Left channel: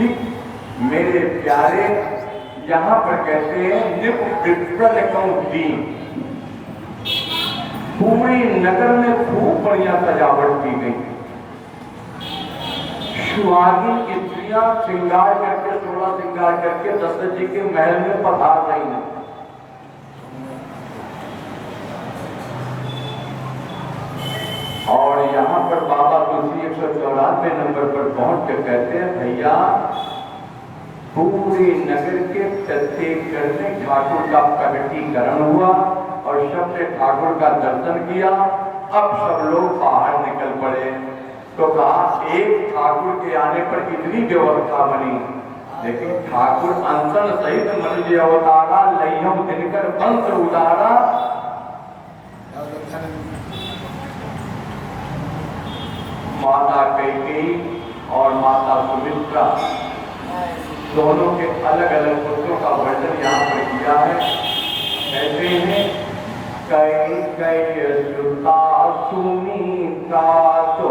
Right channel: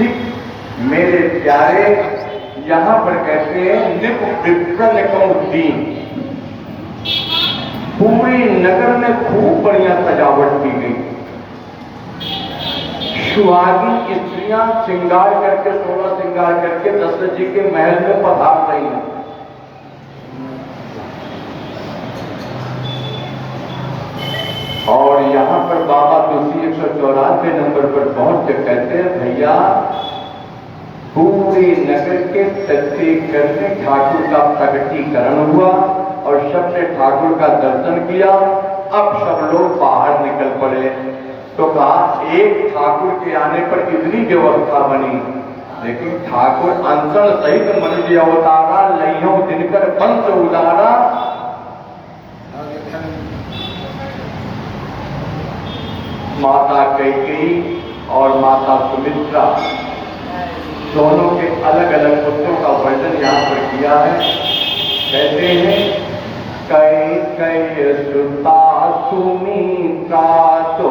ठीक मेरे प्यारे, यहाँ पर कहते हैं निपुण पूरी नगर में खूब बढ़िया सजावट की गई। सुहागिन स्त्रियां श्रृंगार करके 16 श्रृंगार करके दशरथ जी के महल में पधार रही हैं। और यहाँ पर बाबा तुलसी 194 नंबर पर पहुंच के कहते हैं भैया पूरी नगर के प्रत्येक घर में ठाकुर का प्रकटीकरण हुआ और सबने ठाकुर का दर्शन किया। अब सब लोग बाहर निकल पड़े तो कहा एक ठाकुर के आने पर कितनी व्यवस्था बनी, लेकिन ठाकुर अंतर सहित मनुष्य अवतारा लइयों दिनकर पंच उदारा। माता कैकेयी और माता सुमित्रा दोनों के अलग अलग पुत्रों का वर्णन यहाँ पर किया है। कहते हैं कैकेयी सुता सुमित्रा, तो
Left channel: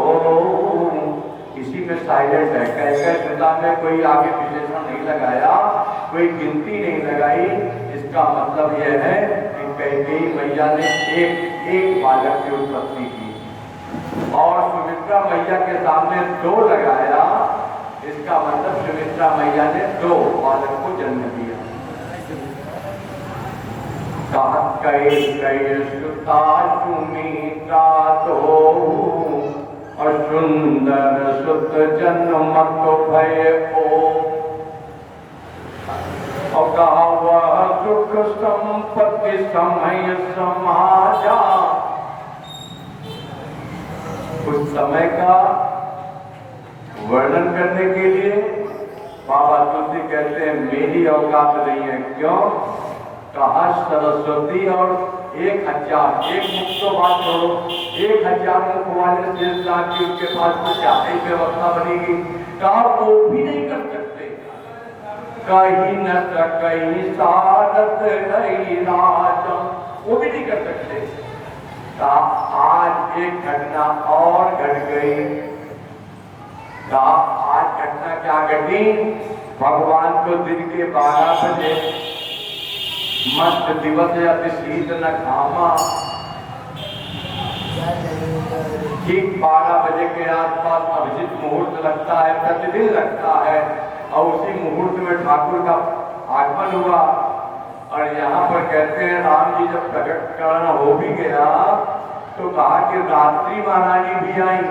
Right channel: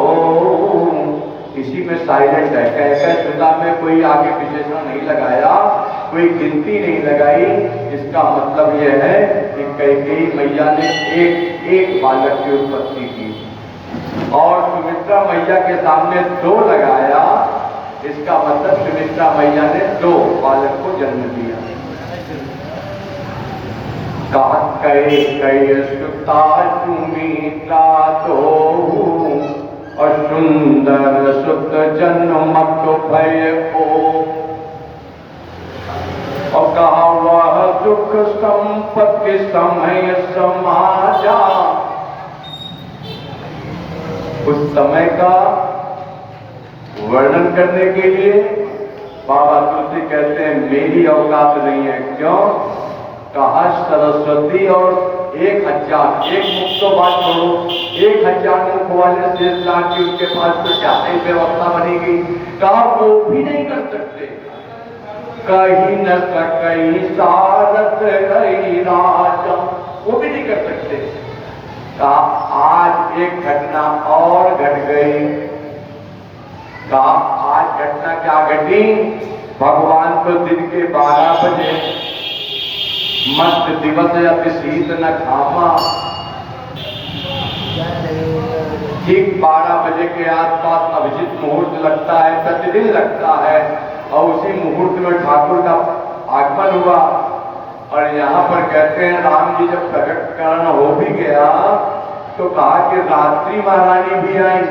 इसी में साइलेंट है। कैकेयी सुता में कोई आगे विशेषण नहीं लगाया, कोई गिनती नहीं लगाई। इसका मतलब यह है कि कैकेयी मैया ने एक बालक की उत्पत्ति की और सुमित्रा मैया के सामने 2 लगाया। इसका मतलब सुमित्रा मैया ने 2 बालक को जन्म दिया। कैकेयी सुता सुमित्रा तो और सुंदर सुत जन्मत भय को, और कहा वह सुख संपत्ति समय समाजा। उस समय का वर्णन करने के लिए बाबा तुलसी कहते हैं मेरी औकात नहीं है। क्यों? कहा सरस्वती और 1000 एक मुख तो बात करो, 1000 मुख वाले शेष लाख की उनके पास तो चाहे व्यवस्था बनेगी। कहा वो भी नहीं कर सकते। कहीं न सकई सारथ रही राजा, वो भी नहीं कर सकते। आज एक घटना और घट गई। आज घटना क्या घटी? भगवान को दिन के 12 बजे मस्त दिवस अति शीत न घामा, ठीक 12 बजे के आसपास अभिजित मुहूर्त लगता है, प्रतिदिन लगता है। और उसी मुहूर्त में ठाकुर का आगमन हुआ। और यहाँ पर कहते हैं राम जी जब प्रकटीकरण हो भी गया तो कहा कि रात्रि महारानी भी आई।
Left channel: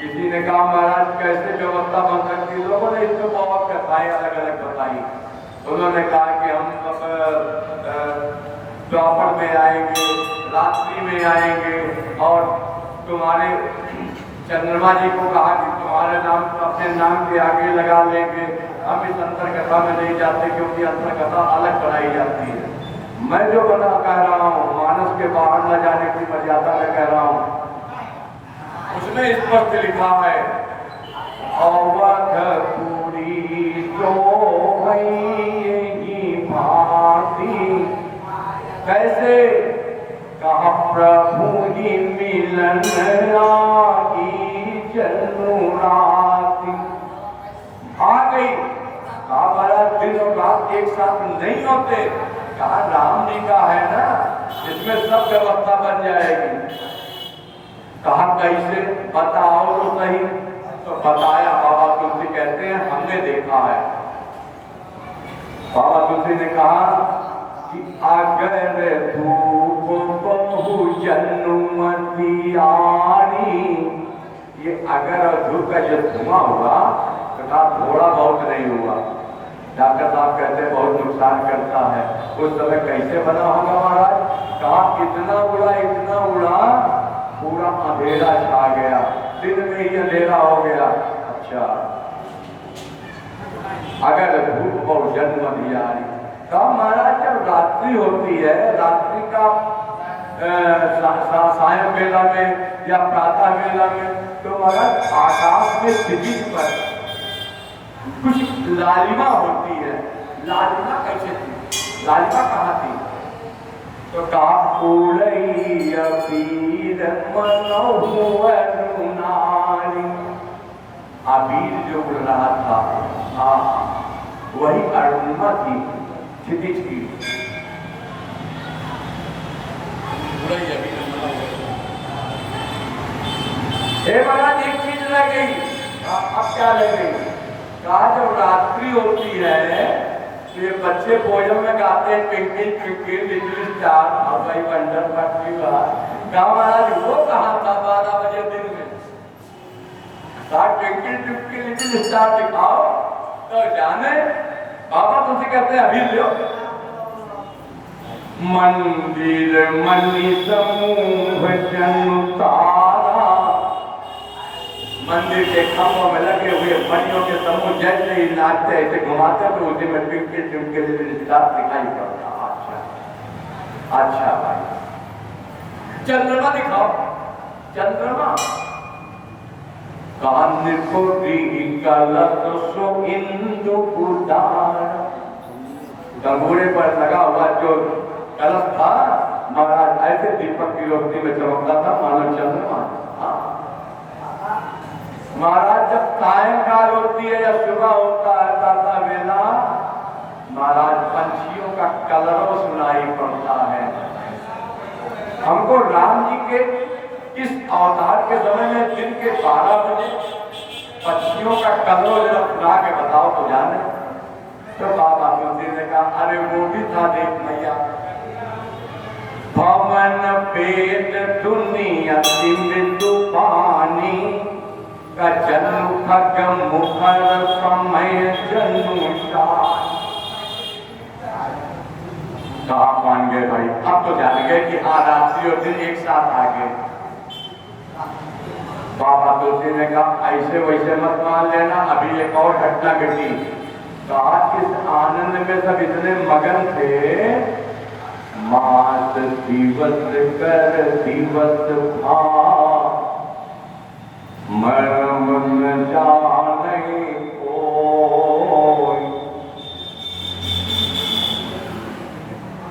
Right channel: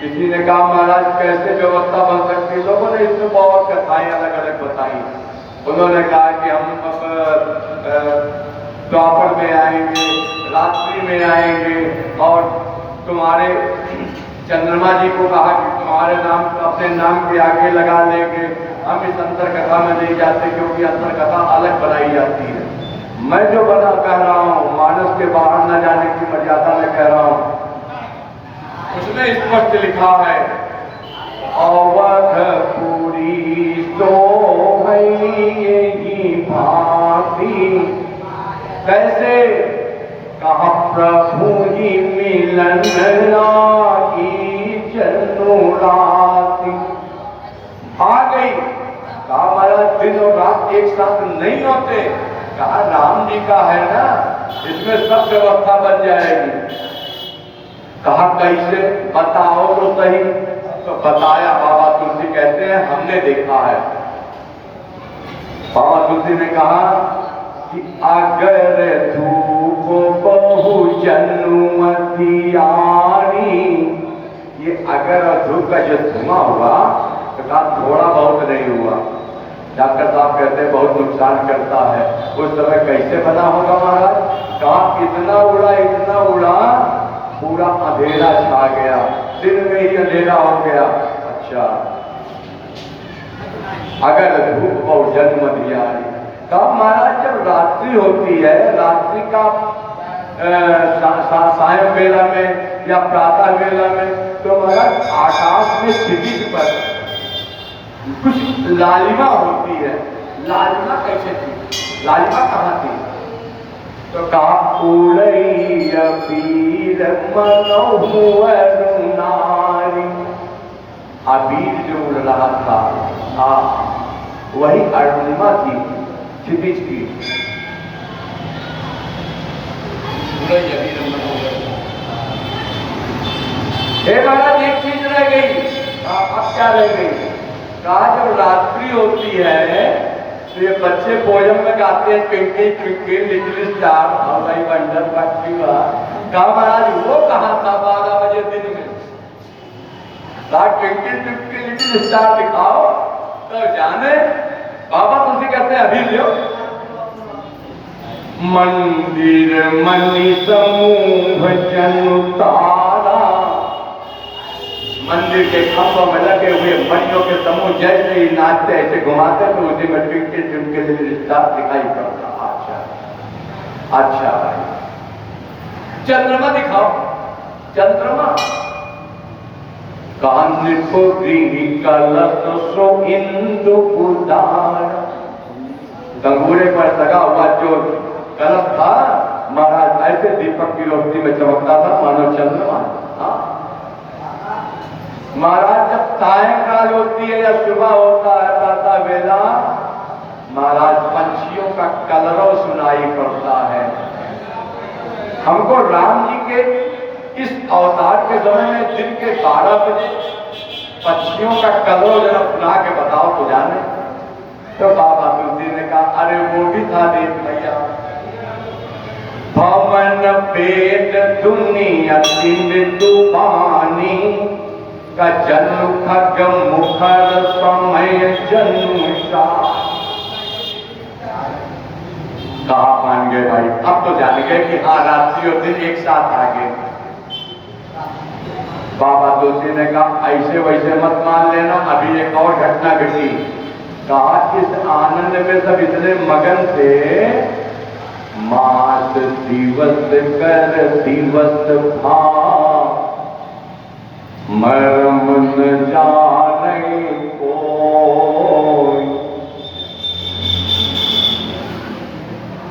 किसी ने कहा महाराज कैसे व्यवस्था बन सकती है? लोगों ने इसमें बहुत कथाएं अलग अलग बताई। उन्होंने कहा कि हम द्वापर में आएंगे, रात्रि में आएंगे और तुम्हारे चंद्रमा जी को कहा कि तुम्हारे नाम अपने नाम के आगे लगा लेंगे। हम इस अंतर कथा में नहीं जाते क्योंकि अंतर कथा अलग बनाई जाती है। मैं जो बना कह रहा हूँ मानस के बाहर न जाने की मर्यादा में कह रहा हूँ। उसमें स्पष्ट लिखा है अवधपुरी तो भांति। कैसे? कहा प्रभु जी मिलन रागी जनु राति। आ गई। कहा महाराज दिन और रात एक साथ नहीं होते। कहा राम जी का है ना, इसमें सब व्यवस्था बन जाएगी। कहा कैसे? बताओ तो सही। तो बताया। बाबा तुलसी कहते हैं हमने देखा है। बाबा तुलसी ने कहा कि अगर धूप बहु जन्मतियारी, ये अगर धूप का जो धुआं हुआ तो कहा थोड़ा बहुत नहीं हुआ। डॉक्टर साहब कहते हैं बहुत नुकसान करता है। उस तरह कैसे बना होगा महाराज? कहा इतना उड़ा पूरा अंधेरा छा गया, दिन में ही अंधेरा हो गया। अच्छा, अगर धूप और जन्म दिया। कहा महाराज जब रात्रि होती है, रात्रि का सायं बेला में या प्रातः बेला में, तो महाराज आकाश में क्षितिज पर कुछ लालिमा होती है। लालिमा कैसे थी? लालिमा कहाँ थी? तो कहा अबीर जो उड़ रहा था वही अर्णिमा थी, क्षितिज की। हे महाराज एक चीज रह गई। अब क्या रह गई? कहा जब रात्रि होती है तो ये बच्चे पोयम में गाते हैं twinkle twinkle little star how I wonder what you are. कहा महाराज वो कहाँ था 12 बजे दिन में? कहा ट्विंकल ट्विंकल लिटिल स्टार दिखाओ तो जाने। बाबा तुमसे कहते हैं अभी लो। मंदिर मणि समूह जनु तारा, मंदिर के खंभों में लगे हुए मणियों के समूह जैसे ही नाचते ऐसे घुमाते तो उसी में ट्विंकल ट्विंकल स्टार दिखाई पड़ता। अच्छा अच्छा भाई, चंद्रमा दिखाओ। चंद्रमा कान्य को कलश सो इंदु उदार, गंगूरे पर लगा हुआ जो कलश था महाराज ऐसे दीपक की रोशनी में चमकता था मानो चंद्रमा। महाराज जब सायंकाल होती है या सुबह होता है प्रातः वेला, महाराज पंछियों का कलरव सुनाई पड़ता है। हमको राम जी के इस अवतार के समय में दिन के 12 बजे पक्षियों का कलरव जरा सुना के बताओ तो जाने। तो बाबा तुलसी ने कहा अरे वो भी था देख भैया, भवन पेट दुनिया सिंधु पानी का जन्म खगम मुखर समय जन्म कहा मान गए भाई। अब तो जान गए कि हाँ रात्रि और दिन एक साथ आ गए। बाबा तुलसी ने कहा ऐसे वैसे मत मान लेना, अभी एक और घटना घटी। कहा इस आनंद में सब इतने मगन थे, मास दिवस कर दिवस भा मरम न जाने कोई।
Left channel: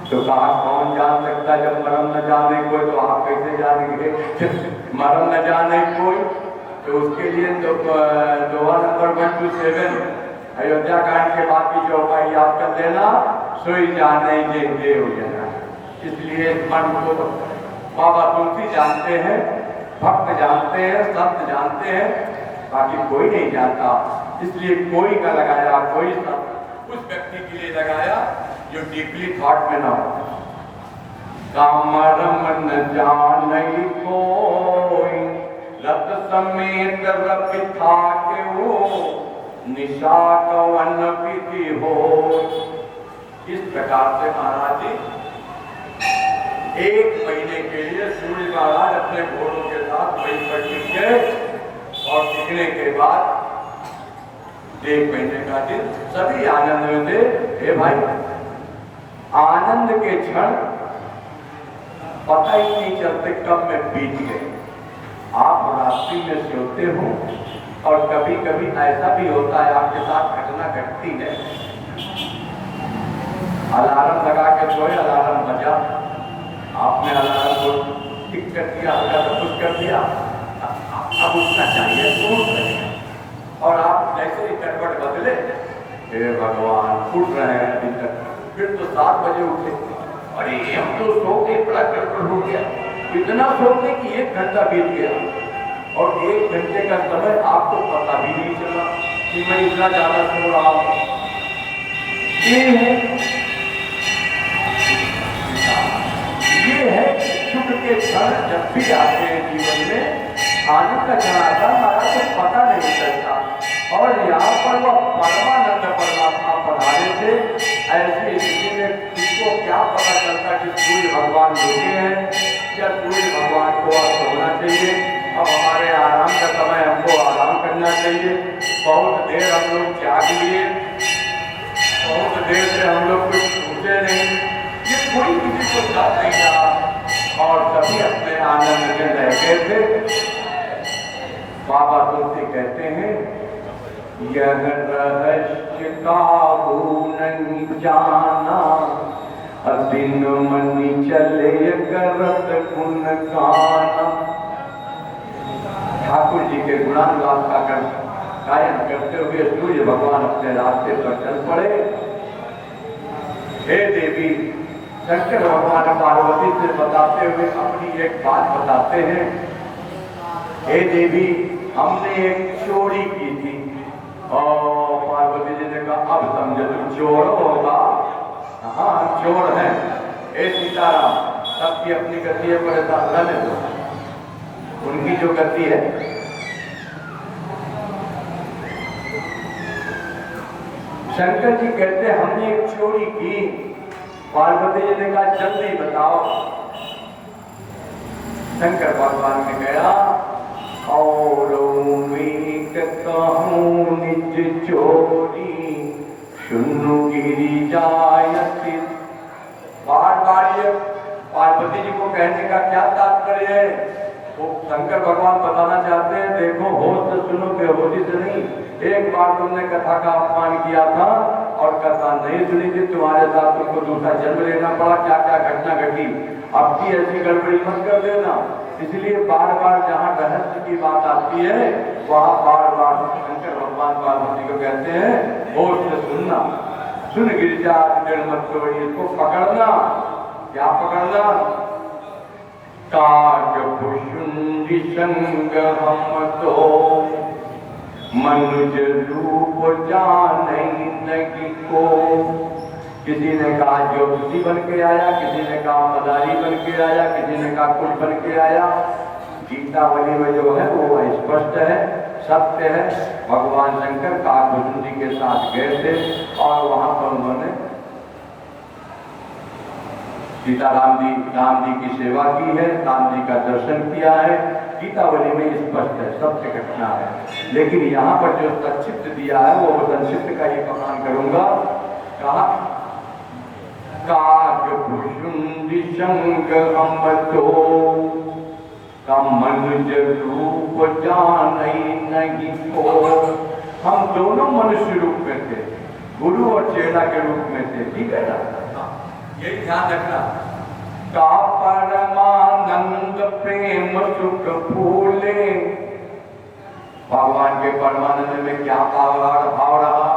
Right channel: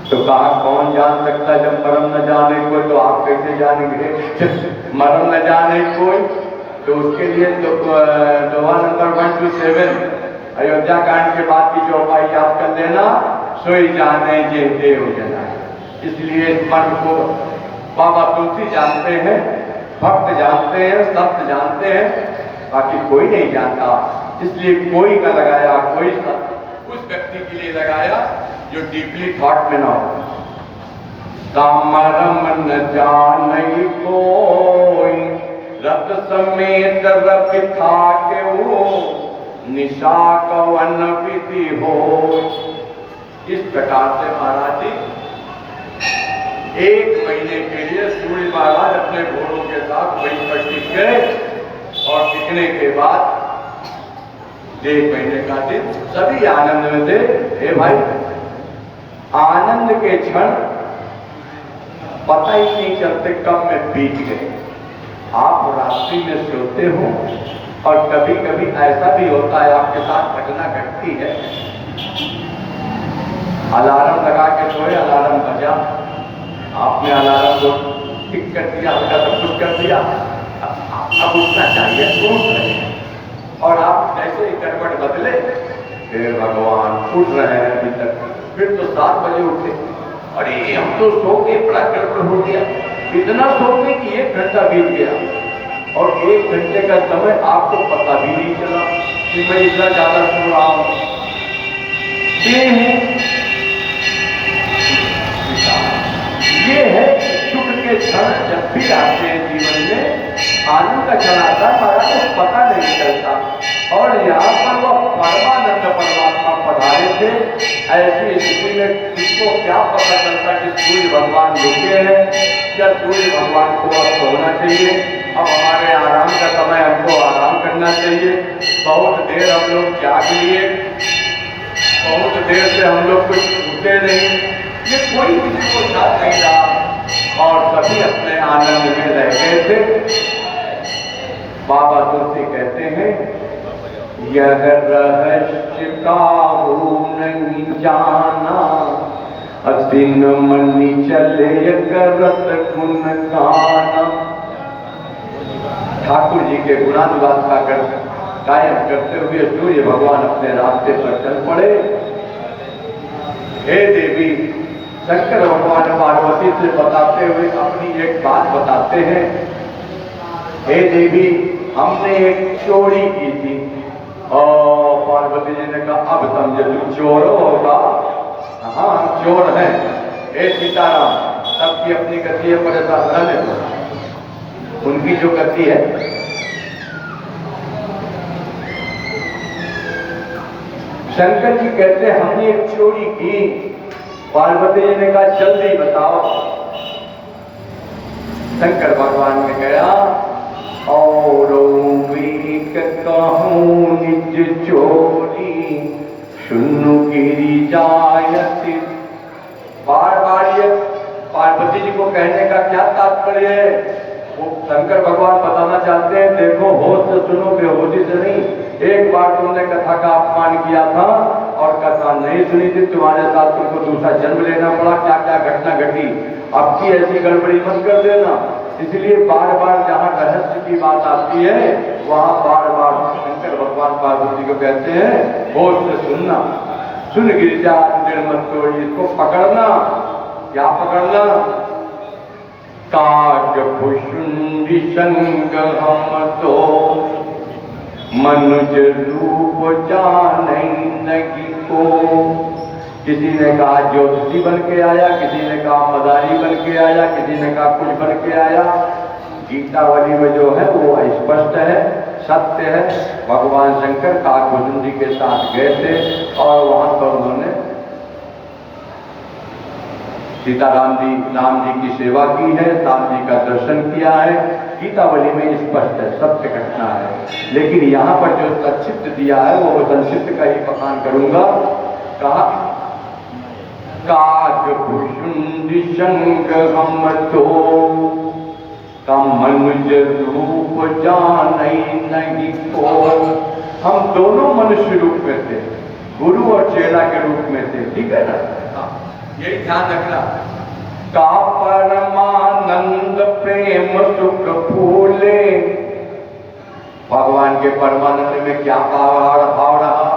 तो कहा कौन जान सकता है जब मरम न जाने कोई, तो आप कैसे जानेंगे? मरम न जाने कोई तो उसके लिए तो दोहा नंबर 127 अयोध्या कांड के बाद की चौपाई याद कर लेना, सोई जाने जे देव जना। इसलिए मन को बाबा तुलसी जानते हैं, भक्त जानते हैं, संत जानते हैं, बाकी कोई नहीं जानता। इसलिए कोई का लगाया, कोई उस व्यक्ति के लिए लगाया जो डीपली थॉट में ना हो। कामरम न जाने कोई, रत समेत रपि थाके हो, निशा कवन विधि हो। इस प्रकार से महाराज जी 1 महीने के लिए सूर्य महाराज अपने घोड़ों के साथ वहीं पर टिक गए और टिकने के बाद 1 महीने का दिन सभी आनंद में थे। हे भाई, आनंद के क्षण पता ही नहीं चलते कब में बीत गए। आप रात्रि में सोते हो और कभी कभी ऐसा भी होता है आपके साथ घटना घटती है, अलार्म लगा के सोए, अलार्म बजा, आपने अलार्म को टिक कर दिया, सब कुछ कर दिया, अब उठना चाहिए, उठ रहे और आप जैसे ही करवट बदले, हे भगवान उठ रहे हैं अभी तक। फिर तो 7 बजे उठे, अरे हम तो सो के बड़ा गड़बड़ हो गया, इतना सोते कि 1 घंटा बीत गया और 1 घंटे का समय आपको पता भी नहीं चला कि मैं इतना ज्यादा सो रहा हूं। दिन है, ये है सुख के क्षण जब भी आते हैं जीवन में, आनंद का क्षण आता है, हमारा कुछ पता नहीं चलता। और यहाँ पर वो परमानंद परमात्मा पधारे थे। ऐसी स्थिति में किसको क्या पता चलता कि सूर्य भगवान रुके हैं, या सूर्य भगवान को अब होना चाहिए, अब हमारे आराम का समय, हमको आराम करना चाहिए। बहुत देर हम लोग जाग लिए, बहुत देर से हम लोग कुछ उठे नहीं, ये कोई किसी को याद नहीं रहा और सभी अपने आनंद में रह गए थे। बाबा तुलसी कहते हैं, यह रहस्य काहू नहीं जाना, दिन मनी चले करत गुण गाना। ठाकुर जी के गुणानुवाद गायन करते हुए सूर्य भगवान अपने रास्ते पर चल पड़े। हे देवी, शंकर भगवान पार्वती से बताते हुए अपनी एक बात बताते हैं। हे देवी, हमने एक चोरी की थी। और पार्वती जी ने कहा अब समझे तुम चोर होगा। हाँ, चोर है। हे सीताराम, सबकी अपनी गति है, परेशान रहने दो। उनकी जो गति है, शंकर जी कहते हमने एक चोरी की। पार्वती जी ने कहा जल्दी बताओ। शंकर भगवान ने कहा और कहूं निज चोरी सुनु गिरी जायति। बार बार ये पार्वती जी को कहने का क्या तात्पर्य है? वो शंकर भगवान बताना चाहते हैं देखो होश से सुनो, बेहोशी से नहीं। एक बार तुमने कथा का अपमान किया था और कथा नहीं सुनी थी, तुम्हारे साथ तुमको दूसरा जन्म लेना पड़ा। क्या क्या घटना घटी, अब की ऐसी गड़बड़ी मत कर देना। इसलिए बार बार जहाँ रहस्य की बात आती है वहाँ बार बार शंकर भगवान पार्वती को कहते हैं होश से सुनना। सुन गिरजा निर्मत तोड़ी, इसको पकड़ना। क्या पकड़ना? काज भुषुंडी संग हम तो मनुज रूप जाने नगी को। किसी ने कहा ज्योतिषी बन के आया, किसी ने कहा मदारी बन के आया, किसी ने कहा कुछ बन के आया। गीतावली में जो है वो स्पष्ट है, सत्य है। भगवान शंकर काकभूषण जी के साथ गए थे और वहां पर उन्होंने सीताराम जी की सेवा की है, राम जी का दर्शन किया है। गीतावली में स्पष्ट है, सत्य घटना है। लेकिन यहाँ पर जो संक्षिप्त दिया है वो संक्षिप्त का ही बखान करूंगा। कहा काज भुषुंडी संग हम तो कम मनुज रूप जाने नहीं को। हम दोनों मनुष्य रूप में थे, गुरु और चेला के रूप में थे। ठीक है ना? यही ध्यान रखना। का परमानंद प्रेम सुख फूले। भगवान के परमानंद में क्या भाव रहा?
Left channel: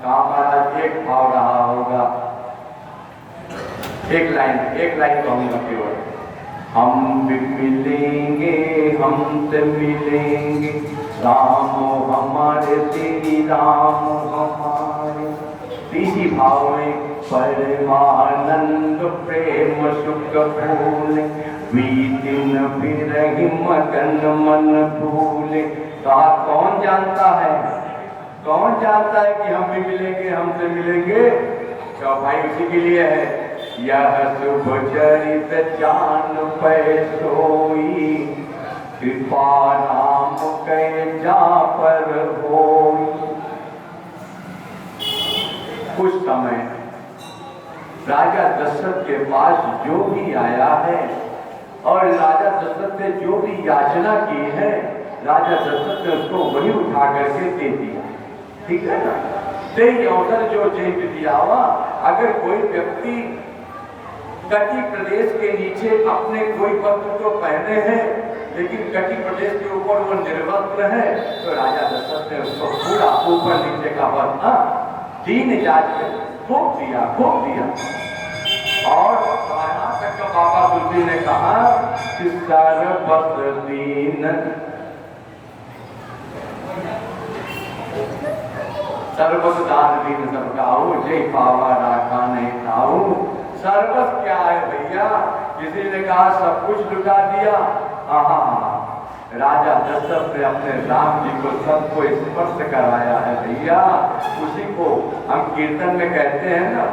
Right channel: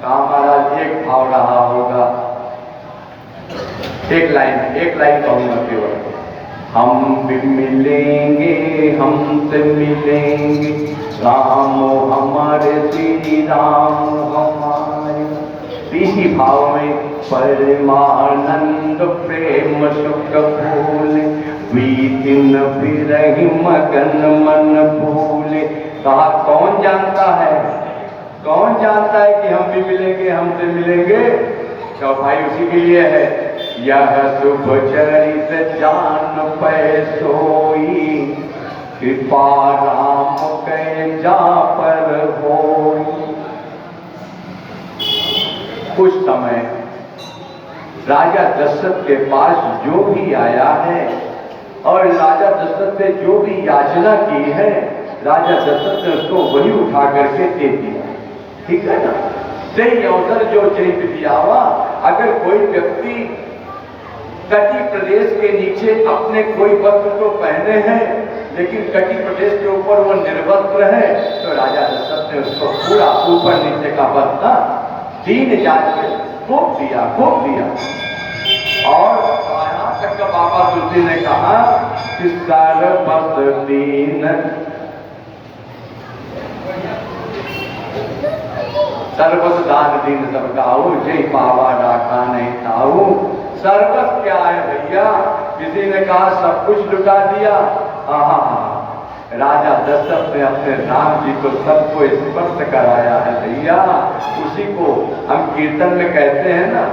कहा महाराज एक भाव रहा होगा। एक लाइन कहूंगा केवल। हम भी मिलेंगे, हमसे मिलेंगे, राम हमारे श्री राम हमारे। इसी भाव में परमानंद प्रेम सुख फूले, बीतिन फिरहि मगन मन भूले। कहा कौन जानता है, कौन जानता है कि हम भी मिलेंगे, हमसे मिलेंगे? तो भाई उसी के लिए है। यह शुभ चरित जान पै सोई, कृपा राम कै जा पर होई। कुछ समय राजा दशरथ के पास जो भी आया है और राजा दशरथ से जो भी याचना की है, राजा दशरथ ने उसको वही उठा करके दे दिया। ठीक है ना? सही अवसर जो चरित दिया हुआ। अगर कोई व्यक्ति कटी प्रदेश के नीचे अपने कोई वस्त्र तो पहने हैं लेकिन कटी प्रदेश के ऊपर वो निर्वस्त्र है, तो राजा दशरथ ने उसको पूरा ऊपर नीचे का वस्त्र दीन जात के खूब दिया। और यहाँ तक का बाबा तुलसी ने कहा कि सर्वस दीन, सर्वस दान दीन सबकाऊ, जय बाबा डाका नहीं ताऊ। सर्वस क्या है भैया? किसी ने कहा सब कुछ लुटा दिया। राजा दशरथ ने अपने राम जी को सबको स्पर्श कराया है भैया। उसी को हम कीर्तन में कहते हैं ना,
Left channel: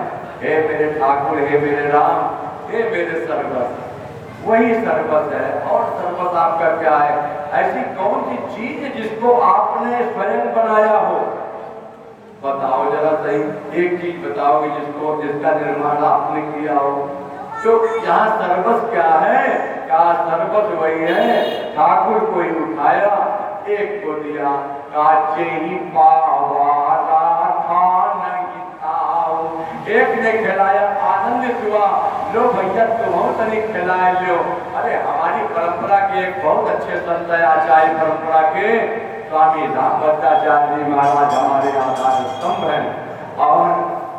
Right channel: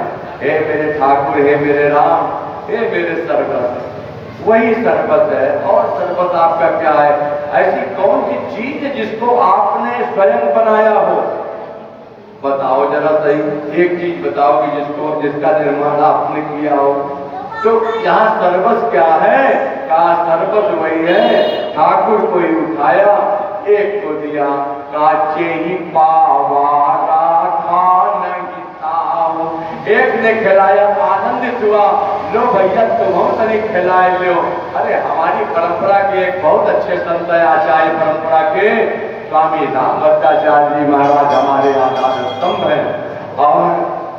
हे मेरे ठाकुर, हे मेरे राम, हे मेरे सर्वस। वही सर्वस है। और सर्वस आपका क्या है? ऐसी कौन सी चीज जिसको आपने स्वयं बनाया हो? बताओ जरा सही, एक चीज बताओ कि जिसका निर्माण आपने किया हो। तो यहाँ सर्वस क्या है? कहा सर्वस वही है, ठाकुर को ही उठाया, एक तो दिया। काचे ही पावा राखा नहीं ताऊ। एक ने खिलाया, आनंदित हुआ, लो भैया तुम तनिक खिलाए लो। अरे हमारी परंपरा के एक बहुत अच्छे संत है, आचार्य परंपरा के स्वामी रामभद्राचार्य जी महाराज हमारे आधार स्तंभ हैं और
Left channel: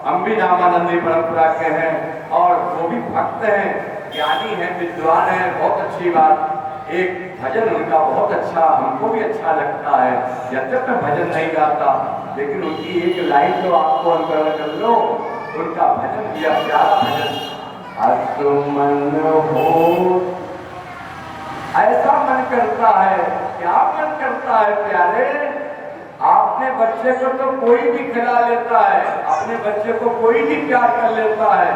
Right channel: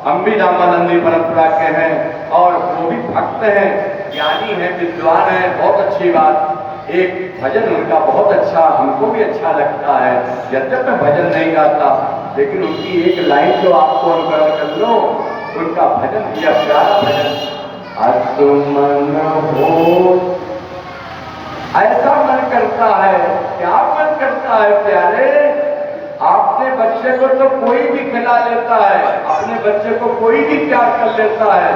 हम भी रामानंदी परंपरा के हैं और वो भी भक्त हैं, ज्ञानी हैं, विद्वान हैं। बहुत अच्छी बात। एक भजन उनका बहुत अच्छा, हमको भी अच्छा लगता है। जब मैं भजन नहीं गाता लेकिन उनकी एक लाइन तो आपको अनुकरण कर लो, उनका भजन दिया प्यारा भजन, असुमन हो। ऐसा मन करता है, क्या मन करता है प्यारे, अपने बच्चे को तो कोई भी खिला लेता है, अपने बच्चे को कोई भी प्यार कर लेता है,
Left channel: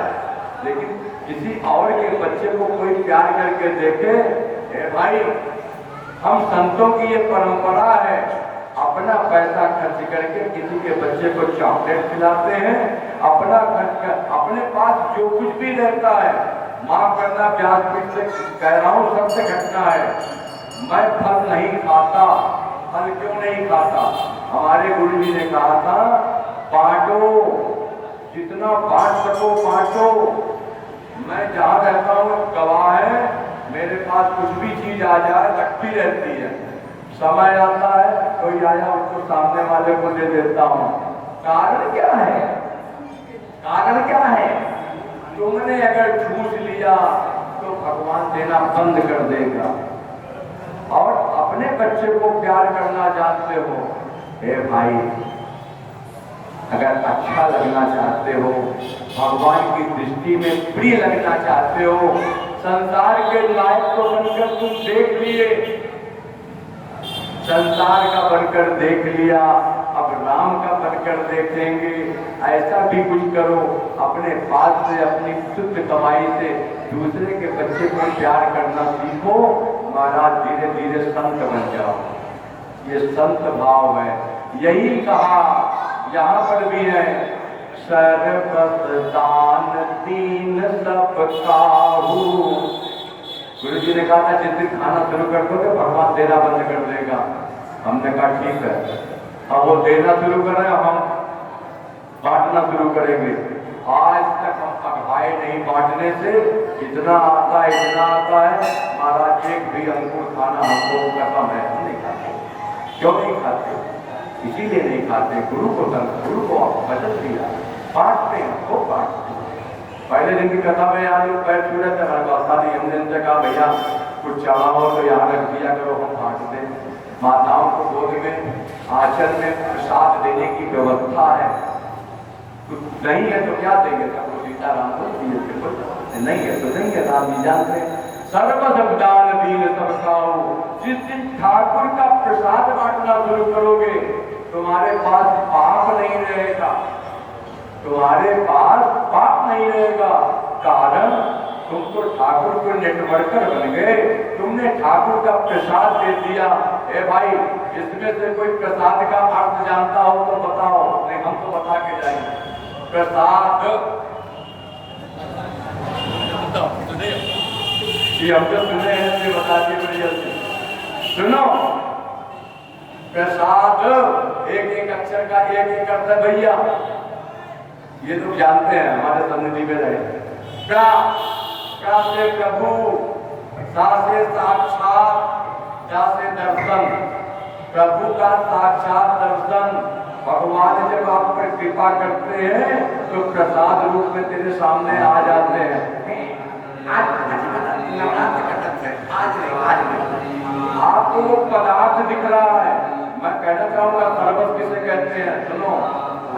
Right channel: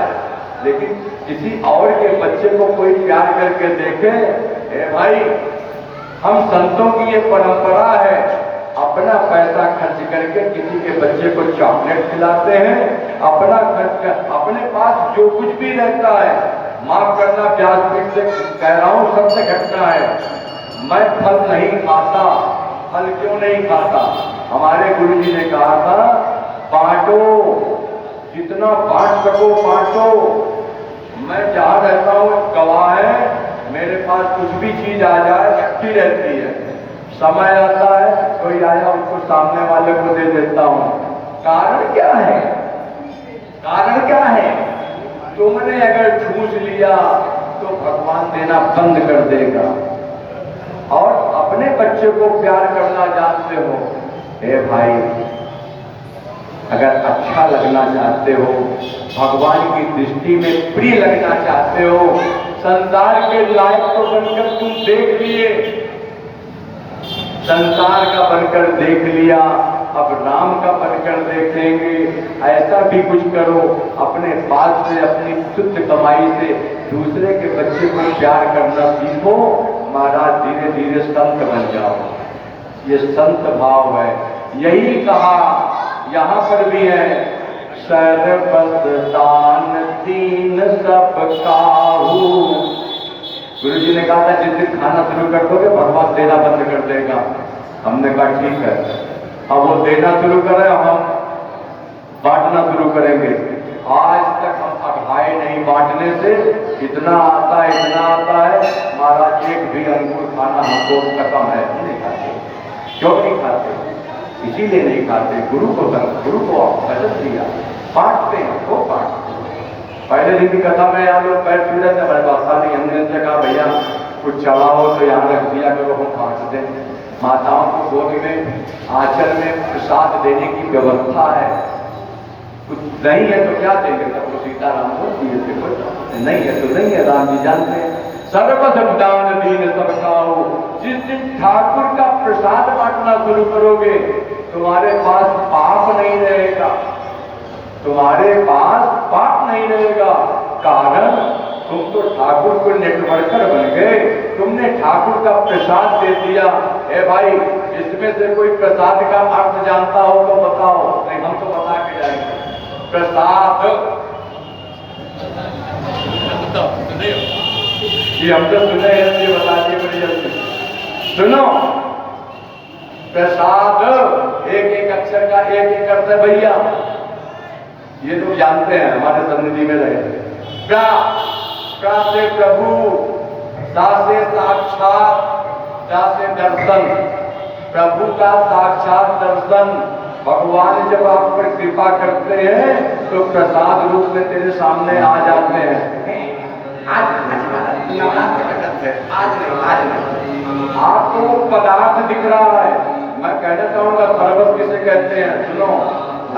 लेकिन किसी और के बच्चे को कोई प्यार करके देखे। ए भाई, हम संतों की ये परंपरा है, अपना पैसा खर्च करके किसी के बच्चे को चॉकलेट खिलाते हैं, अपना खर्च कर, अपने पास जो कुछ भी रहता है, माफ करना व्यासपीठ से कह रहा हूं, सबसे घटना है। मैं फल नहीं खाता। फल क्यों नहीं खाता? हमारे गुरु जी ने कहा था, बांटो, जितना बांट सको बांटो। मैं जहाँ रहता हूँ गवाह है, मेरे पास कुछ भी चीज आ जाए रखी रहती है, समय आता है कोई आया उसको सामने वाले को दे देता हूँ। कारण क्या है? कारण क्या है? तुमने अगर ठूस लिया तो भगवान देना बंद कर देगा। और अपने बच्चे को प्यार करना जानते हो, हे भाई, अगर अच्छा लगना चाहते हो, भगवान की दृष्टि में प्रिय लगना चाहते हो, संसार के लायक तो बनकर तुम देख लिए, संसार का बनकर देख लिया, अब राम का बनकर देखेंगे। ऐसा भी कुछ करो, अपने पास से, अपनी शुद्ध कमाई से दूसरे के बच्चे को प्यार करना सीखो। महाराज धीरे धीरे संत बन जाओ। ये संत भाव है। यही कहा यहाँ पर भी है, सर्वत दान दीन सब काहू। गुरु जी ने कहा था जिस दिन खाना शुरू कर दोगे भगवान देना बंद कर देगा। हमने कहा ठीक है, अब वो देना शुरू करें, हम बांटना शुरू करेंगे। आज तक हम अघाए नहीं बांटने से, इतना आता है, इतना आता है। महाराज एक भी अंकुर खाना हमको खत्म है, नहीं खाते। क्यों नहीं खाते? इसीलिए नहीं खाते, गुरु को वचन दिया, बांटते हैं, वो बांटते हैं। पहले दिन की कथा में यहाँ लोग पैर छू जाते हैं, बादशाह हमने उनसे कहा भैया कुछ चढ़ा हो तो यहाँ रख दिया करो, हम बांट दें। माताओं को गोद में, आंचल में प्रसाद देने की व्यवस्था है। कुछ नहीं है तो क्या देंगे? तब तो सीताराम को दिए थे, कुछ नहीं है तो नहीं है, राम जी जानते हैं। सर्वदान दीन सबका हो। जिस दिन ठाकुर का प्रसाद बांटना शुरू करोगे, तुम्हारे पास पाप नहीं रहेगा, तुम्हारे पास पाप नहीं रहेगा। कारण तुम तो ठाकुर को नेटवर्कर बन गए, तुमने ठाकुर का प्रसाद दे दिया। ए भाई, इसमें से कोई प्रसाद का अर्थ जानता हो तो बताओ, नहीं हम तो बता के जाएंगे। प्रसाद ये हम तो सुने हैं, ये बताइए बड़ी जल्दी सुनो। प्रसाद एक एक अक्षर का एक एक अर्थ है भैया, ये तो जानते हैं, हमारे सन्निधि में रहे। प्रा से प्रभु, सा से साक्षात, दा से दर्शन। प्रभु का साक्षात दर्शन। भगवान जब आप पर कृपा करते हैं तो प्रसाद रूप में तेरे सामने आ जाते हैं। आपको वो पदार्थ दिख रहा है। मैं कहना चाहूंगा सरबत किसे कहते हैं? सुनो,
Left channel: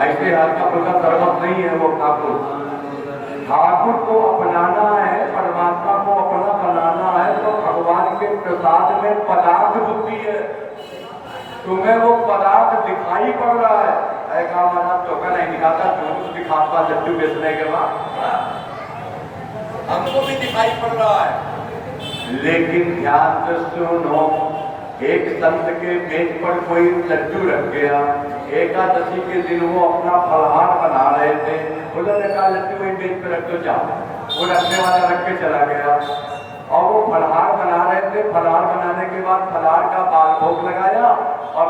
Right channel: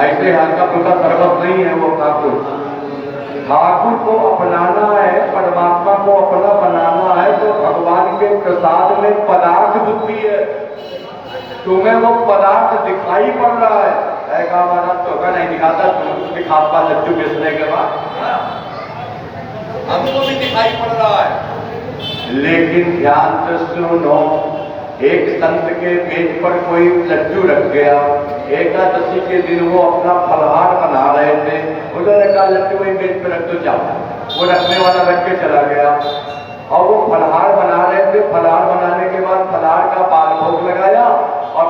ऐसे हल्का फुल्का सरबत नहीं है वो। ठाकुर को अपनाना है, परमात्मा को अपना बनाना है तो भगवान के प्रसाद में पदार्थ बुद्धि है। तुम्हें वो पदार्थ दिखाई पड़ रहा है, ऐसा महाराज तो का नहीं दिखाता, तुम दिखाता लड्डू बेचने के बाद हमको भी दिखाई पड़ रहा है। लेकिन ध्यान से सुनो, एक संत के मेज पर कोई लड्डू रख गया, एकादशी के दिन वो अपना फलहार बना रहे थे, उन्होंने कहा लड्डू वही मेज पर रख दो, जाओ। वो रखने वाला रख के चला गया और वो फलहार बना रहे थे। फलहार बनाने के बाद फलहार का बाल भोग लगाया और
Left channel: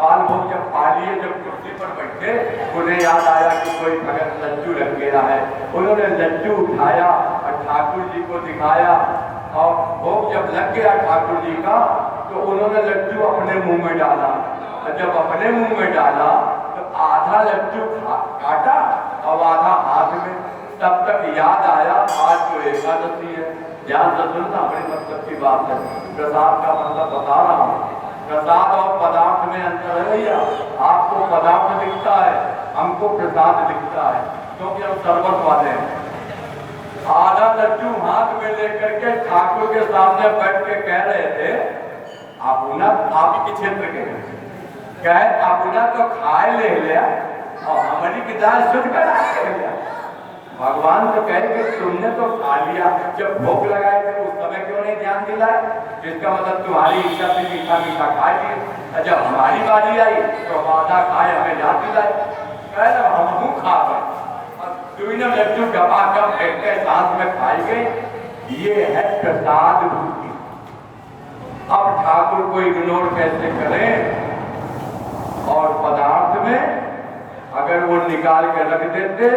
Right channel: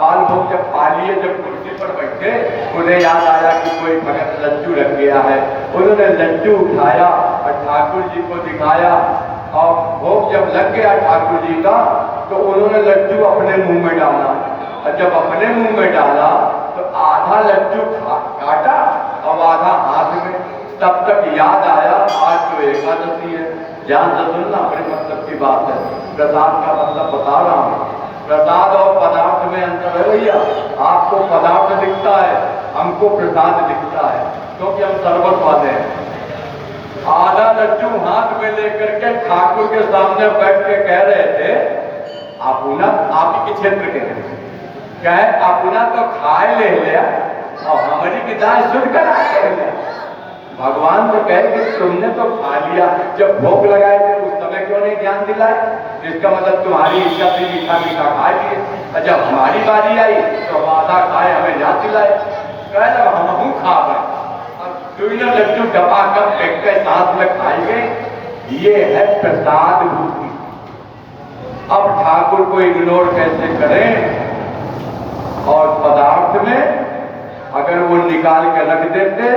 बाल भोग जब खा लिए, जब कुर्सी पर बैठे, उन्हें याद आया कि कोई भगत लड्डू रख गया है। उन्होंने लड्डू उठाया और ठाकुर जी को दिखाया और भोग जब लग गया ठाकुर जी का तो उन्होंने लड्डू अपने मुंह में डाला। और जब अपने मुंह में डाला तो आधा लड्डू काटा और आधा हाथ में। तब तक याद आया आज तो एकादशी है। ध्यान से सुनना, बड़े मतलब की बात है। प्रसाद का मतलब बता रहा हूँ। प्रसाद और पदार्थ में अंतर है भैया। आपको पदार्थ दिखता है, हमको प्रसाद दिखता है, क्योंकि हम सर्वत वाले हैं। आधा लड्डू हाथ में लेकर के ठाकुर के सामने बैठ के कह रहे थे, आपुना आप ही के क्षेत्र के कहे आपुना तो खाए ले लिया और हमारी की दाल सुन कर आए। भगवान तो कहे कि तुमने तो खा लिया, जब भोग लगाए थे उस समय क्यों नहीं ध्यान दिलाए? इसका मतलब तुम्हारी इच्छा से मीठा मीठा खा लिए, जब हमारी बारी आई तो आधा खाए हमें याद दिलाए। कह रहे हम खा पाए, तुमने लड्डू दबा कर एक के साथ में खाएंगे, ये है प्रसाद भूति। अब ठाकुर को इग्नोर कैसे करें? और पदार्थ में अगर वो निकाल के रख देते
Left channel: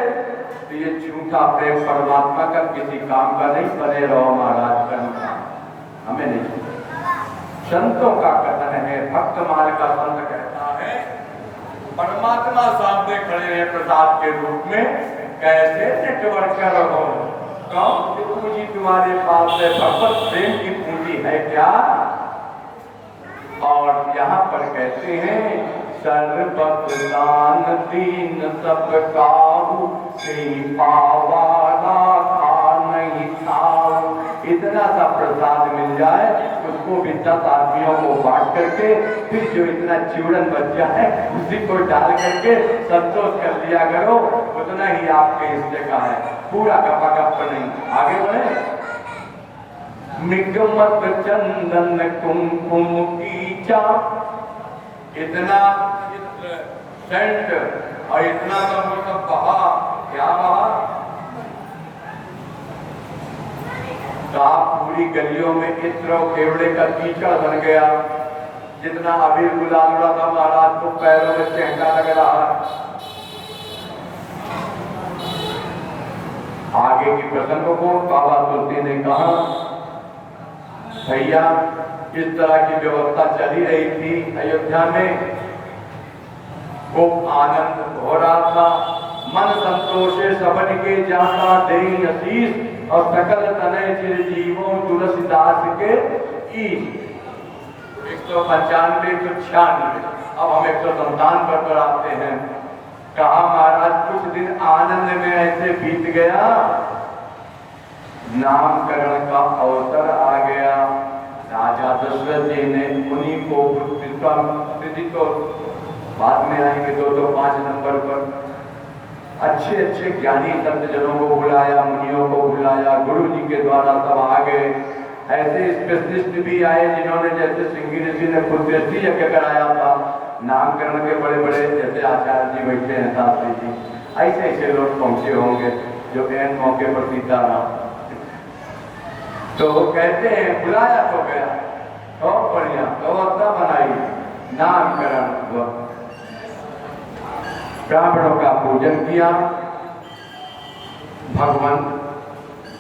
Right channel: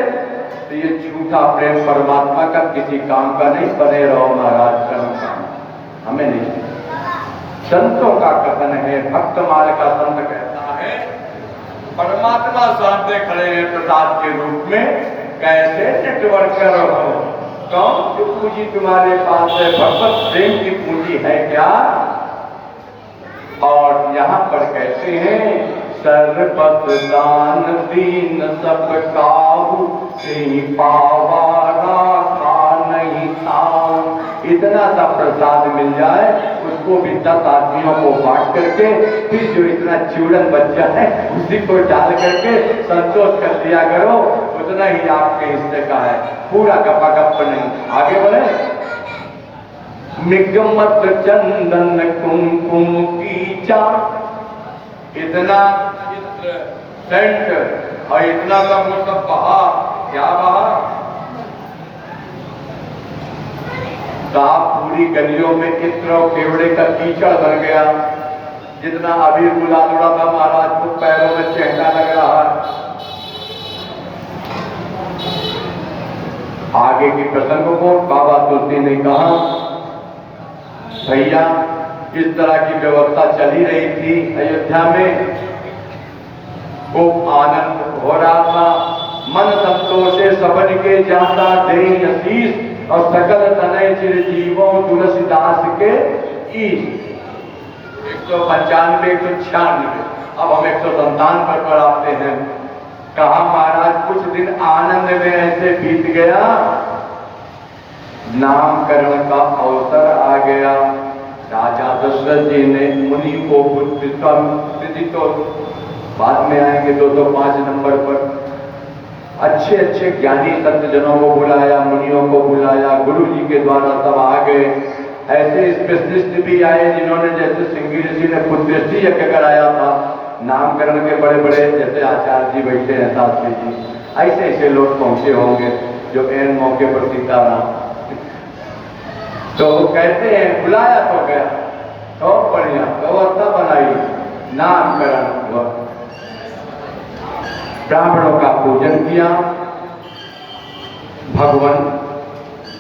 तो ये झूठा प्रेम परमात्मा का किसी काम का नहीं। बने रहो महाराज कर्म काम, हमें नहीं। संतों का कथन है, भक्त माल का संत कहता है, परमात्मा सामने खड़े हैं प्रसाद के रूप में, कैसे नेटवर्क हो? कौन की पूंजी तुम्हारे पास है? भगवत प्रेम की पूंजी है क्या? और यहाँ पर कहते हैं, सर्वत दान दीन सब काहू, पावा राखा नहीं खाऊ। इतना सा प्रसाद मिल जाए, उसको भी 10 आदमियों को बांट करके, फिर जो इतना चूड़न बच जाए उसी को डाल करके संतोष कर दिया करो, उतना ही आपके हिस्से का है। पूरा गप्पा गप नहीं। आगे बढ़े। निगमत चंदन कुमकुम की चा, इतना चित्र सेंट और इतना सब वो सब बहा, क्या बहा? कहा पूरी गलियों में इत्र और केवड़े का कीचड़ बन गया। जितना अभी गुलाल उड़ा था महाराज को पैरों में चहका लग रहा है। आगे की प्रसंग को बाबा तुलसी ने कहा, भैया इस तरह की व्यवस्था चली रही थी अयोध्या में, खूब आनंद हो रहा था। मन संतोषे सबन के जाता दे नसीस, और सकल तनय चिरजीवों तुलसीदास के ईश। 195 196। अब हम 157 पर आते हैं। कहा महाराज कुछ दिन आनंद में ऐसे बीत गया, नामकरण का अवसर आ गया। राजा दशरथ जी ने मुनि को तो बाद में आएंगे 205 नंबर पर, अच्छे अच्छे ज्ञानी संत जनों को बुलाया, मुनियों को बुलाया, गुरु जी के द्वारा सब आ गए। ऐसे स्पेशलिस्ट भी आए जिन्होंने, जैसे सिंगी ऋषि ने पुण्यश्री यज्ञ कराया था, नामकरण के बड़े बड़े जैसे आचार्य जी बैठे हैं, शास्त्री जी, ऐसे ऐसे लोग पहुंचे होंगे जो एन मौके पर सीताराम। तो कहते हैं बुलाया तो गया, तो बढ़िया व्यवस्था बनाई, नामकरण हुआ, ब्राह्मणों का पूजन किया। भगवान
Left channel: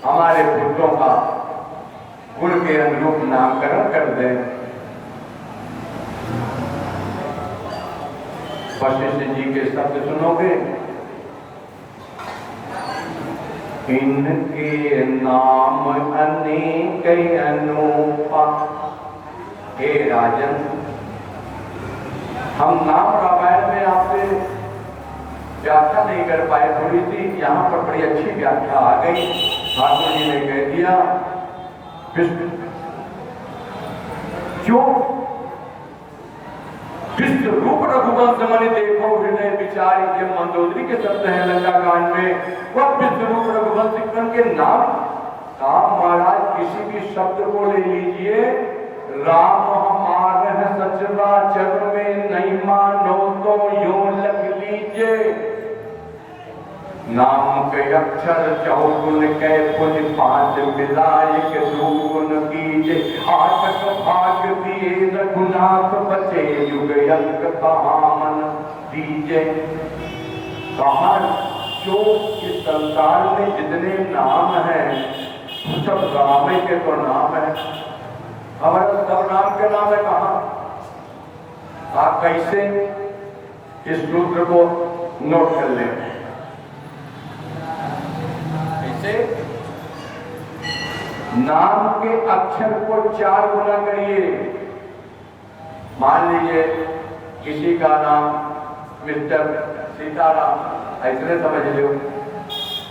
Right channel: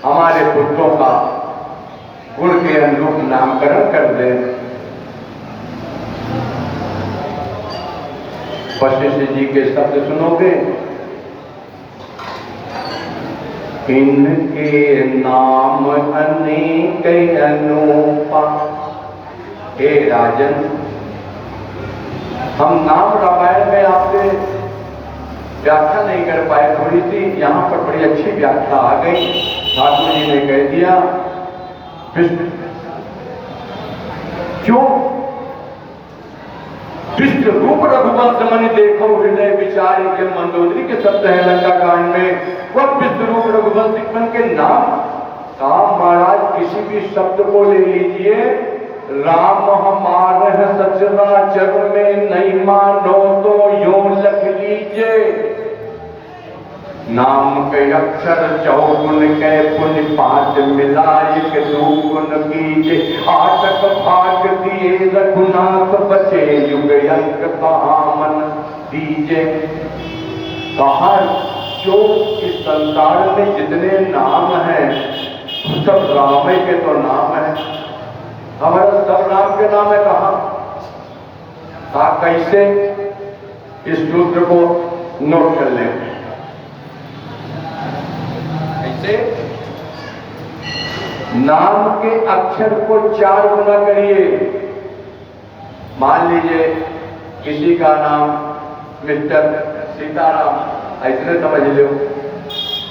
हमारे पुत्रों का गुण के अनुरूप नामकरण कर दे। वशिष्ठ जी के शब्द सुनोगे, इनके नाम अनेक अनुपा। हे राजन, हम नाम रामायण में आपसे व्याख्या नहीं कर पाए, थोड़ी सी यहाँ पर बड़ी अच्छी व्याख्या आ गई। ठाकुर जी ने कह दिया, क्यों विश्व रूप रघुवंश मणि देखो हृदय विचारी, के मंदोदरी के शब्द है लंका कांड में। वह विश्व रूप रघुवंश के नाम आप महाराज किसी भी शब्द को ले लीजिए, राम हमारे सचराचर में नहीं मानो तो यूं लिख लीजिए। नाम के अक्षर 54 के पुण्य 5 मिलाए के 2 गुण कीजे। 8 भाग दिए रघुनाथ बचे, युग अंक मन दीजे। कहा जो इस संसार में जितने नाम हैं सब राम के तो नाम है, हमारा सब राम के नाम है। कहा आप कैसे इस सूत्र को नोट कर लें? कैसे? नाम के अक्षर को 4 गुना करिए। मान लीजिए किसी का नाम मिस्टर सीताराम, ऐसे समझ लो।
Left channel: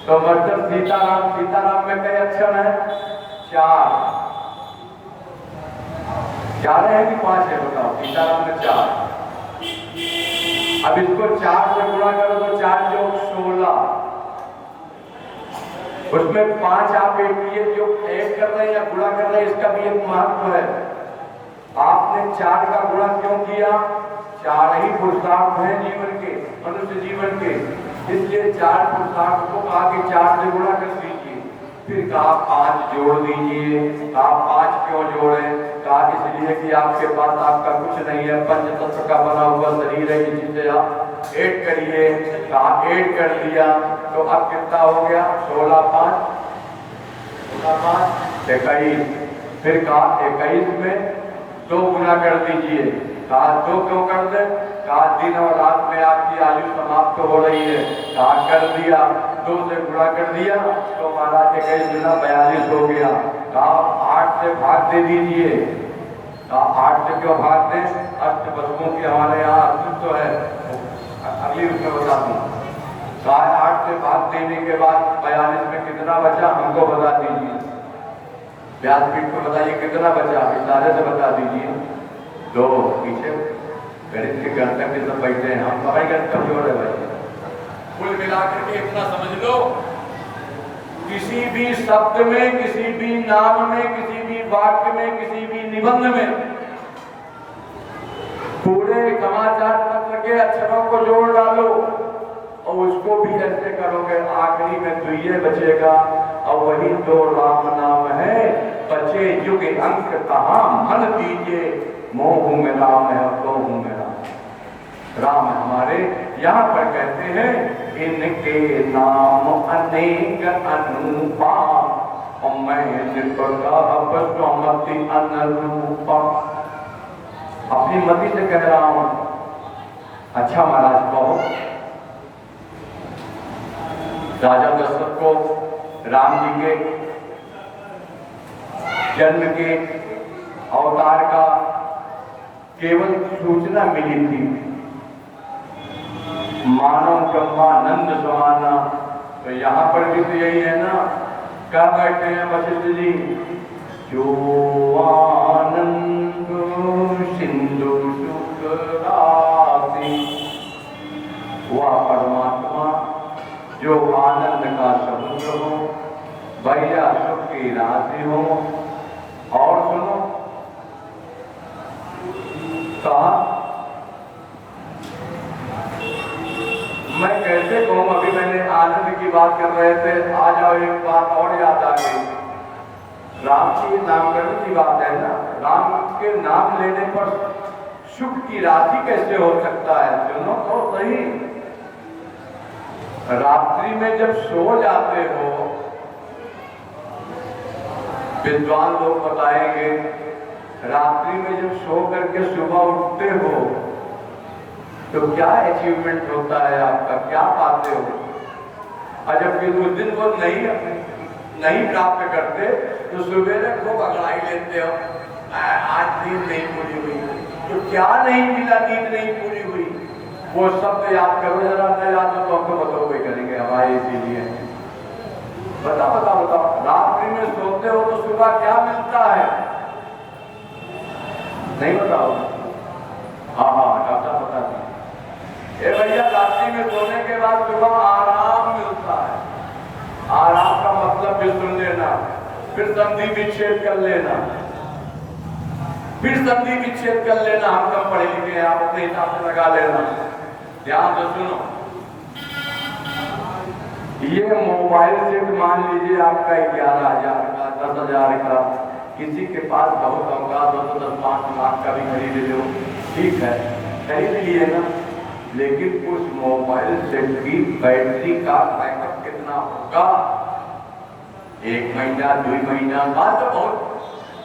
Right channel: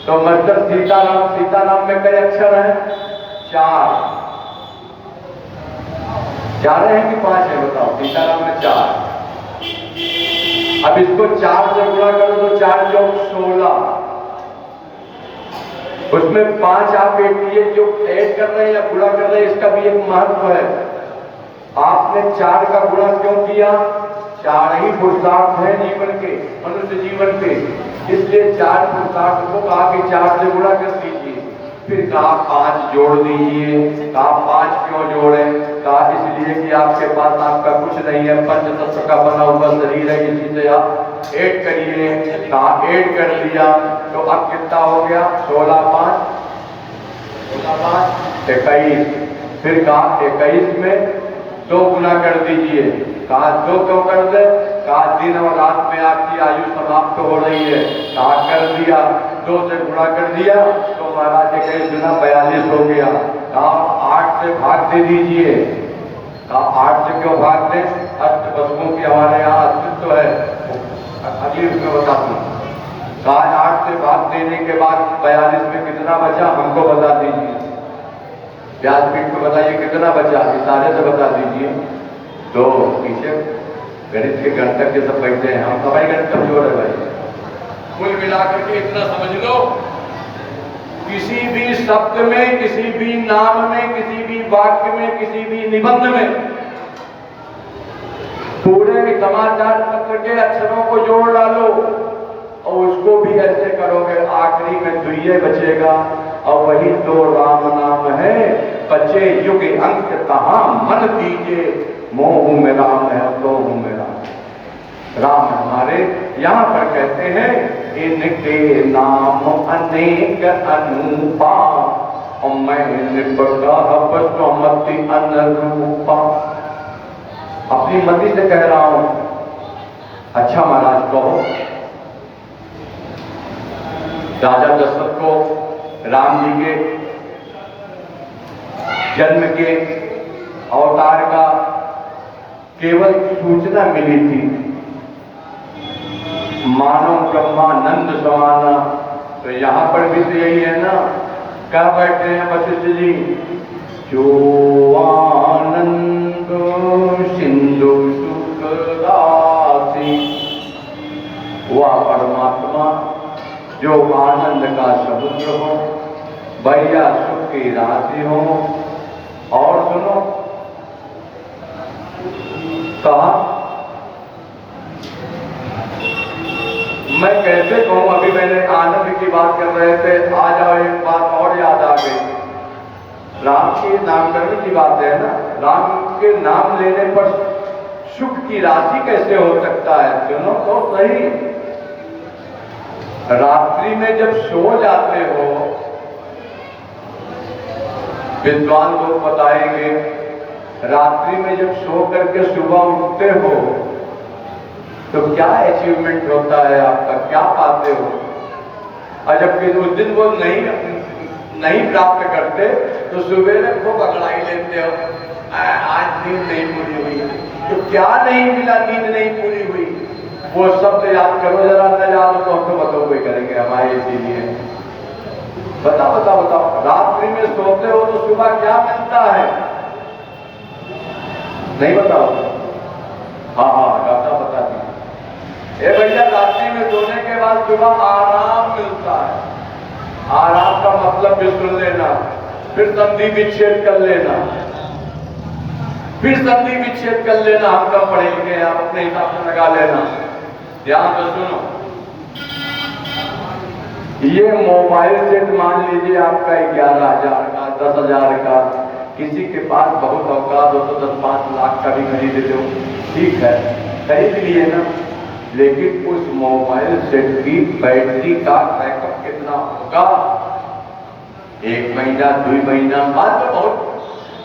तो मिस्टर सीताराम, सीताराम में कई अक्षर हैं? 4। 4 है कि 5 है बताओ? सीताराम में 4। अब इसको 4 से गुणा करो तो 4 चौक 16। उसमें 5 आप ये जो ऐड कर रहे हैं या गुणा कर रहे हैं, इसका भी एक महत्व है। आपने 4 का गुणा क्यों किया? 4 ही पुरुषार्थ है जीवन के, मनुष्य जीवन के, इसलिए 4 पुरुषार्थ को कहा कि 4 से गुणा कर दीजिए। फिर कहा 5 जोड़ दीजिए। कहा 5 क्यों जोड़े? कहा इसलिए कि आपके पास आपका कुछ नहीं है, पंच तत्व का बना हुआ शरीर है, इसी से आप ऐड करिए। कहा ऐड कर दिया तो अब कितना हो गया? 16 5 21। फिर कहा 21 में 2 गुना कर दीजिए। कहा 2 क्यों कर दे? कहा दिन और रात में आपकी आयु समाप्त हो रही है। कहा कर दिया, 2 से गुणा कर दिया तो महाराज 21 गुना 42 हो गया। कहा 8 से भाग दे दीजिए। कहा 8 से क्यों भाग दें? अष्ट वस्तुओं की हमारे यहाँ अस्तित्व है, अगली उसमें बता दूं। कहा 8 से भाग देने के बाद 42 में कितना बचा? हमको बता दीजिए। व्यासपीठ को बताइए कितना बचा? इशारे से बता दीजिए। तो पीछे गणित के गणतज्ञ सब बैठे हैं, हम सभी गणित कमजोर है भाई। कुल मिलाकर के इतना समझ लो, किसी भी शब्द में, किसी भी नाम में, किसी भी वाक्य में, किसी भी निबंध में पूरे समाचार पत्र के अक्षरों को जोड़ डालो और उसको भी ऐसे करोगे, आखिरी में तो ये बचेगा। और वही तो राम नाम है, बचे युग अंक कहाँ मन दीजिए, मोह में राम है तो हूं मेरा। राम हमारे यहाँ पर कहते हैं इनके नाम अनेक अनुपा और मैं निपटमति अनुरूपा। अपनी मति से कह रहा हूं। अच्छा महाराज कहो, राजा दशरथ को राम जी के जन्म के अवतार का केवल सूचना मिली थी, मानो ब्रह्मानंद समाना। तो यहाँ पर भी तो यही है ना, क्या बैठे हैं वशिष्ठ जी? जो आनंद सिंधु सुख राशि, वह परमात्मा जो आनंद का समुद्र हो, बढ़िया सुख की राशि हो। और सुनो, कहा मैं कैसे कहूं, अभी मैंने आनंद की बात कर रहे थे, आ जाओ एक बात और याद आ गई। राम के नामकरण की बात है ना, राम के नाम लेने पर सुख की राशि कैसे हो सकता है? सुनो तो सही, रात्रि में जब सो जाते हो, विद्वान लोग बताएंगे, रात्रि में जब सो करके सुबह उठते हो तो क्या अचीवमेंट होता है आपका, क्या पाते हो? और जबकि उस दिन वो नहीं प्राप्त करते तो सुबह खूब अगड़ाई लेते हो, आज नींद नहीं पूरी हुई। तो क्या नहीं मिला? नींद नहीं पूरी हुई। वो शब्द याद करो जरा, न याद तो हमको बताओ कोई करेंगे हमारे इसीलिए। बताओ बताओ बताओ, रात्रि में सोते हो तो सुबह क्या मिलता है? नहीं बताओ? हाँ हाँ डॉक्टर बता दी। भैया रात्रि में सोने के बाद सुबह आराम मिलता है। आराम का मतलब भी सुन लेना, फिर संधि विच्छेद कर लेना, फिर संधि विच्छेद कर लेना। हम कम पढ़े लिखे हैं, आप अपने हिसाब से लगा लेना। ध्यान से सुनो, ये मोबाइल सेट मान लीजिए आपका 11,000 का, 10,000 का, किसी के पास बहुत औकात हो तो 10-5 लाख का भी खरीद लो, ठीक है, खरीद लिए ना। लेकिन उस मोबाइल सेट की बैटरी का बैकअप कितना होगा? 1 महीना 2 महीना बाद तो बहुत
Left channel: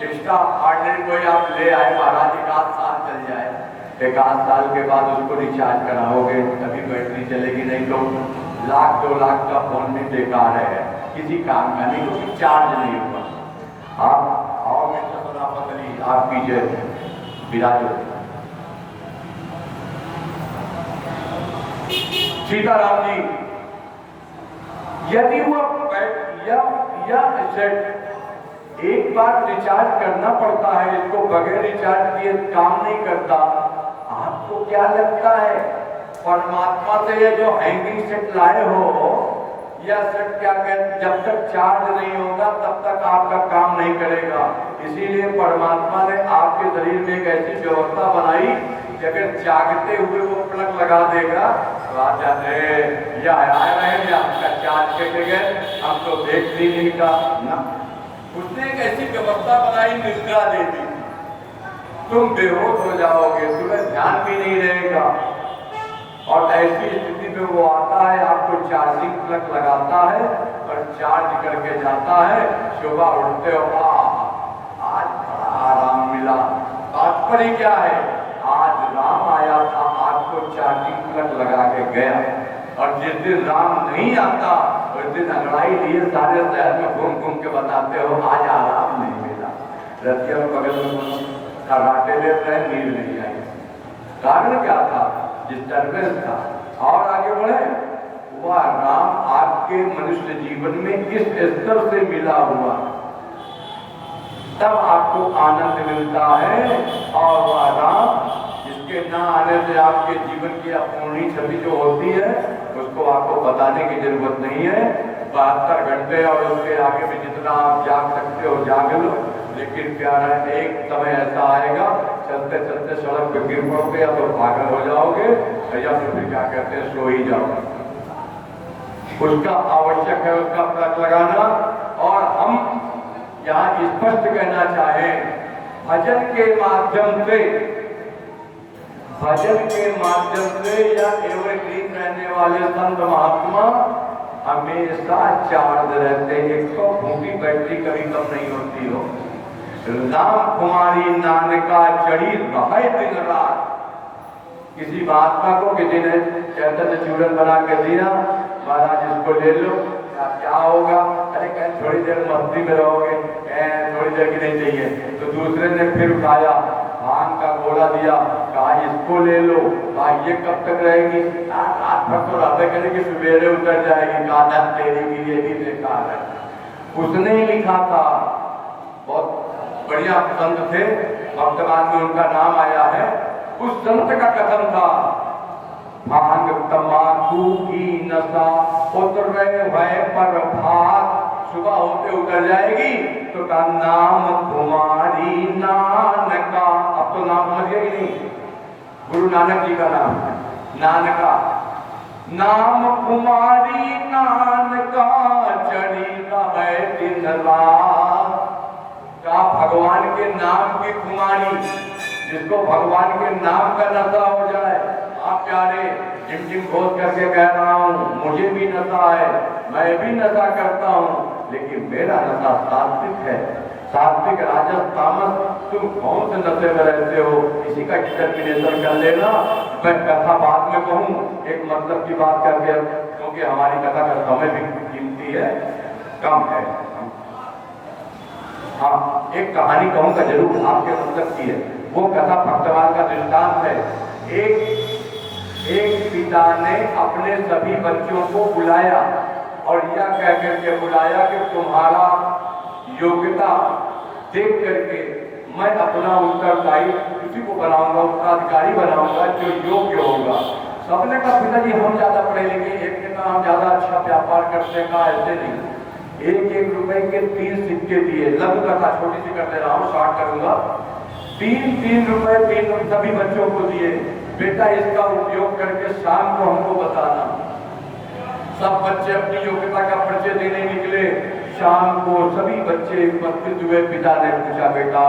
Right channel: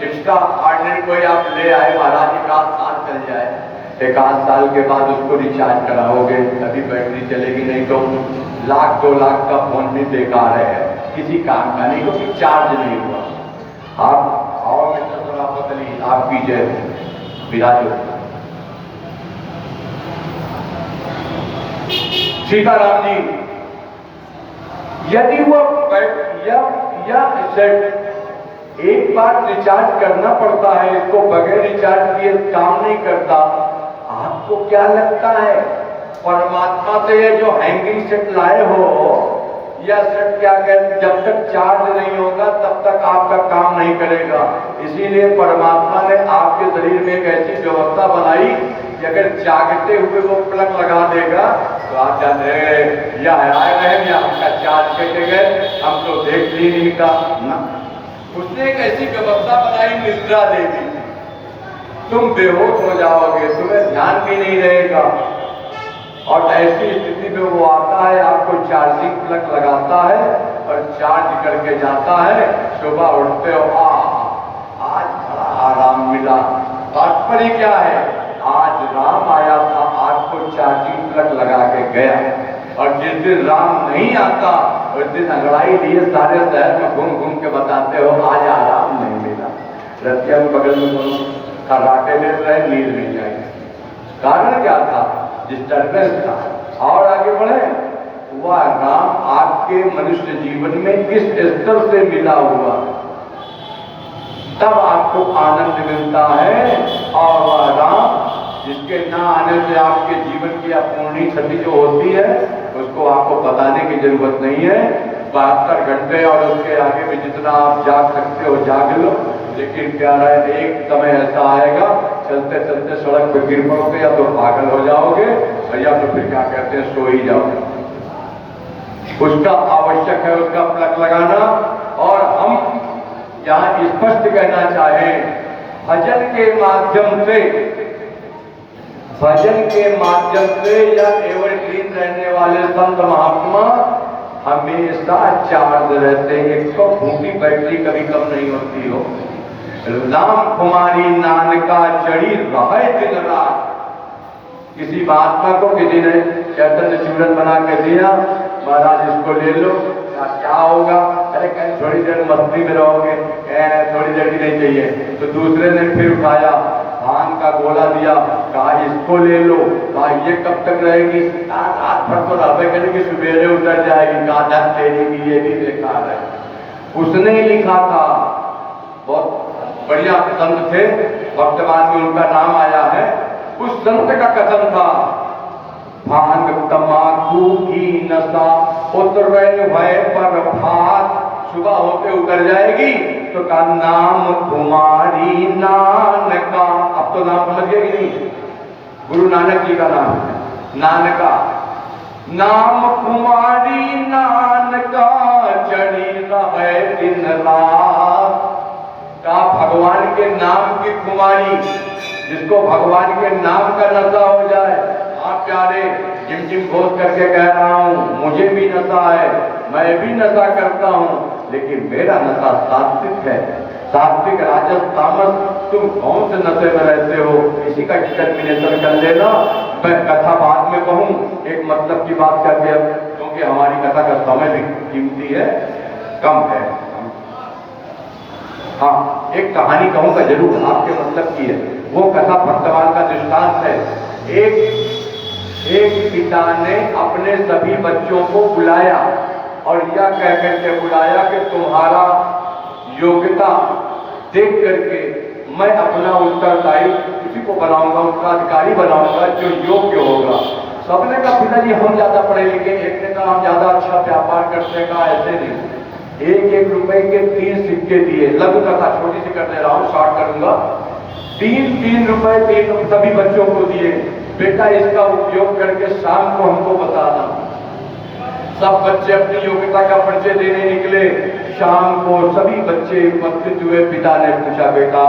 एक्स्ट्रा ऑर्डिनरी कोई आप ले आए महाराज, 1 आध साल चल जाए, एक आध साल के बाद उसको रिचार्ज कराओगे तभी बैटरी चलेगी, नहीं तो लाख 2 लाख का फोन भी बेकार है, किसी काम का नहीं, क्योंकि चार्ज नहीं हुआ। आप आओ मिस्टर सराफत अली, आप कीजिए विराजो। सीताराम जी, यदि वो या सेट एक बार रिचार्ज करना पड़ता है, इसको बगैर रिचार्ज किए काम नहीं करता, आपको क्या लगता है परमात्मा से ये जो हैंगिंग सेट लाए हो, यह सेट क्या कहते, जब तक चार्ज नहीं होगा तब तक आपका काम नहीं करेगा। इसीलिए परमात्मा ने आपके शरीर में एक ऐसी व्यवस्था बनाई कि अगर जागते हुए वो प्लग लगा देगा तो आप जान रहे या आए रहे या हमका चार्ज के गए, हम तो देख भी नहीं था ना। उसने एक ऐसी व्यवस्था बनाई, निद्रा दे दी, तुम बेहोश हो जाओगे, तुम्हें ध्यान भी नहीं रहेगा। और ऐसी स्थिति में वो आता है, आपको चार्जिंग प्लग लगाता है और चार्ज करके जाता है। सुबह उठते हो, आज बड़ा आराम मिला। तात्पर्य क्या है, आज राम आया था, आज को चार्जिंग प्लग लगा के गया। और जिस दिन राम नहीं आता उस दिन अंगड़ाई लिए सारे शहर में घूम घूम के बताते हो आज आराम नहीं मिला। रतिया में बगल में कौन कराटे में रहे, नींद नहीं आई। कारण क्या था, डिस्टर्बेंस था। और आगे बढ़े, वह राम आपके मनुष्य जीवन में किस स्तर से मिला हुआ, तब आपको आनंद मिलता है। और वह राम जिसके न आने से आपके जीवन की अपूर्णी क्षति जो होती है उसको आपको बताने की जरूरत नहीं है। 72 घंटे और उसके आगे भी जितना आप जाग सकते हो जाग लो। लेकिन क्या है, एक समय ऐसा आएगा चलते चलते सड़क पे गिर पड़ोगे, या तो पागल हो जाओगे या तो फिर क्या कहते हैं सो ही जाओगे। उसका आवश्यक है उसका प्लग लगाना। और हम यहाँ स्पष्ट कहना चाहें, भजन के माध्यम से या एवरग्रीन रहने वाले संत महात्मा हमेशा चार्ज रहते हैं। एक तो भूखी बैटरी कभी कम नहीं होती हो। राम कुमारी नानका चढ़ी रहे दिन रात। किसी महात्मा को किसी ने चैतन्य चूरन बना के दिया, महाराज इसको ले लो, क्या होगा, अरे कहीं थोड़ी देर मस्ती में रहोगे, थोड़ी देर की नहीं चाहिए। तो दूसरे ने फिर उठाया, भांग का गोला दिया, कहा इसको ले लो, कहा ये कब तक रहेगी, रात भर तो रहते करेगी, सुबेरे उतर जाएगी, कहा तेरी ये भी बेकार है। उसने लिखा था, बहुत बढ़िया संत थे, वर्तमान में उनका नाम आया है। उस संत का कथन था, भांग तमाकू की नशा उतरे भय पर भात, सुबह होते उतर जाएगी तो का नाम तुम्हारी नानका। अब तो नाम समझ गए कि नहीं, गुरु नानक जी का नाम नानका। नाम कुमारी नानका चढ़ी रहे दिन रात। का भगवान के नाम की कुमारी, जिसको भगवान के नाम का नशा हो जाए। आप प्यारे जिम जिम घोष करके कह रहा हूँ, मुझे भी नशा है, मैं भी नशा करता हूँ, लेकिन मेरा नशा सात्विक है। सात्विक राजस तामस, तुम कौन से नशे में रहते हो, इसी का डिटर्मिनेशन कर लेना। मैं कथा बाद में कहूँ, एक मतलब की बात करके, क्योंकि हमारी कथा का समय भी कीमती है, कम है। हाँ, एक कहानी कहूँगा जरूर, आपके मतलब की है। वो कथा भक्तवान का दृष्टांत है। एक पिता ने अपने सभी बच्चों को बुलाया और यह कह करके बुलाया कि तुम्हारा योग्यता देख करके मैं अपना उत्तरदायी किसी को बनाऊंगा, उसका अधिकारी बनाऊंगा जो योग्य होगा। सबने कहा पिताजी हम ज्यादा पढ़े लिखे, एक ने कहा हम ज्यादा अच्छा व्यापार करते का, ऐसे नहीं। 1-1 रुपए के 3 सिक्के दिए। लघु कथा छोटी सी कर दे रहा हूँ, स्टार्ट करूंगा। 3 रुपए 3 सभी बच्चों को दिए, बेटा इसका उपयोग करके शाम को हमको बताना। सब बच्चे अपनी योग्यता का परिचय देने निकले। शाम को सभी बच्चे उपस्थित हुए। पिता ने पूछा, बेटा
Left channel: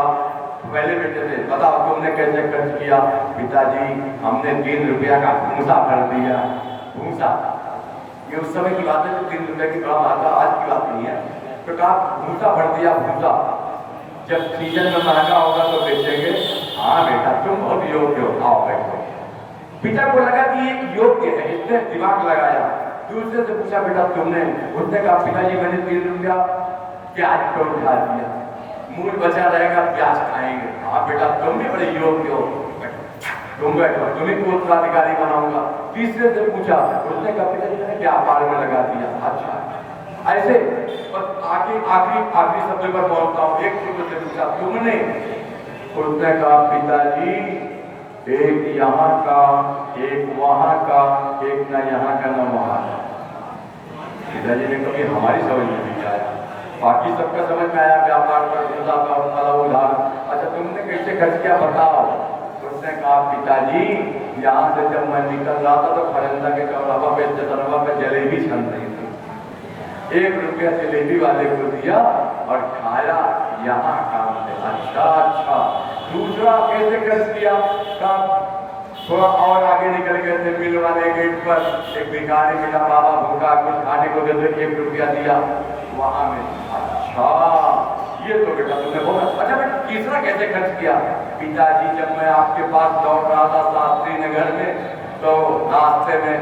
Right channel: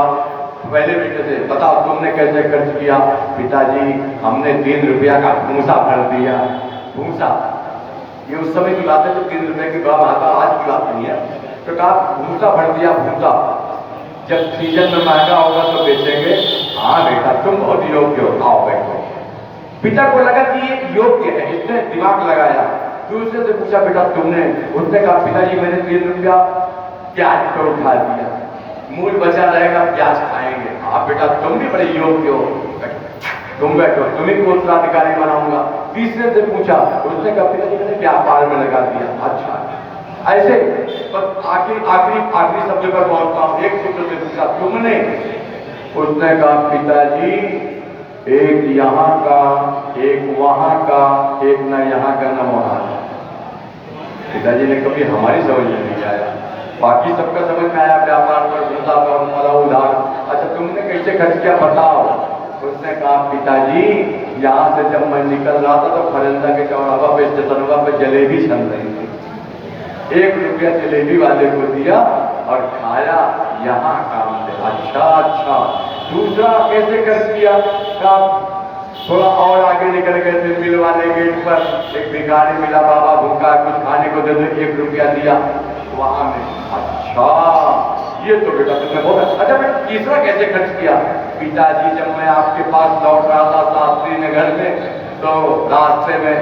पहले बेटे से बताओ तुमने कैसे खर्च किया। पिताजी हमने 3 रुपया का भूसा भर दिया। भूसा, ये उस समय की बात है तो 3 रुपये की बड़ा महंगा, आज की बात नहीं है। तो कहा भूसा भर दिया। भूसा जब सीजन में महंगा होगा तो बेचेंगे, हाँ बेटा तुम बहुत योग्य हो, आओ बैठो। पिता को लगा कि ये योग्य है, इसने दिमाग लगाया। दूसरे से पूछा बेटा तुमने? उसने कहा पिताजी मैंने 3 रुपया प्याज पर उठा दिया, मूल बचा रहेगा, प्याज खाएंगे। आप बेटा तुम भी बड़े योग्य हो, तुम बैठो, तुम्हें को उत्तराधिकारी बनाऊंगा। तीसरे से पूछा, उसने कहा पिताजी मैंने व्यापार में लगा दिया। अच्छा ऐसे बस आखिरी शब्द पर पहुंचता हूँ। एक पुत्र से पूछा तुमने? उसने कहा पिताजी एक यहाँ का, एक वहां का, एक न यहाँ का न वहां का। पिताजी ने कभी हमारी समझ में नहीं आया, बाकी सबका समझ में आया, व्यापार पर धंधा पर हमारा उधार। अच्छा तुमने कैसे खर्च किया बताओ? उसने कहा पिताजी यहाँ से जब मैं निकल रहा था तो खरंजा के चौराहा पे स्टेशनवा पे जलेबी छन रही थी, 1 रुपया जलेबी वाले को दिया और खाया, यहाँ काम है। अच्छा दूसरा कैसे खर्च किया? थोड़ा और आगे निकल गए थे, मिल वाले गेट पर एक भिखारी मिला, बाबा भूखा कुछ खाने को दे दो, 1 रुपया दिया वहां में। अच्छा ये तो बेटा तुमने बोला। अच्छा बेटा तीसरा कैसे खर्च किया? पिताजी जब मैं आपके पास लौट रहा था शास्त्री नगर में तो रास्ते में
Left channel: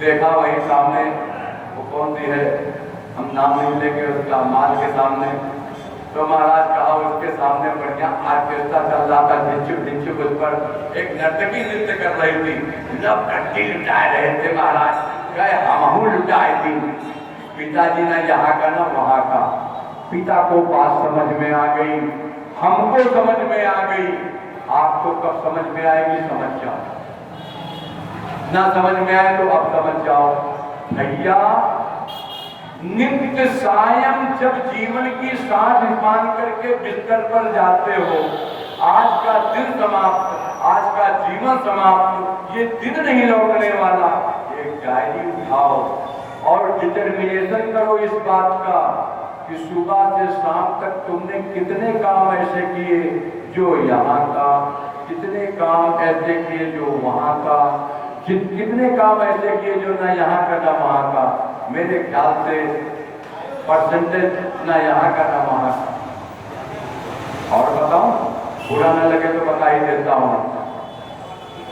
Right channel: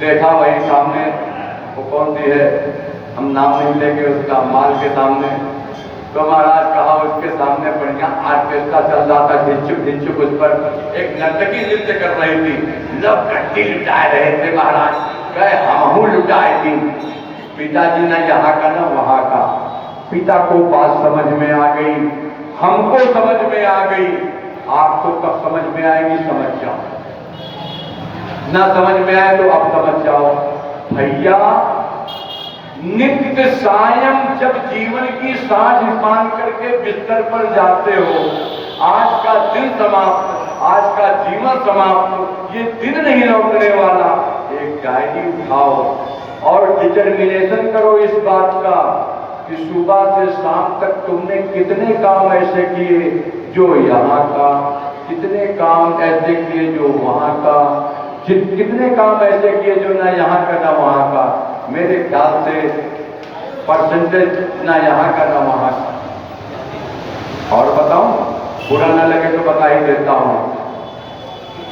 देखा वही सामने, वो कौन सी है हम नाम नहीं लेंगे उसका, माल के सामने, तो महाराज कहा उसके सामने बढ़िया आर्केस्ट्रा चल रहा था, ढिंचुक उस पर एक नर्तकी नृत्य कर रही थी, लोग कट्टी लुटाए रहे थे। महाराज कहे हमहू लुटाए थी। पिताजी ना यहाँ का ना वहां का। पिता को बात समझ में आ गई, हमको समझ में आ गई, आपको कब समझ में आएगी? समझ जाओ, ना समझ में आए तो अब समझ जाओ। भैया नित्य सायं जब जीवन की सांझ मान करके बिस्तर पर जाते हो, आज का दिन समाप्त, आज का जीवन समाप्त, ये दिन नहीं लौटने वाला। एक डायरी उठाओ और डिटर्मिनेशन करो इस बात का कि सुबह से शाम तक तुमने कितने काम ऐसे किए जो यहाँ का, कितने काम ऐसे किए जो वहां का, कितने काम ऐसे किए जो ना यहाँ का ना वहां का। मेरे ख्याल से परसेंटेज ना यहाँ का ना वहां का। और बताऊं, बुरा ना लगे तो बता ही देता हूं,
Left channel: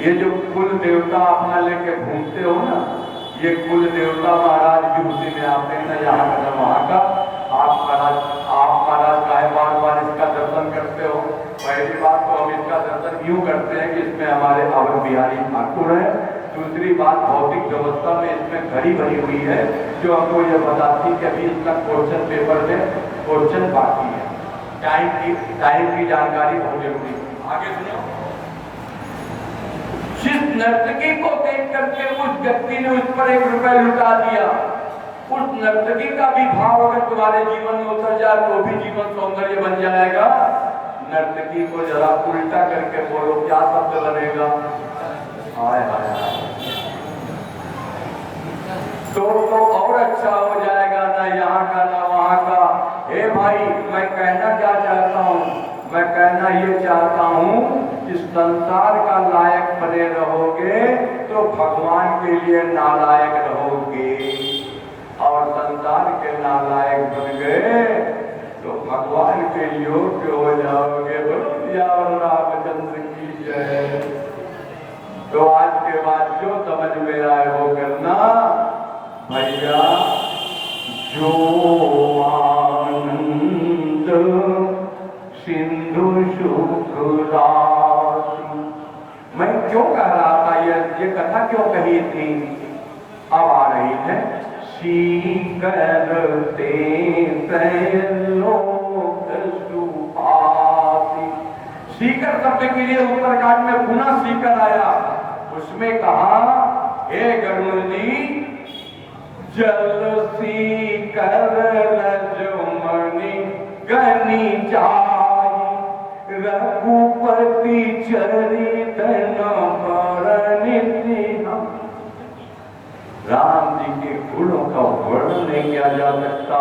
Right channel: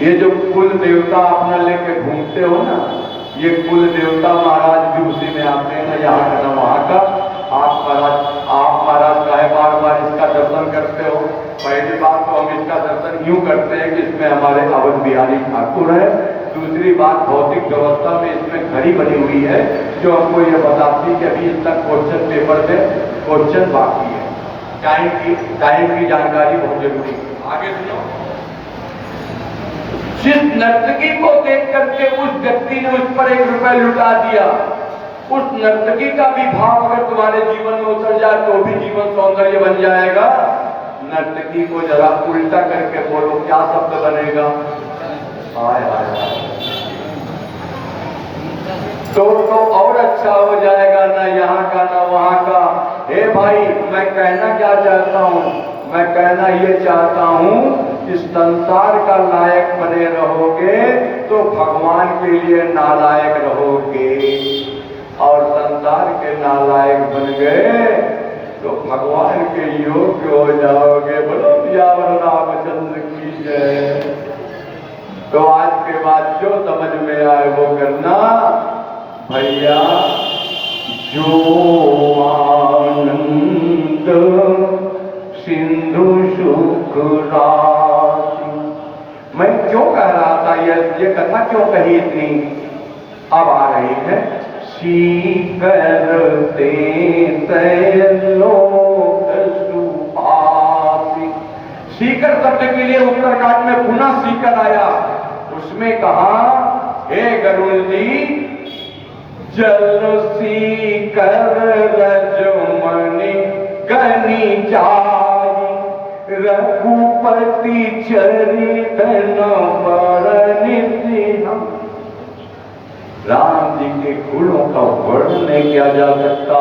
ये जो कुल देवता अपना लेके घूमते हो ना, ये कुल देवता महाराज भी उसी में आते हैं, ना यहाँ का ना वहां का। आप महाराज काहे बार इसका दर्शन करते हो? पहली बात तो हम इसका दर्शन यूं करते हैं कि इसमें हमारे अवध बिहारी ठाकुर है। दूसरी बात भौतिक व्यवस्था में इसमें घड़ी बनी हुई है जो हमको ये बताती है कि अभी इसका क्वेश्चन पेपर में क्वेश्चन बाकी है। टाइम की जानकारी बहुत जरूरी है। आगे सुनो, जिस नर्तकी को देख करके उस व्यक्ति ने उस पर 1 रुपया लुटा दिया, उस नर्तकी का भी भाव अगर तुम्हारे जीवन में उतर जाए तो भी जीवन सौंदर्य बन जाएगा। नर्तकी को जरा उल्टा करके बोलो, क्या शब्द बनेगा? हाय हाय हाय, तो और अच्छा हो जाएगा, ना यहाँ का ना वहां का। हे भाई मैं कहना क्या चाहता हूँ? मैं कहना ये चाहता हूँ कि संसार का लायक बने रहोगे तो भगवान के लिए नालायक रहोगे, और संसार के नालायक बन गए तो भगवान के योग्य हो जाओगे। बोलो यावर रामचंद्र की जय। तो आज के बाद जो समझ में आए वो करना भैया। जो आनंद सिंधु सुख राशि। मैं क्यों कह रहा था, ये कथा क्यों कही इतनी? अब आ रही है। सीकरते लोक सुभाषि। सीकर शब्द के लिए उत्तरकांड में पुनः सीकर आया। उसमें कहा हे गरुड़ जी, जल सीकर रजमणि गनि जाई, रघुपति चरित बरनिधि। राम जी के गुणों का वर्णन नहीं किया जा सकता,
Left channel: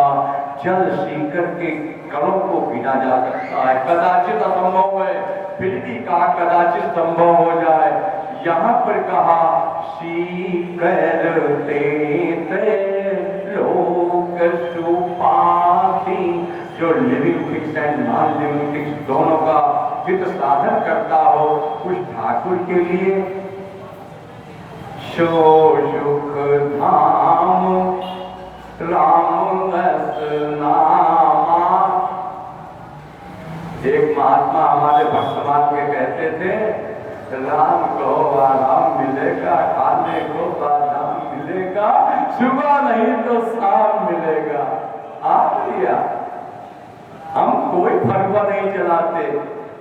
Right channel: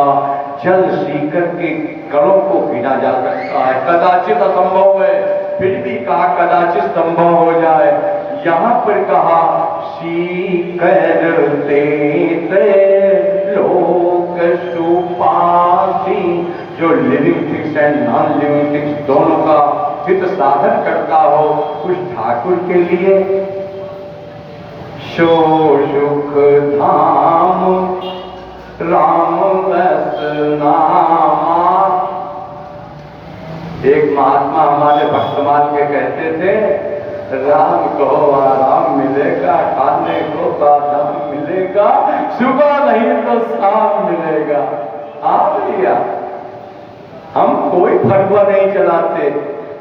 जल सीकर के कणों को गिना जा सकता है। कदाचित असंभव है, फिर भी कहा कदाचित संभव हो जाए। यहाँ पर कहा सीकरते लोक सुभाषि। जो living things and non living things दोनों का हित साधन करता हो उस ठाकुर के लिए सो सुख धाम राम रस नामा। एक महात्मा हमारे भक्तमान के कहते थे, राम को आराम मिलेगा, खाने को बादाम मिलेगा, सुबह नहीं तो शाम मिलेगा। आप भैया हम कोई फटुआ नहीं चलाते,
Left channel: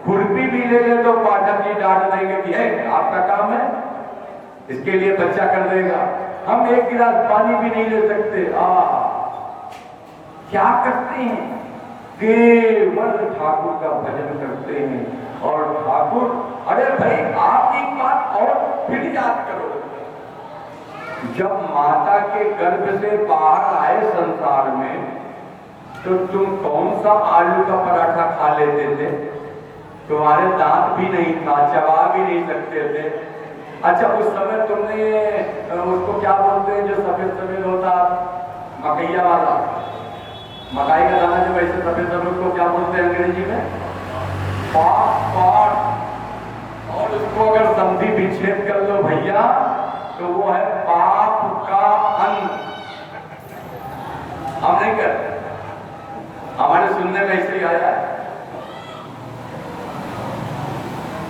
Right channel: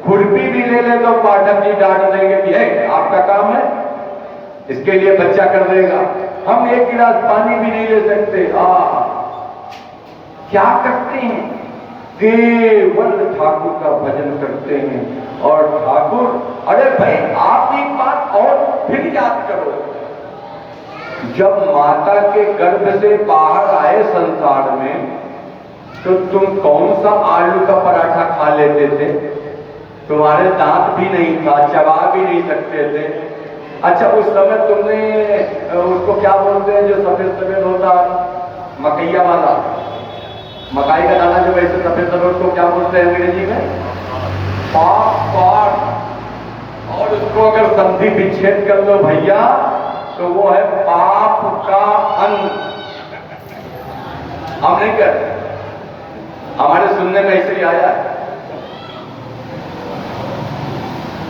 खुरपी भी ले ले तो पाठक जी डांट देंगे कि है आपका काम है, इसके लिए बच्चा कर देगा। हम एक गिलास पानी भी नहीं ले सकते। क्या करते हैं? केवल ठाकुर का भजन करते हैं। और ठाकुर, अरे भाई आप ही बात और फिर याद करो, जब माता के गर्भ से बाहर आए संसार में तो तुम कौन सा आलू का पराठा खा लेते थे? तुम्हारे दांत भी नहीं था, चबा भी नहीं सकते थे। अच्छा उस समय तुमने उसको क्या बोलते हैं जो सफेद सफेद होता, मकैया वाला, मकाई का दाना जो वैसे सफेद सफेद, उसको क्या बोलते हैं अंग्रेजी में? पाप। और उसको अगर संधि विच्छेद कर लो भैया तो वो है पाप का अंग। हम नहीं कर, हमारे सुनने में ऐसे ही आया है।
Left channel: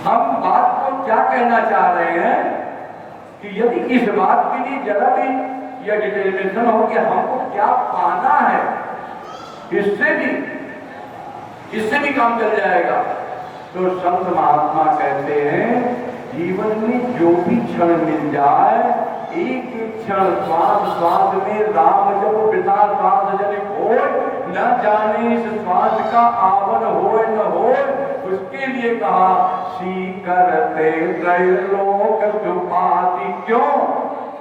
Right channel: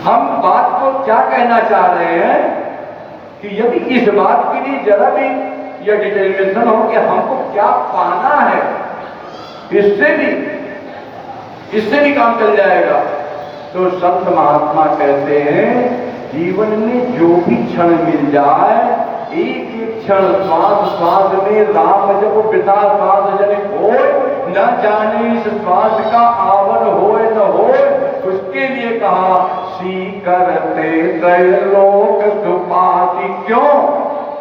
हम बात को क्या कहना चाह रहे हैं कि यदि इस बात के लिए जरा भी यह डिटरमिनेशन हो कि हमको क्या पाना है, इससे भी काम चल जाएगा। तो संत महात्मा कहते हैं जीवन में जो भी क्षण मिल जाए, एक एक क्षण श्वास श्वास में राम जब पिता श्वास जनिक हो, न जाने इस श्वास का आवन होए न होए, उसके लिए कहा सी करते त्रैलोक सुपाति। क्यों?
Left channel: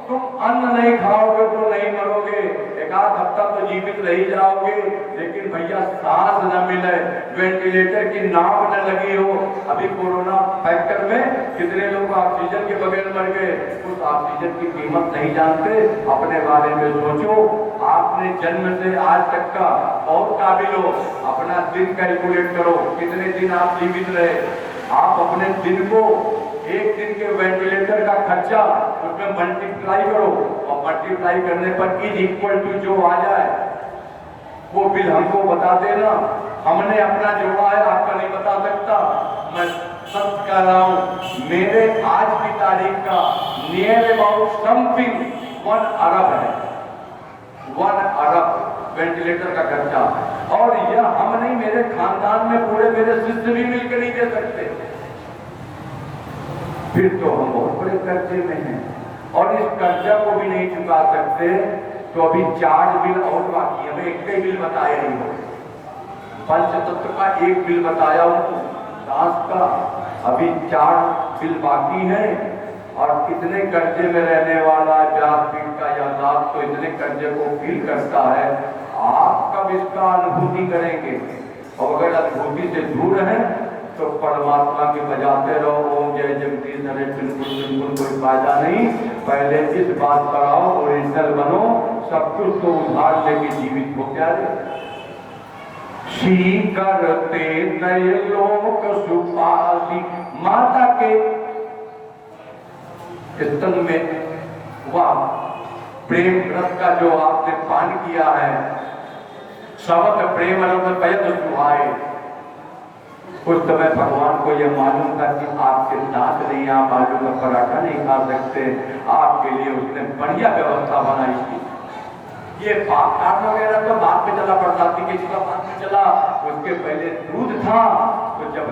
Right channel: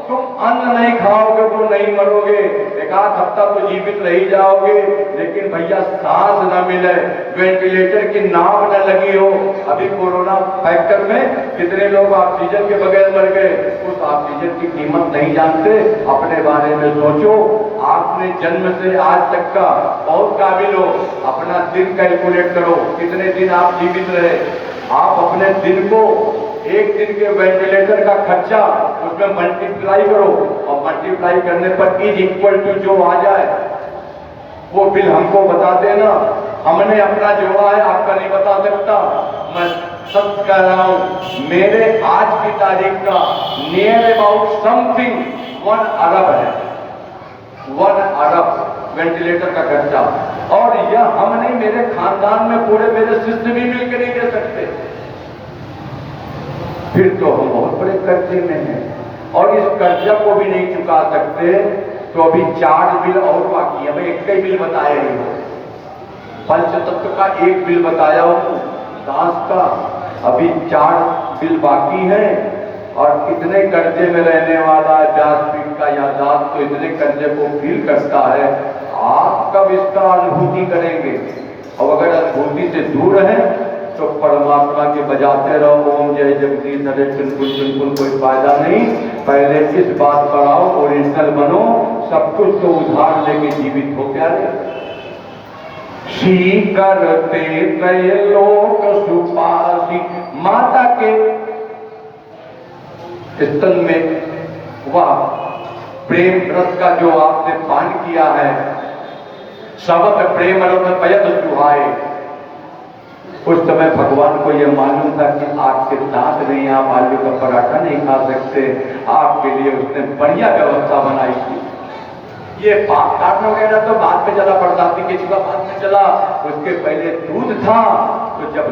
तुम अन्न नहीं खाओगे तो नहीं मरोगे, एक आध हफ्ता तो जीवित रह जाओगे, लेकिन भैया सांस न मिले, वेंटिलेटर की नाव न लगी हो। अभी कोरोना फैक्टर में कितने लोग ऑक्सीजन के बगैर मर गए, उस ऑक्सीजन की कीमत नहीं जानते। अपने बारे में सोचो, आपने जन्म से आज तक का बहुत काबिल हो, अपना दिन कैलकुलेट करो, कितने दिन आप जीवित रहे। आप अपने दिन को, एक दिन के वेंटिलेटर का खर्चा उसमें मल्टीप्लाई करो, और मल्टीप्लाई करने पर इज इक्वल टू जो आ जाए वो बिल हमको बता देना। हमने अपना जोड़ा है, आपका नहीं बता सकता। मैं सब कह रहा हूं, मेरे आज की तारीख का नियर अबाउट समथिंग 1 अरब है, 1 अरब वेंटिलेटर का खर्चा। और यह हम नहीं, मेरे खानदान में पूरे मेरे शिष्य भी मिलकर नहीं दे सकते। फिर तो हम बहुत बड़े कर्जे में हैं, और इस कर्जा को भी नहीं चुका सकते। तो अभी 4 बिल और बाकी है। मैं एक ही बिल बताया ही हूँ, पंचतत्व का 1 बिल बताया हूँ, दास का अभी 4 बिल बाकी है। और कितने कर्जे में रहने वाला व्यासपीठ का या दास तो इतने कर्जे को फील करता है। आप कब इसका अनुभूति करेंगे? और अगर अनुभूति से दूर है तो परमात्मा के बजाते रहो ओम जय जगदीश हरे, बिल्कुल कोई फायदा नहीं। पहले इस बात पर आओ, ओरिजिनल बनो, सब कुछ तो उधार लेके जीवित हो क्या रे। सी करते त्रैलोक सुपासी, माता के स्तन में वह प्रेम रस का जो आपने पान किया है, सबक प्रेम रस पयत सुहाए। उस समय भगवान को यह मालूम था कि आपके दांत नहीं, आप आलू का पराठा नहीं खा सकते। आपके लिए उसने बढ़िया व्यवस्था बनाई थी। ये पाप काटना वगैरह तो बाद में चला, बरसाती किसी का बाद में चला। उसके पहले दूध था, तो जब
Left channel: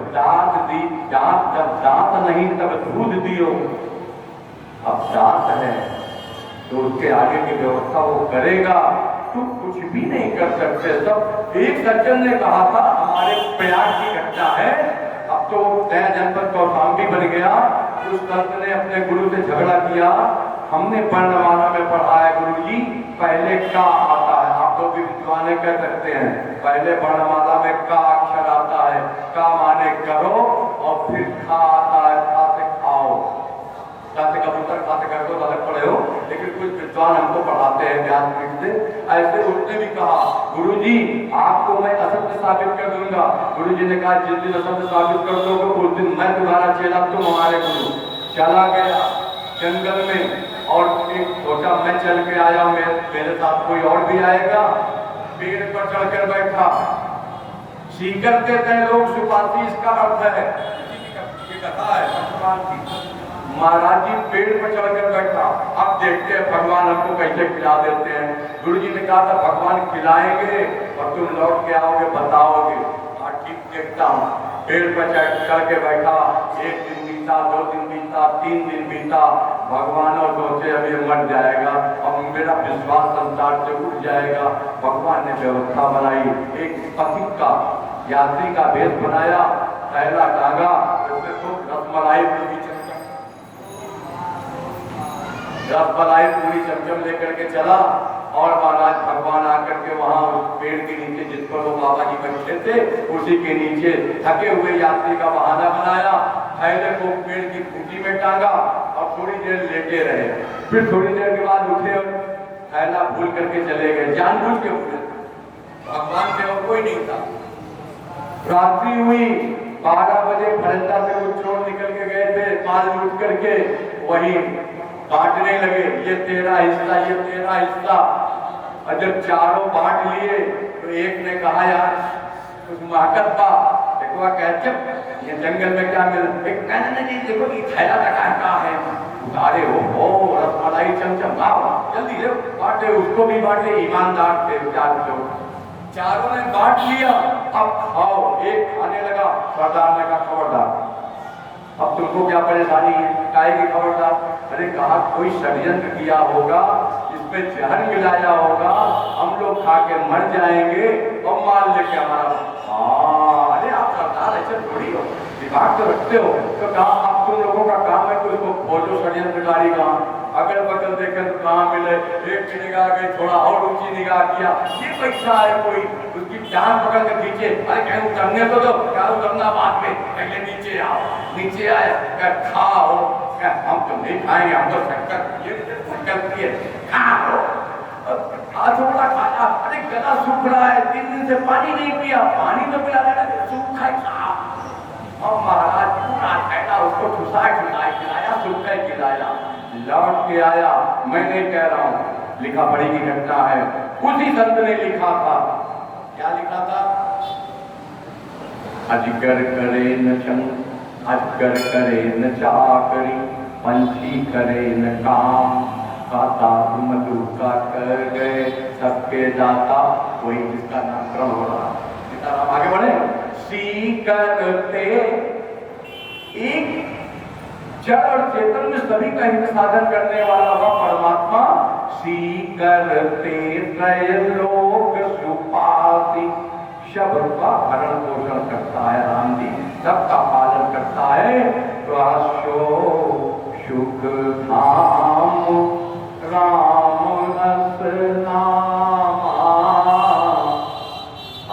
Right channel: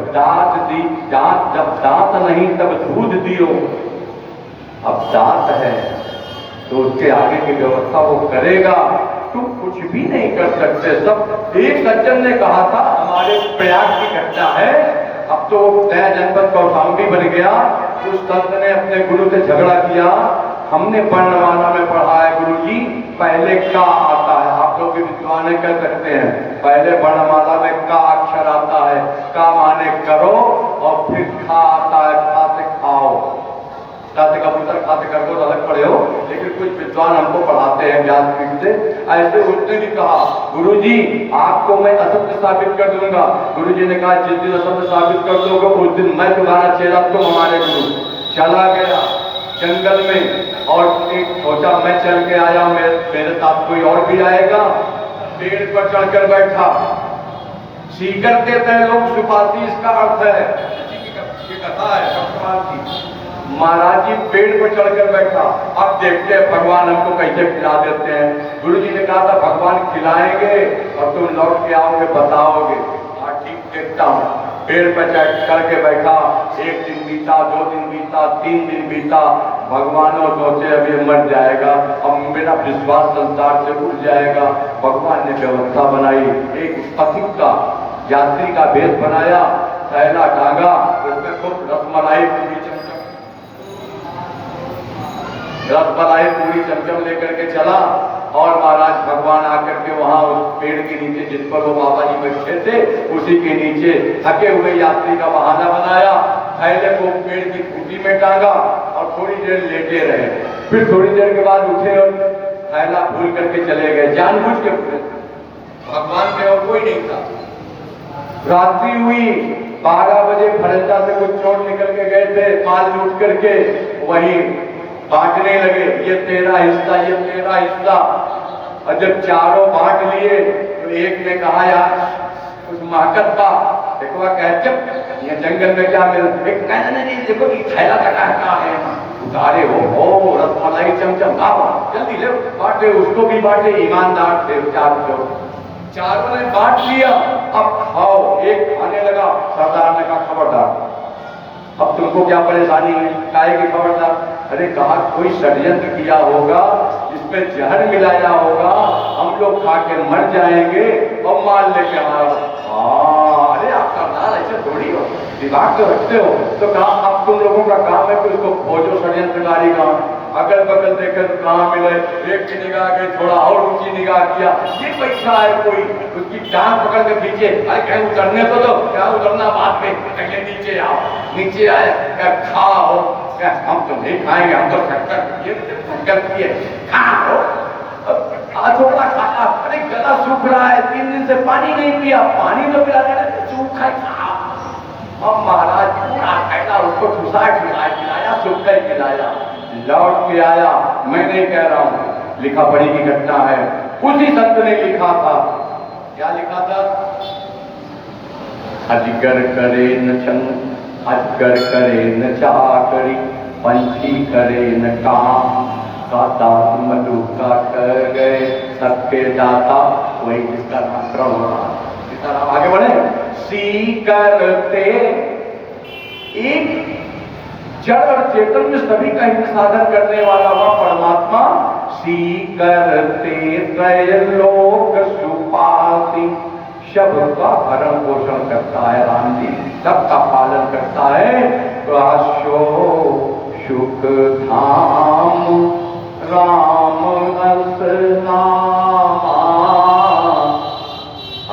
जब दांत नहीं तब दूध दियो। अब दांत है तो उसके आगे की व्यवस्था वो करेगा। तुम कुछ भी नहीं कर सकते। सब एक सज्जन ने कहा था, हमारे प्रयाग की घटना है, अब तो नया जनपद कौशाम्बी बन गया। उस संत ने अपने गुरु से झगड़ा किया, हमने वर्णमाला में पढ़ा है गुरुजी, पहले का आता है। आप लोग भी विद्वान कह सकते हैं, पहले वर्णमाला में का अक्षर आता है, का माने करो, और फिर खा आता है, खा से खाओ। खाते कबूतर खाते कर को अलग पड़े हो, लेकिन कुछ विद्वान हमको पढ़ाते हैं व्यासपीठ से। ऐसे उसने भी कहा, गुरुजी आपको मैं असत्य साबित कर दूंगा। गुरुजी ने कहा जिस दिन असत्य साबित कर दोगे उस दिन मैं तुम्हारा चेला, तुम हमारे गुरु। चला गया जंगल में और एक सोचा मैं चल के आया, मेरे साथ कोई और भी आएगा। पेड़ पर चढ़कर बैठा, सीकर देते हैं लोग सुपारी, इसका अर्थ है की कथा है भगवान की। महाराज जी पेड़ पर चढ़कर बैठा, अब देखते हैं भगवान हमको कैसे खिला देते हैं। गुरु जी ने कहा था भगवान खिलाएंगे और तुम लौट के आओगे बताओगे। हाँ ठीक, देखता हूँ। पेड़ पर चढ़ के बैठा, एक दिन बीता, 2 दिन बीता, 3 दिन बीता। भगवानों सोचे अभी मर जाएगा, अब मेरा विश्वास संसार से उठ जाएगा। भगवान ने व्यवस्था बनाई, एक पथिक का यात्री का वेश बनाया, थैला टांगा, उसमें खूब रसमलाई पूरी चमचम लेकर के चला। और महाराज भगवान आकर के वहां उस पेड़ के नीचे जिस पर वो बाबा जी बैठे थे उसी के नीचे थके हुए यात्री का बहाना बनाया, थैले को पेड़ की खूंटी में टांगा और थोड़ी देर लेटे रहे। फिर थोड़ी देर के बाद उठे और थैला भूल करके चले गए, जानबूझ के भूले। भगवान के और कोई नहीं था। रात्रि हुई, 12 बजे फरंदा से कुछ चोर निकल के गए थे, माल लूट करके वही बांटने लगे, ये तेरा हिस्सा, ये तेरा हिस्सा। और जब चारों बांट लिए तो एक ने कहा यार कुछ महकत था, एक बार कहते ये जंगल में क्या मिला, एक कहना नहीं देखो ये थैला का है, उतारे हो रसमलाई चमचम खाओ, जल्दी ले बांटे, उसको भी बांटे। ईमानदार थे चारों ने बांट लिया, अब खाओ। एक खाने लगा, सरदार ने कहा खबरदार, अब तुमको क्या परेशानी है, काहे की खबरदार? अरे कहा कोई षड्यंत्र किया होगा, इसमें जहर मिलाया होगा, हम लोग खा के मर जाएंगे और माल लेके हमारा। अरे आप सरदार ऐसे थोड़ी हो, दिमाग तो रखते हो। तो कहा अब तुम लोगों का काम है कुछ को खोजो षड्यंत्रकारी का। अगल बगल देखे तो कहाँ मिले, एक की निगाह गई, थोड़ा और ऊंची निगाह किया, ये बैठा है कोई, उसकी टांग पकड़ के खींचे, अरे कहीं उतरने तो दो, क्या उतरना बात में, पहले नीचे आओ। नीचे आया, क्या खाओ, क्या हम तो नहीं खाएंगे, हम तो शक्कर पिए, खाओ। थोड़ा खाया, अरे गला सूख रहा है, 3 दिन से पानी नहीं पिया, पानी तो पिला देना, सूखा खाओ। और महाराज पूरा थैला उसको ठुसाए खिलाया, सूखा खिलाया। लौट के आया, मैं नहीं कह रहा हूं, लिखा पढ़ी की घटना है। उसी संत ने लिखा था, क्या लिखा था? अजगर करे न छंद, अजगर करे न चाकरी, पंछी करे न काम, दाता मधुका कर गए सबके दाता, वही जिसका नाम प्रभु। इसका नाम आगे बढ़े। सी करते एक जड़ और चेतन में सभी का हित साधन करने वाला वह परमात्मा, सी करते त्रैलोक सुपासी, शब्द का भरण पोषण करता है राम जी, सबका पालन करता है। काशो सुख धाम राम अस नामा,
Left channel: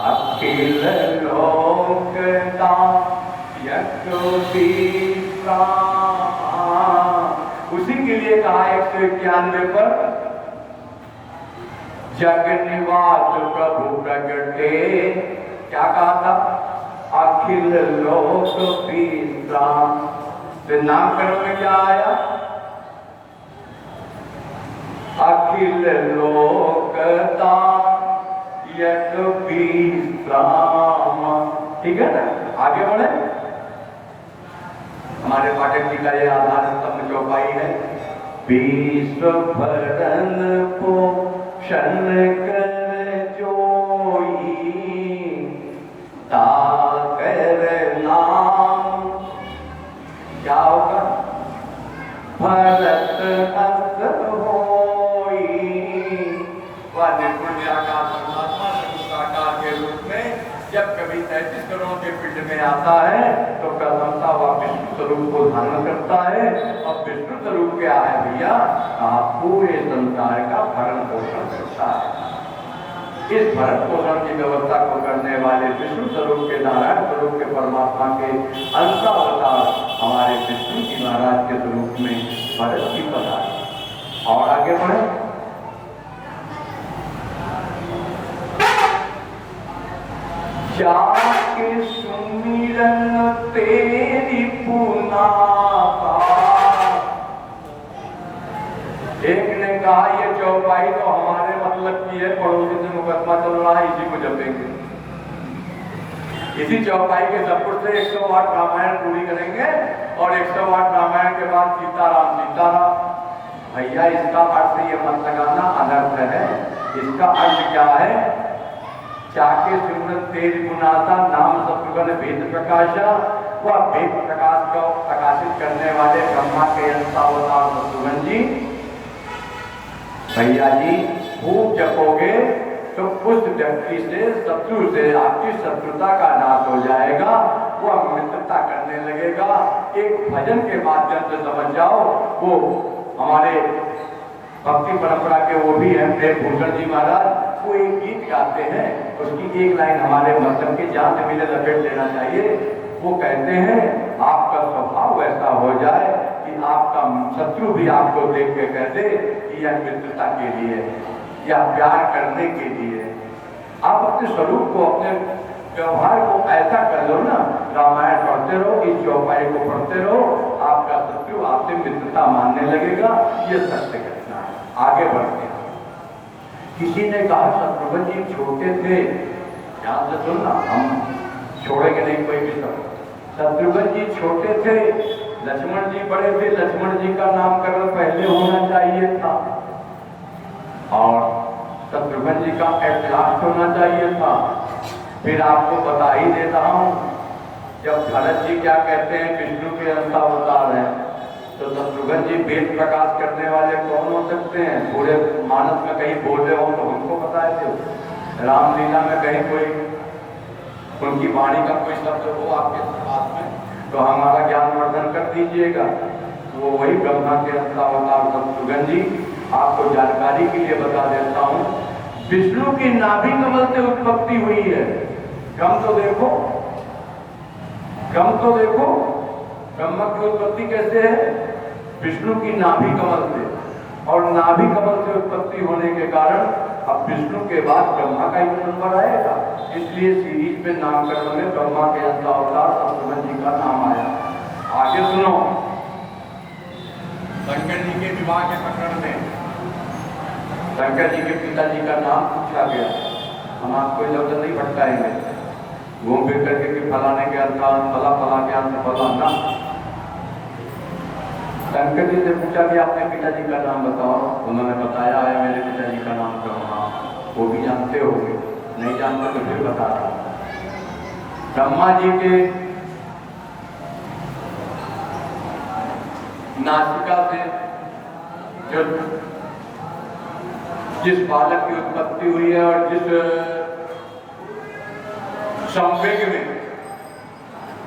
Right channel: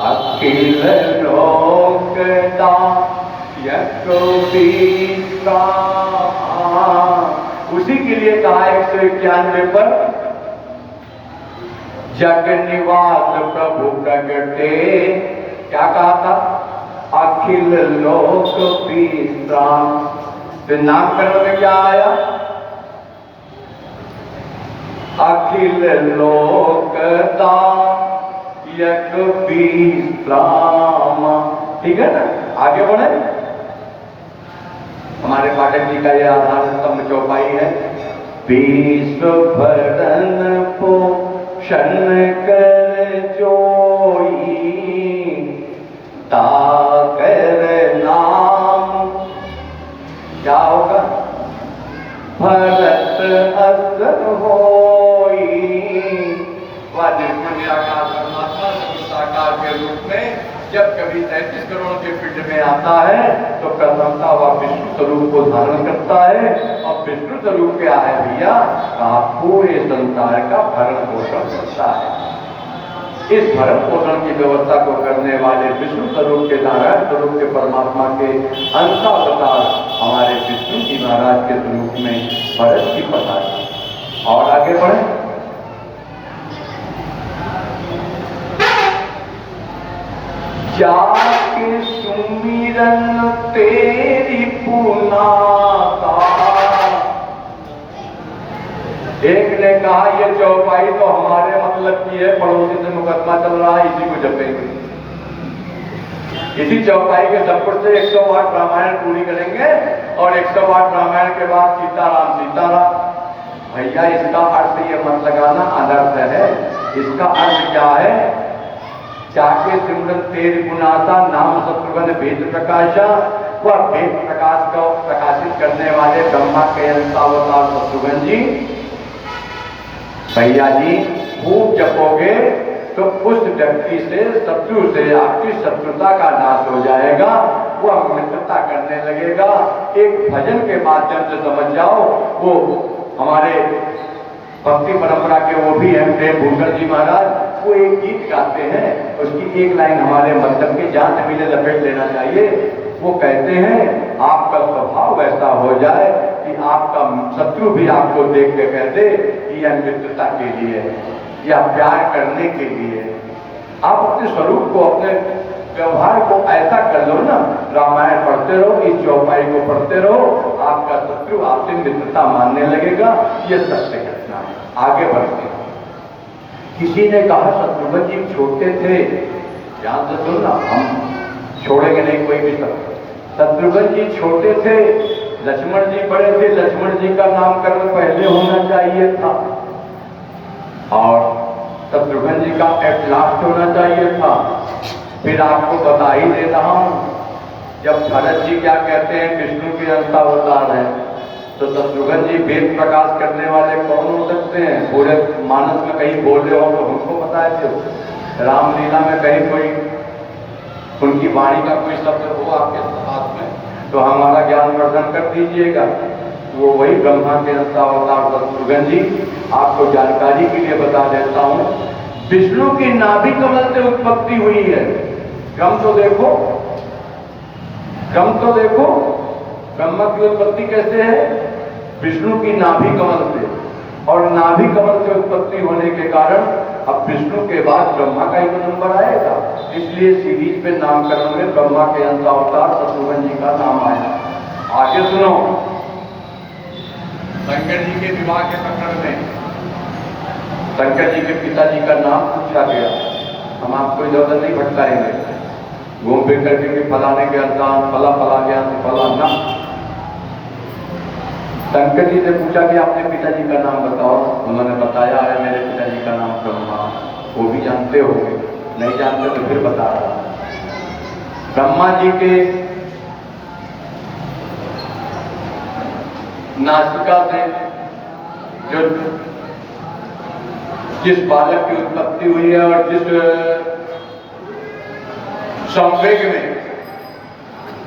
अखिल लोक दायक विश्राम। उसी के लिए कहा 191 पर, जग निवास प्रभु प्रगटे, क्या कहा था? अखिल लोक विश्राम। तो नामकरण में क्या आया? अखिल लोक दायक विश्राम। ठीक है ना, आगे बढ़े। हमारे पाठक जी का यह आधार स्तंभ चौपाई है। विश्व भरण पोषण कर जोई, ताकर नाम क्या होगा? भरत अस होई। वह निर्गुण निराकार परमात्मा साकार के रूप में जब कभी 33 करोड़ के पिंड में आता है तो प्रथमता वह विष्णु स्वरूप को धारण करता है। और विष्णु स्वरूप क्या है भैया? पूरे संसार का भरण पोषण करता है। इस भरण पोषण की व्यवस्था को करने वाले विष्णु स्वरूप के, नारायण स्वरूप के, परमात्मा के अंशावतार हमारे विष्णु जी महाराज के स्वरूप में भरत की पधारी। और आगे बढ़े, जाके सुमिरन तेरी पुनाता। एक ने कहा ये चौपाई तो हमारे मतलब की है, पड़ोसी से मुकदमा चल रहा है, इसी को जपेंगे। इसी चौपाई के सपुर से 108 रामायण पूरी करेंगे और 108 रामायण के बाद सीताराम सीताराम। भैया इसका अर्थ ये मत लगाना अनर्थ है। इसका अर्थ क्या है? जाके सिमरन तेरी गुनाता, नाम शत्रुघ्न भेद प्रकाशा। वह भेद प्रकाश को प्रकाशित करने वाले ब्रह्मा के अंशावतार शत्रुघ्न जी, भैया जी खूब जपोगे तो उस व्यक्ति से, शत्रु से आपकी शत्रुता का नाश हो जाएगा, वह मित्रता करने लगेगा। एक भजन के माध्यम से समझ जाओ, वो हमारे भक्ति परंपरा के वो भी हैं प्रेम भूषण जी महाराज, वो एक गीत गाते हैं, उसकी एक लाइन हमारे मतलब की जहां तक मुझे लपेट लेना चाहिए। वो कहते हैं आपका स्वभाव वैसा हो जाए कि आपका शत्रु भी आपको देख के कहते कि यह मित्रता के लिए या प्यार करने के लिए। आप अपने स्वरूप को, अपने व्यवहार को ऐसा कर लो ना, रामायण पढ़ते रहो, इस चौपाई को पढ़ते रहो, आपका शत्रु आपसे मित्रता मानने लगेगा। ये सत्य घटना है। आगे बढ़ते हैं। किसी ने कहा शत्रुघ्न जी छोटे थे, ध्यान से सुनना, हम छोड़ेंगे नहीं कोई भी सब। शत्रुघ्न जी छोटे थे, लक्ष्मण जी बड़े थे, लक्ष्मण जी का नामकरण पहले होना चाहिए था और शत्रुघ्न जी का एट लास्ट होना चाहिए था। फिर आपको बता ही दे रहा हूं, जब भरत जी क्या कहते हैं विष्णु के अंशावतार है, तो शत्रुघ्न जी वेद प्रकाश करने वाले कौन हो सकते हैं? पूरे मानस में कहीं बोल रहे हो तो हमको पता है, तो रामलीला में कहीं कोई उनकी वाणी का कोई शब्द हो आपके हाथ में तो हमारा ज्ञान वर्धन कर दीजिएगा। वो वही ब्रह्मा के अंशावतार शत्रुघ्न जी। आपको जानकारी के लिए बता देता हूँ, विष्णु की नाभि कमल से उत्पत्ति हुई है। क्रम तो देखो, क्रम तो देखो, ब्रह्मा की उत्पत्ति कैसे है? विष्णु की नाभि कमल से, और नाभि कमल से उत्पत्ति होने के कारण अब विष्णु के बाद ब्रह्मा का ही नंबर आएगा। इसलिए सीरीज में नामकरण में ब्रह्मा के अंशावतार शत्रुघ्न जी का नाम आया। आगे सुनो, शंकर जी के विवाह के प्रकरण में शंकर जी के पिताजी का नाम पूछा गया। हम आपको इधर नहीं भटकाएंगे, घूम फिर करके कि फलाने के अंतान फला फला ज्ञान से फला ना। शंकर जी से पूछा कि आपने पिताजी का नाम बताओ। उन्होंने बताया है मेरे पिताजी का नाम ब्रह्मा। वो भी जानते हो, नहीं जानते तो फिर बता रहा। ब्रह्मा जी के नासिका से जो जिस बालक की उत्पत्ति हुई है और जिस संवेग में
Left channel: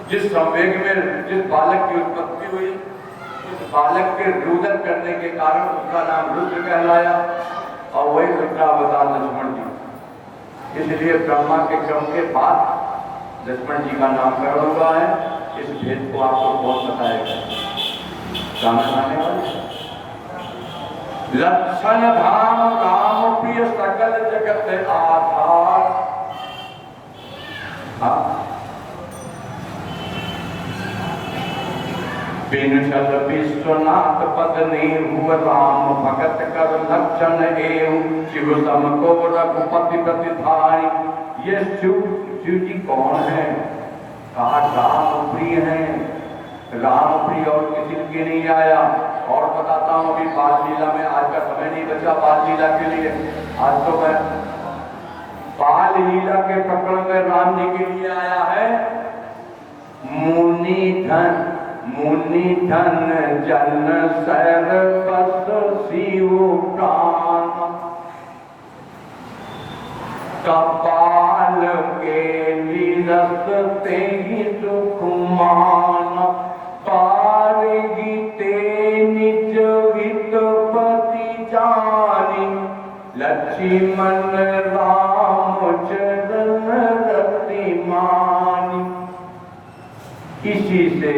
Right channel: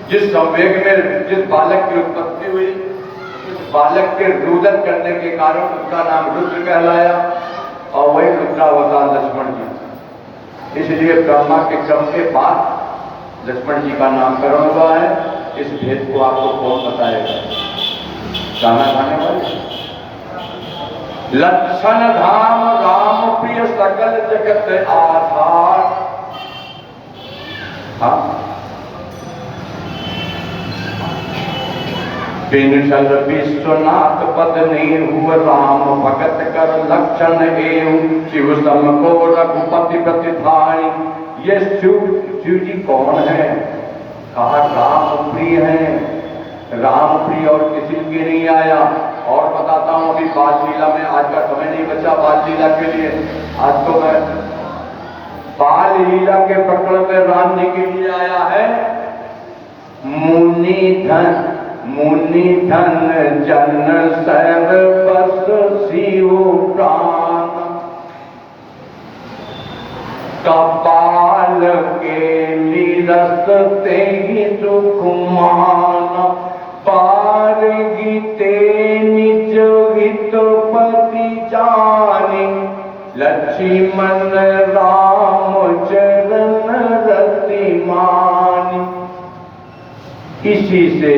जिस बालक की उत्पत्ति हुई, उस बालक के रुदन करने के कारण उसका नाम रुद्र कहलाया और वही रुद्रावतार लक्ष्मण जी। इसलिए ब्रह्मा के क्रम के बाद लक्ष्मण जी का नामकरण हुआ है। इस भेद को आपको कौन बताएगा? गाना गाने वाले लक्षण धाम राम प्रिय सकल जगत आधार। बिनशल विश्वनाथ पद हुआ राम भगत कर लक्षण एवं शिव सम को रघुपति प्रतिधाई। ये शिव जी कौन है? कहा राम प्रिय है। राम प्रिय और किसी के नहीं आया। और बताता हूँ, अभी बाल लीला में, आज का समय नहीं बचा बाल लीला के लिए, आज तो मैं बाल लीला के प्रकरण में राम जी के लिए आया है। मुनि धन जन सर्व बस शिव प्राण, कपाल के निरस ते ही सुख मान। पारगी ते निज हित पति जानी, लक्ष्मण राम चरण रतिमान। इसी से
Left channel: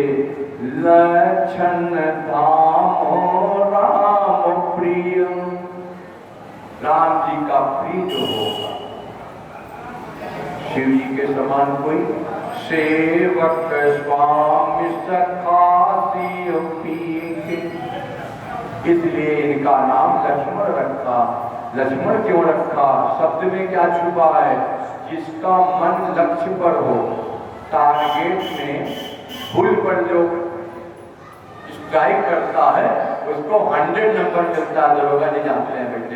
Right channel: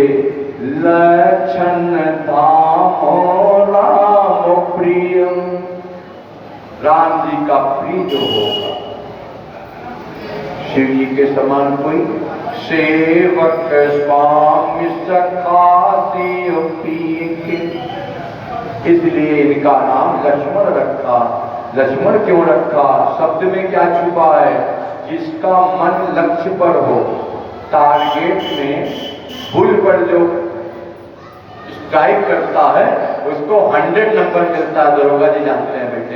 लक्षण धामो राम प्रियम, राम जी का प्रिय जो होगा, शिव जी के समान कोई सेवक स्वामी सखा की, इसलिए इनका नाम लक्ष्मण रखा। लक्ष्मण क्यों रखा? शब्द में क्या छुपा है? जिसका मन लक्ष्य पर हो, टारगेट में भूल पर जो स्ट्राइक करता है उसको 100 नंबर मिलता है। दरोगा जी जानते हैं बेटे,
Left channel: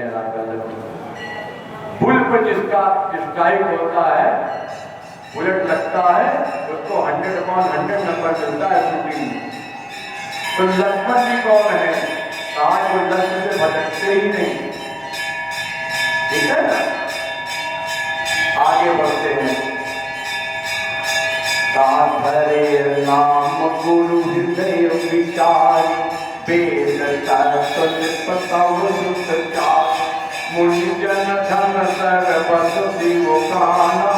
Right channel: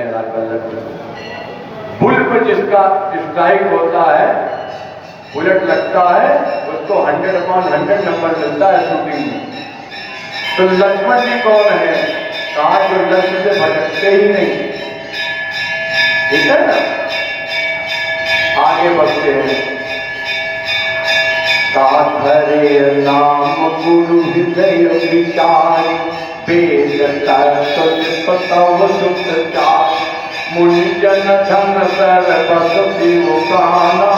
भूल पर जिसका स्ट्राइक होता है, बुलेट लगता है, उसको 100/100 नंबर मिलता है शूटिंग में। तो लक्ष्मण जी कौन है? कहा जो लक्ष्य से भटकते ही नहीं, ठीक है ना, आगे बढ़ते हैं। हरे नाम गुरु हृदय विचार, वेद तत्व सुख चार, मुनि जन धन सर्वस शिव गाना।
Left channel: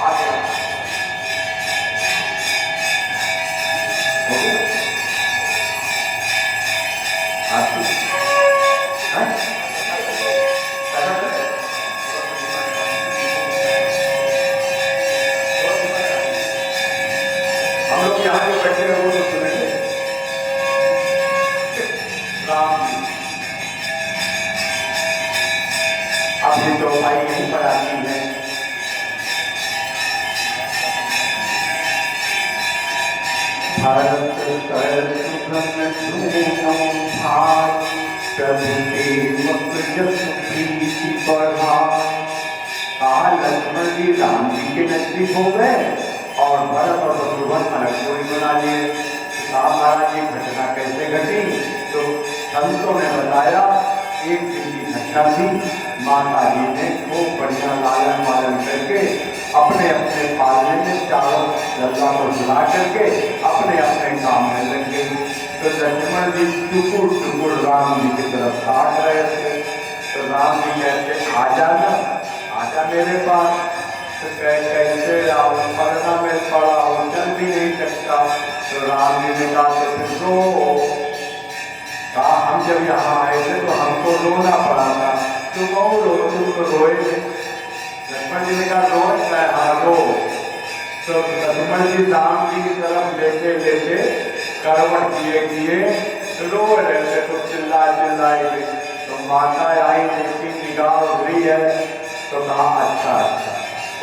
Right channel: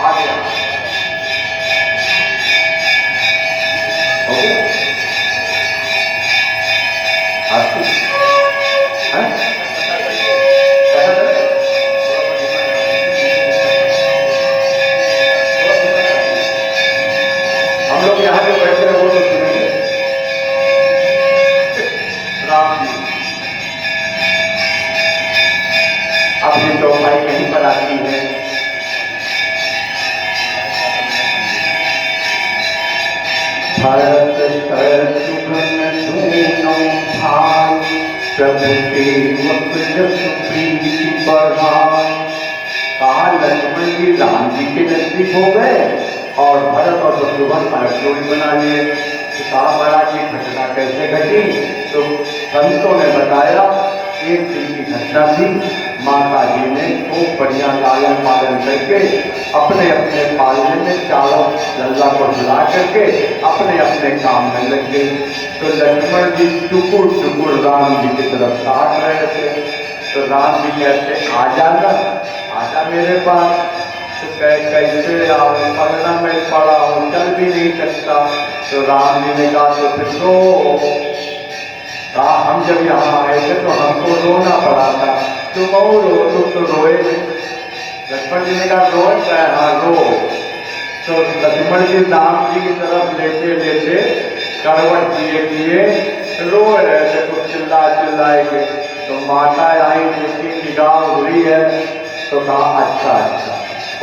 आगे हम लोग यहाँ जो बैठे हैं वो तो सुनेंगे। राम जी अपनी चौपाई यहीं पर आती है। भरत शत्रुघ्न दोनों भाई, प्रभु सेवक जस प्रीति बढ़ाई। कहा लक्ष्मण जी राम जी के नजदीक हो गए और भरत और शत्रुघ्न अलग जोड़ी बना लिए। कहा महाराज ये घटना कैसे घटी? तो संतों ने बताया एक दिन की घटना थी। माता जी ने खूब बढ़िया लालन पालन करके अपने अपने पालने में चारों लल्ला को बुला करके अपने अपने काम में लग गए। तो लक्ष्मण जी टुकुर टुकुर राम जी की तरफ ताक रहे थे। तो राम जी कहते आ जाना, आजा मेरे पास। तो कैसे आओ, पलना में पड़ा हूँ, चल भी नहीं सकता। तो राम जी ने कहा तो फिर रो। कहा हम जब यहाँ आए थे तो हमको रोना पड़ा था, तुम रो, तुम तो रोए। लक्ष्मण जी ने कहा रोज है, हाँ रो। तो लक्ष्मण जी राम जी की तरफ लेते लेते करवट दिए रो रहे थे, कुछ चिल्लाएंगे। तो माता आई, देखी निगाह हुई है, तो कहा अच्छा अच्छा।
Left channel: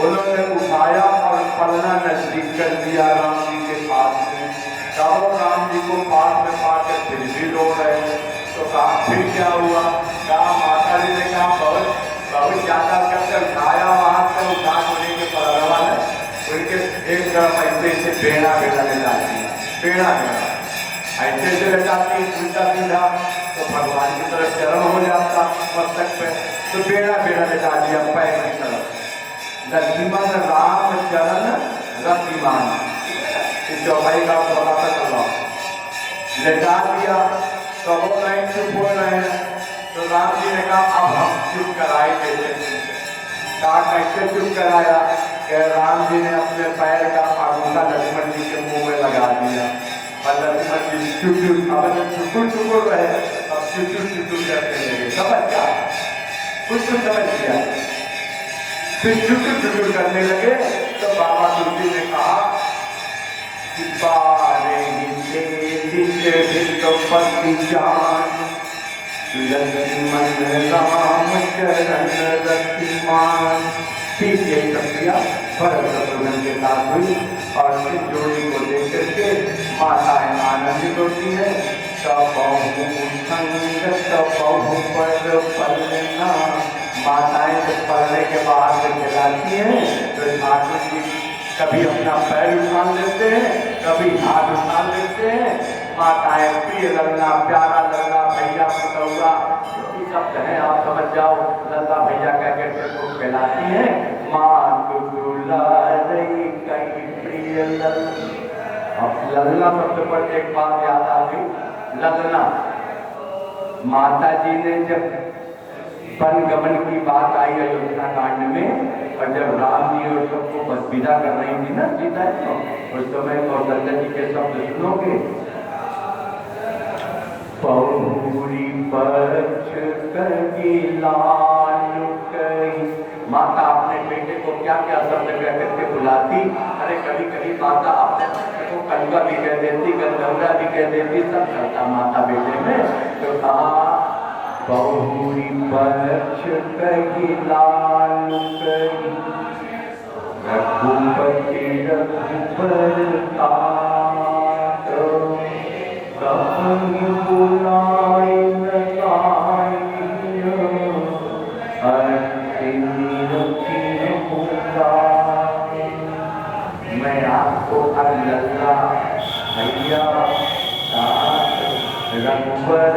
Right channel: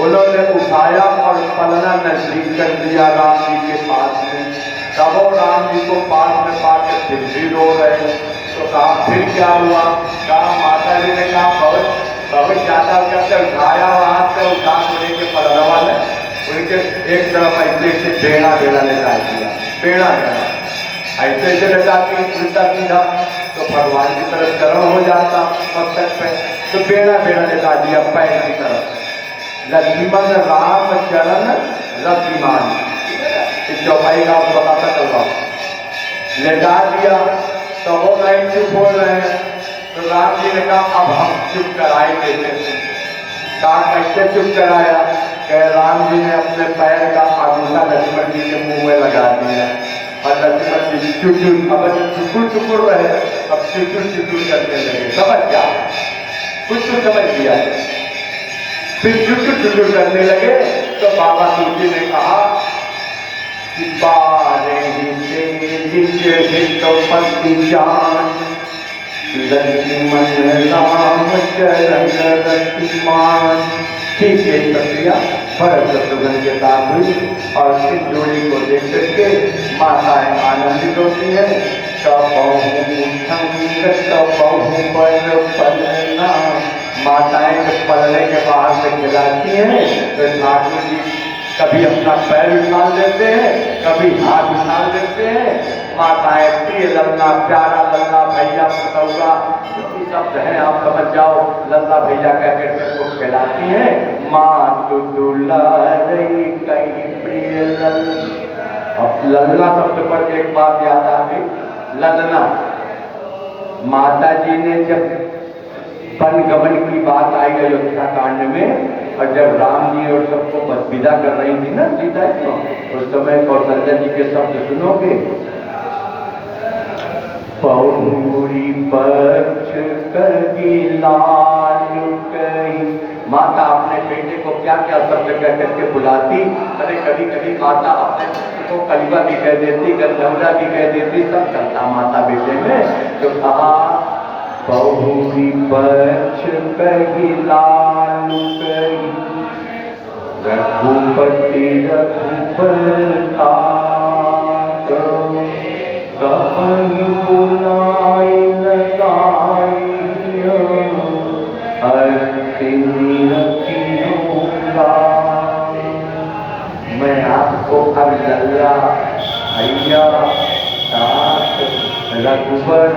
उन्होंने उठाया और पलना नजदीक कर दिया राम जी के पास में। तब राम जी को पास में पाकर फिर भी रो रहे। तो कहा फिर क्या हुआ? कहा माता जी ने कहा बहुत ज्यादा करके उठाया, वहां से उठा के पलरवा ने उनके एक तरफ ऐसे बेड़ा बेड़ा लेटा दिया। बेड़ा बेड़ा ऐसे ले जाती उल्टा सीधा तो भगवान की तरफ गर्म हो जाता मस्तक पे। तो बेड़ा बेड़ा लेटा दिया पैर की तरफ। लक्ष्मण राम चरण रतिमान, इस चौपाई का आपको बताता चल रहा हूँ। लेटा दिया तो वो नहीं चुप बोल रहे हैं। तो राम जी ने कहा अब हम चुप कराए देते थे। कहा कैसे चुप कराया? कह राम जी ने अपने पैर का अंगूठा लक्ष्मण जी के मुंह में लगा दिया और लक्ष्मण जी चुकुर चुकुर रहे, अब चुकुर करने लगे। समझ क्या? कुछ तो समझ गया। फिर चुकुर करने लगे तो बाबा तुलसी ने कहा कि बारे लक्ष्मण राम चरण रतिमान। ठीक है प्रक्रिया भरत शत्रुघ्न के साथ हुई और इस जोड़ी को देख करके माताएं आनंदित होती है। माताएं जब पलने के बाद से बुलाती हैं तो ठाकुर जी कभी अपना पैर उठा लेते हैं, कभी हाथ उठा लेते हैं। माताएं प्रिय लल्ला, प्यारा लल्ला, भैया पुतौला, ये शब्द है आप समझ जाओ। लल्ला भैया कह करके को कहलाती हैं। माँ तो दुलारी कई प्रिय लल्ला। अब लल्ला शब्द पर एक बात याद आ गई, ललना। माता जी ने जब परिगमन की बात आई अयोध्या कांड में, और जब राम जी और सबको विदा कर रही थी ना सीता को, उस समय कौशल्या जी के शब्द सुनोगे, पौरी पक्ष कही लालु कही। माता अपने बेटे को क्या क्या शब्द कह करके बुलाती। अरे कभी कभी माता अपने पुत्र को कलिका भी कह देती, गंगा भी कह देती, सब चलता माता बेटे में। तो कहा पौरी पक्ष कही लालु कही, रघुपति रघुबर तात, कहीं बुलाए लगाई, अर्थिनी रखियो गाय। मैं आपको अब लल्ला भैया तात रघुबर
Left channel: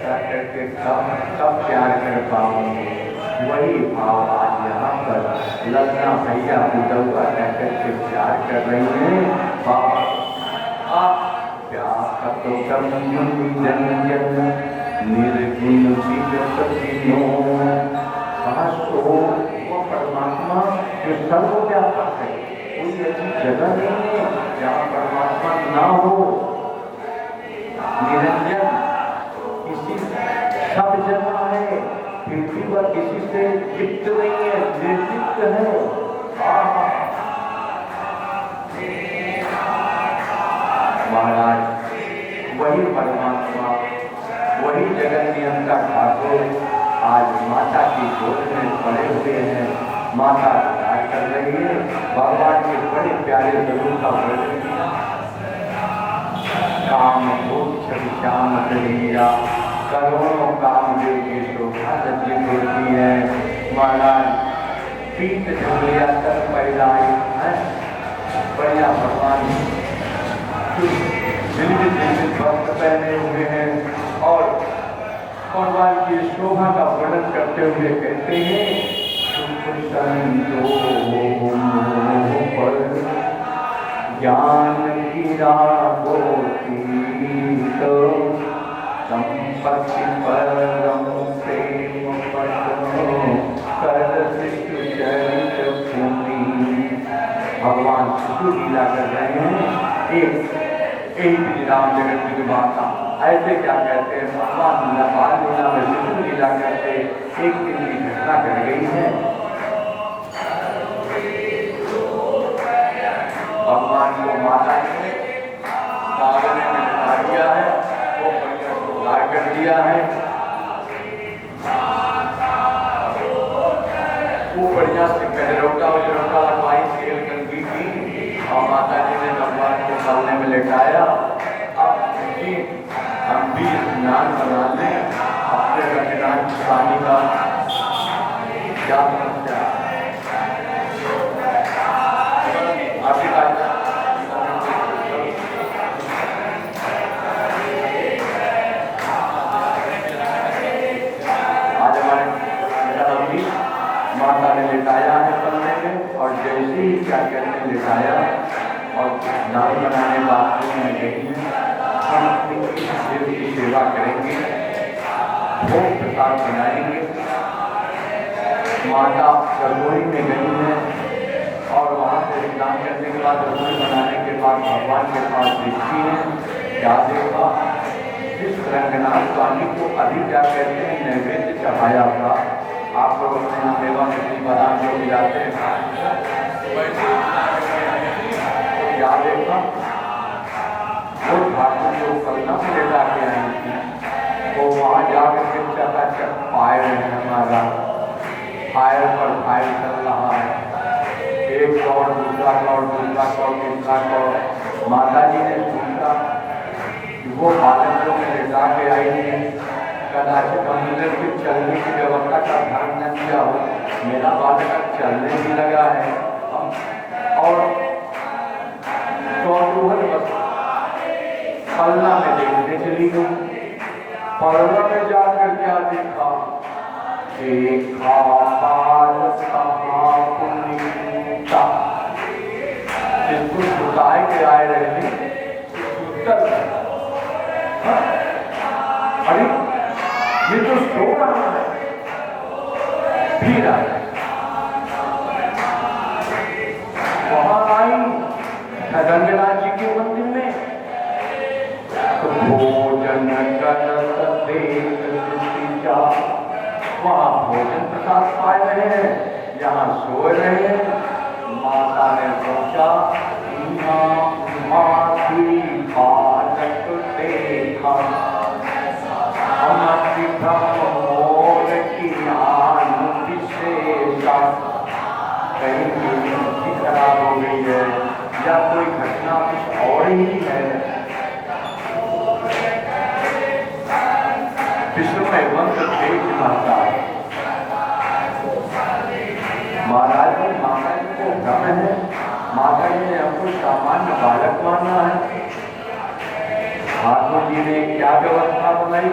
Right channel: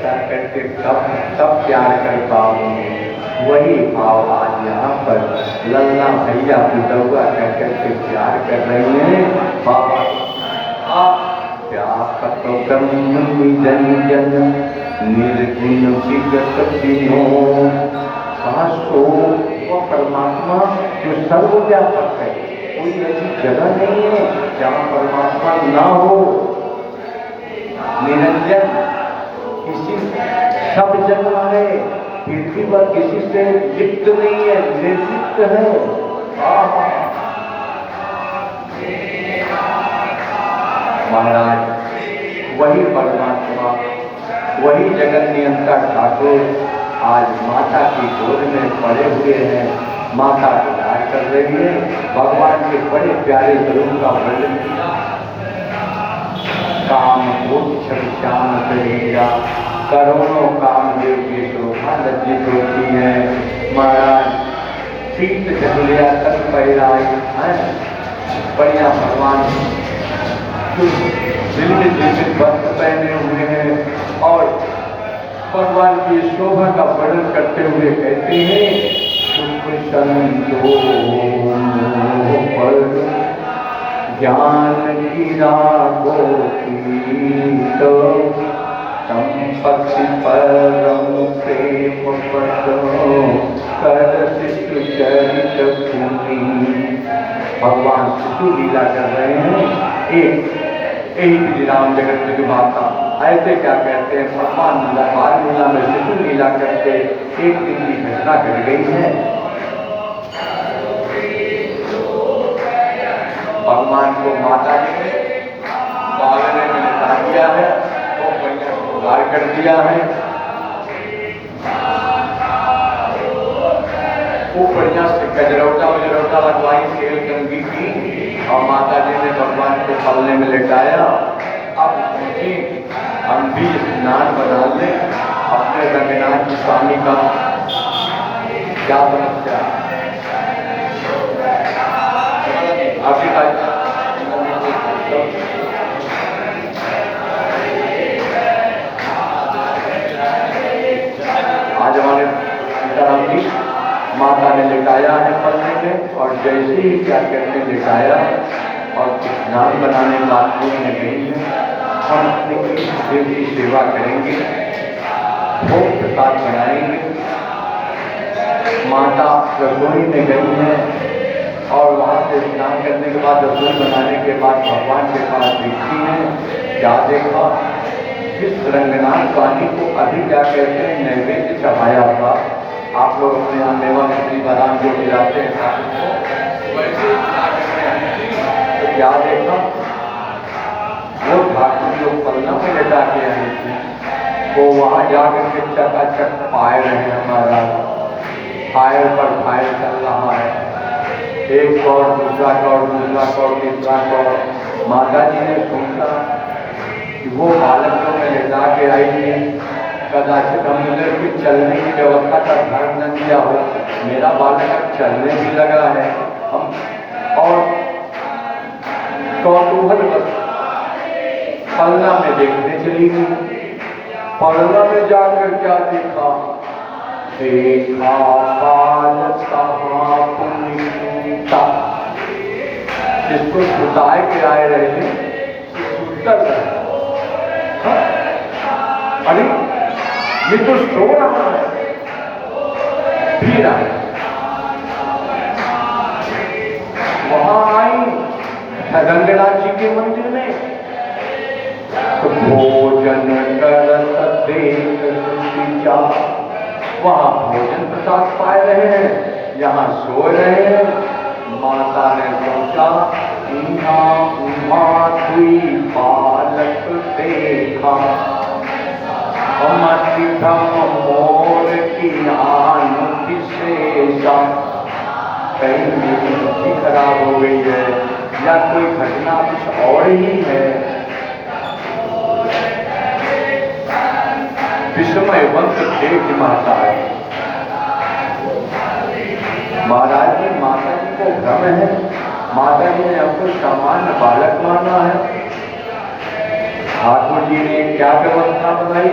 करके कब प्यार कर पाऊंगे, वही भाव आज यहाँ पर लल्ला भैया बुढ़वा कह करके प्यार कर रही है। बाबा व्यापक ब्रह्म निरंजन निर्गुण विगत विनोद। वो परमात्मा जो सर्वव्यापक है, कोई ऐसी जगह नहीं है जहाँ परमात्मा ना हो। निरंजन किसी सब जगह है, पृथ्वी पर किसी से लिप्त नहीं है, निर्लिप्त है। महाराज वही परमात्मा, वही जगत नियंता ठाकुर आज माता की गोद में पड़े हुए हैं, माता को प्यार कर रही है। भगवान के बड़े प्यारे स्वरूप का वर्णन किया। काम श्याम करेगा, करोड़ों काम देवी शोभा लज्जित होती है। महाराज सीत जब लिया तक पहलाई है, बढ़िया भगवान दिल्ली जैसे वस्त्र पहने हुए हैं और भगवान की शोभा का वर्णन करते हुए कहते हैं, पर ज्ञान गिरा तो संपत्ति परम प्रेम भगवान शिशु लीला कर रहे हैं। एक राम जगत की माता ऐसे क्या कहते हैं, भगवान लीला बाल लीला में शिशु लीला करते एक दिन की घटना कर गई है। भगवान को माता ने पालन में लगा दिया है, वो बढ़िया सुधार कर दिया है, वो बढ़िया से गजरौटा लगवाई तेल गंगी की, और माता जी ने भगवान को पलने में लेटाया। अब हम भी स्नान बना लें अपने रंगनाथ स्वामी का, क्या समस्या आपकी आज हमारे सीताराम जी माता ने लिटाया है पलने में, और जैसे ही क्या कहते लिटाया और स्नान बनाने बाथरूम में गई, हम देव की सेवा करेंगे, भोग प्रसाद बनाएंगे। माता रसोई में गई है और वहाँ से स्नान करने के बाद रसोई बनाने के बाद भगवान के पास दिखती है। क्या देखा, जिस रंगनाथ स्वामी को अभी क्या कहते हैं नैवेद्य चढ़ाया था, आप लोग अपने यहाँ मेवा मछली बादाम जो खिलाते हैं वैसे तो क्या देखा, वो ठाकुर जो पन्ना में लेटा के आई थी, वो वहाँ जाकर के चकाचक पाए रहे हमारा फायर पर फायर चल रहा है, एक कौर दूसरा कौर तीसरा कौर। माता जी ने सोचा कि वो बालक जो मैं लेटा के आई थी, कदाचित हमने भी चलने की व्यवस्था का ध्यान न किया हो, मेरा बालक चलने भी लगा है। हम और कौतूहल बस पलना में देखने चली गई। पलना में जाकर क्या देखा, देखा बालक जिसको सुताए के आए रहे सुतर रहे। अरे ये तो सो रहा है, गया। वहां आई रंगनाथ जी के मंदिर में, तो भोजन कर देख जा, वहां भोजन प्रसाद पा रहे हैं, यहाँ सो रहे हैं। माता ने सोचा माथी बालक देखा, अमर मोर की आन विशेषा। कहीं भी खराब हो गई है या कोई घटना कुछ और ही है। विस्मय बंद देख माता है। महाराज ने माता जी को भ्रम है, माता जी ने हमको सामान्य बालक माना है। ठाकुर जी ने क्या व्यवस्था बनाई,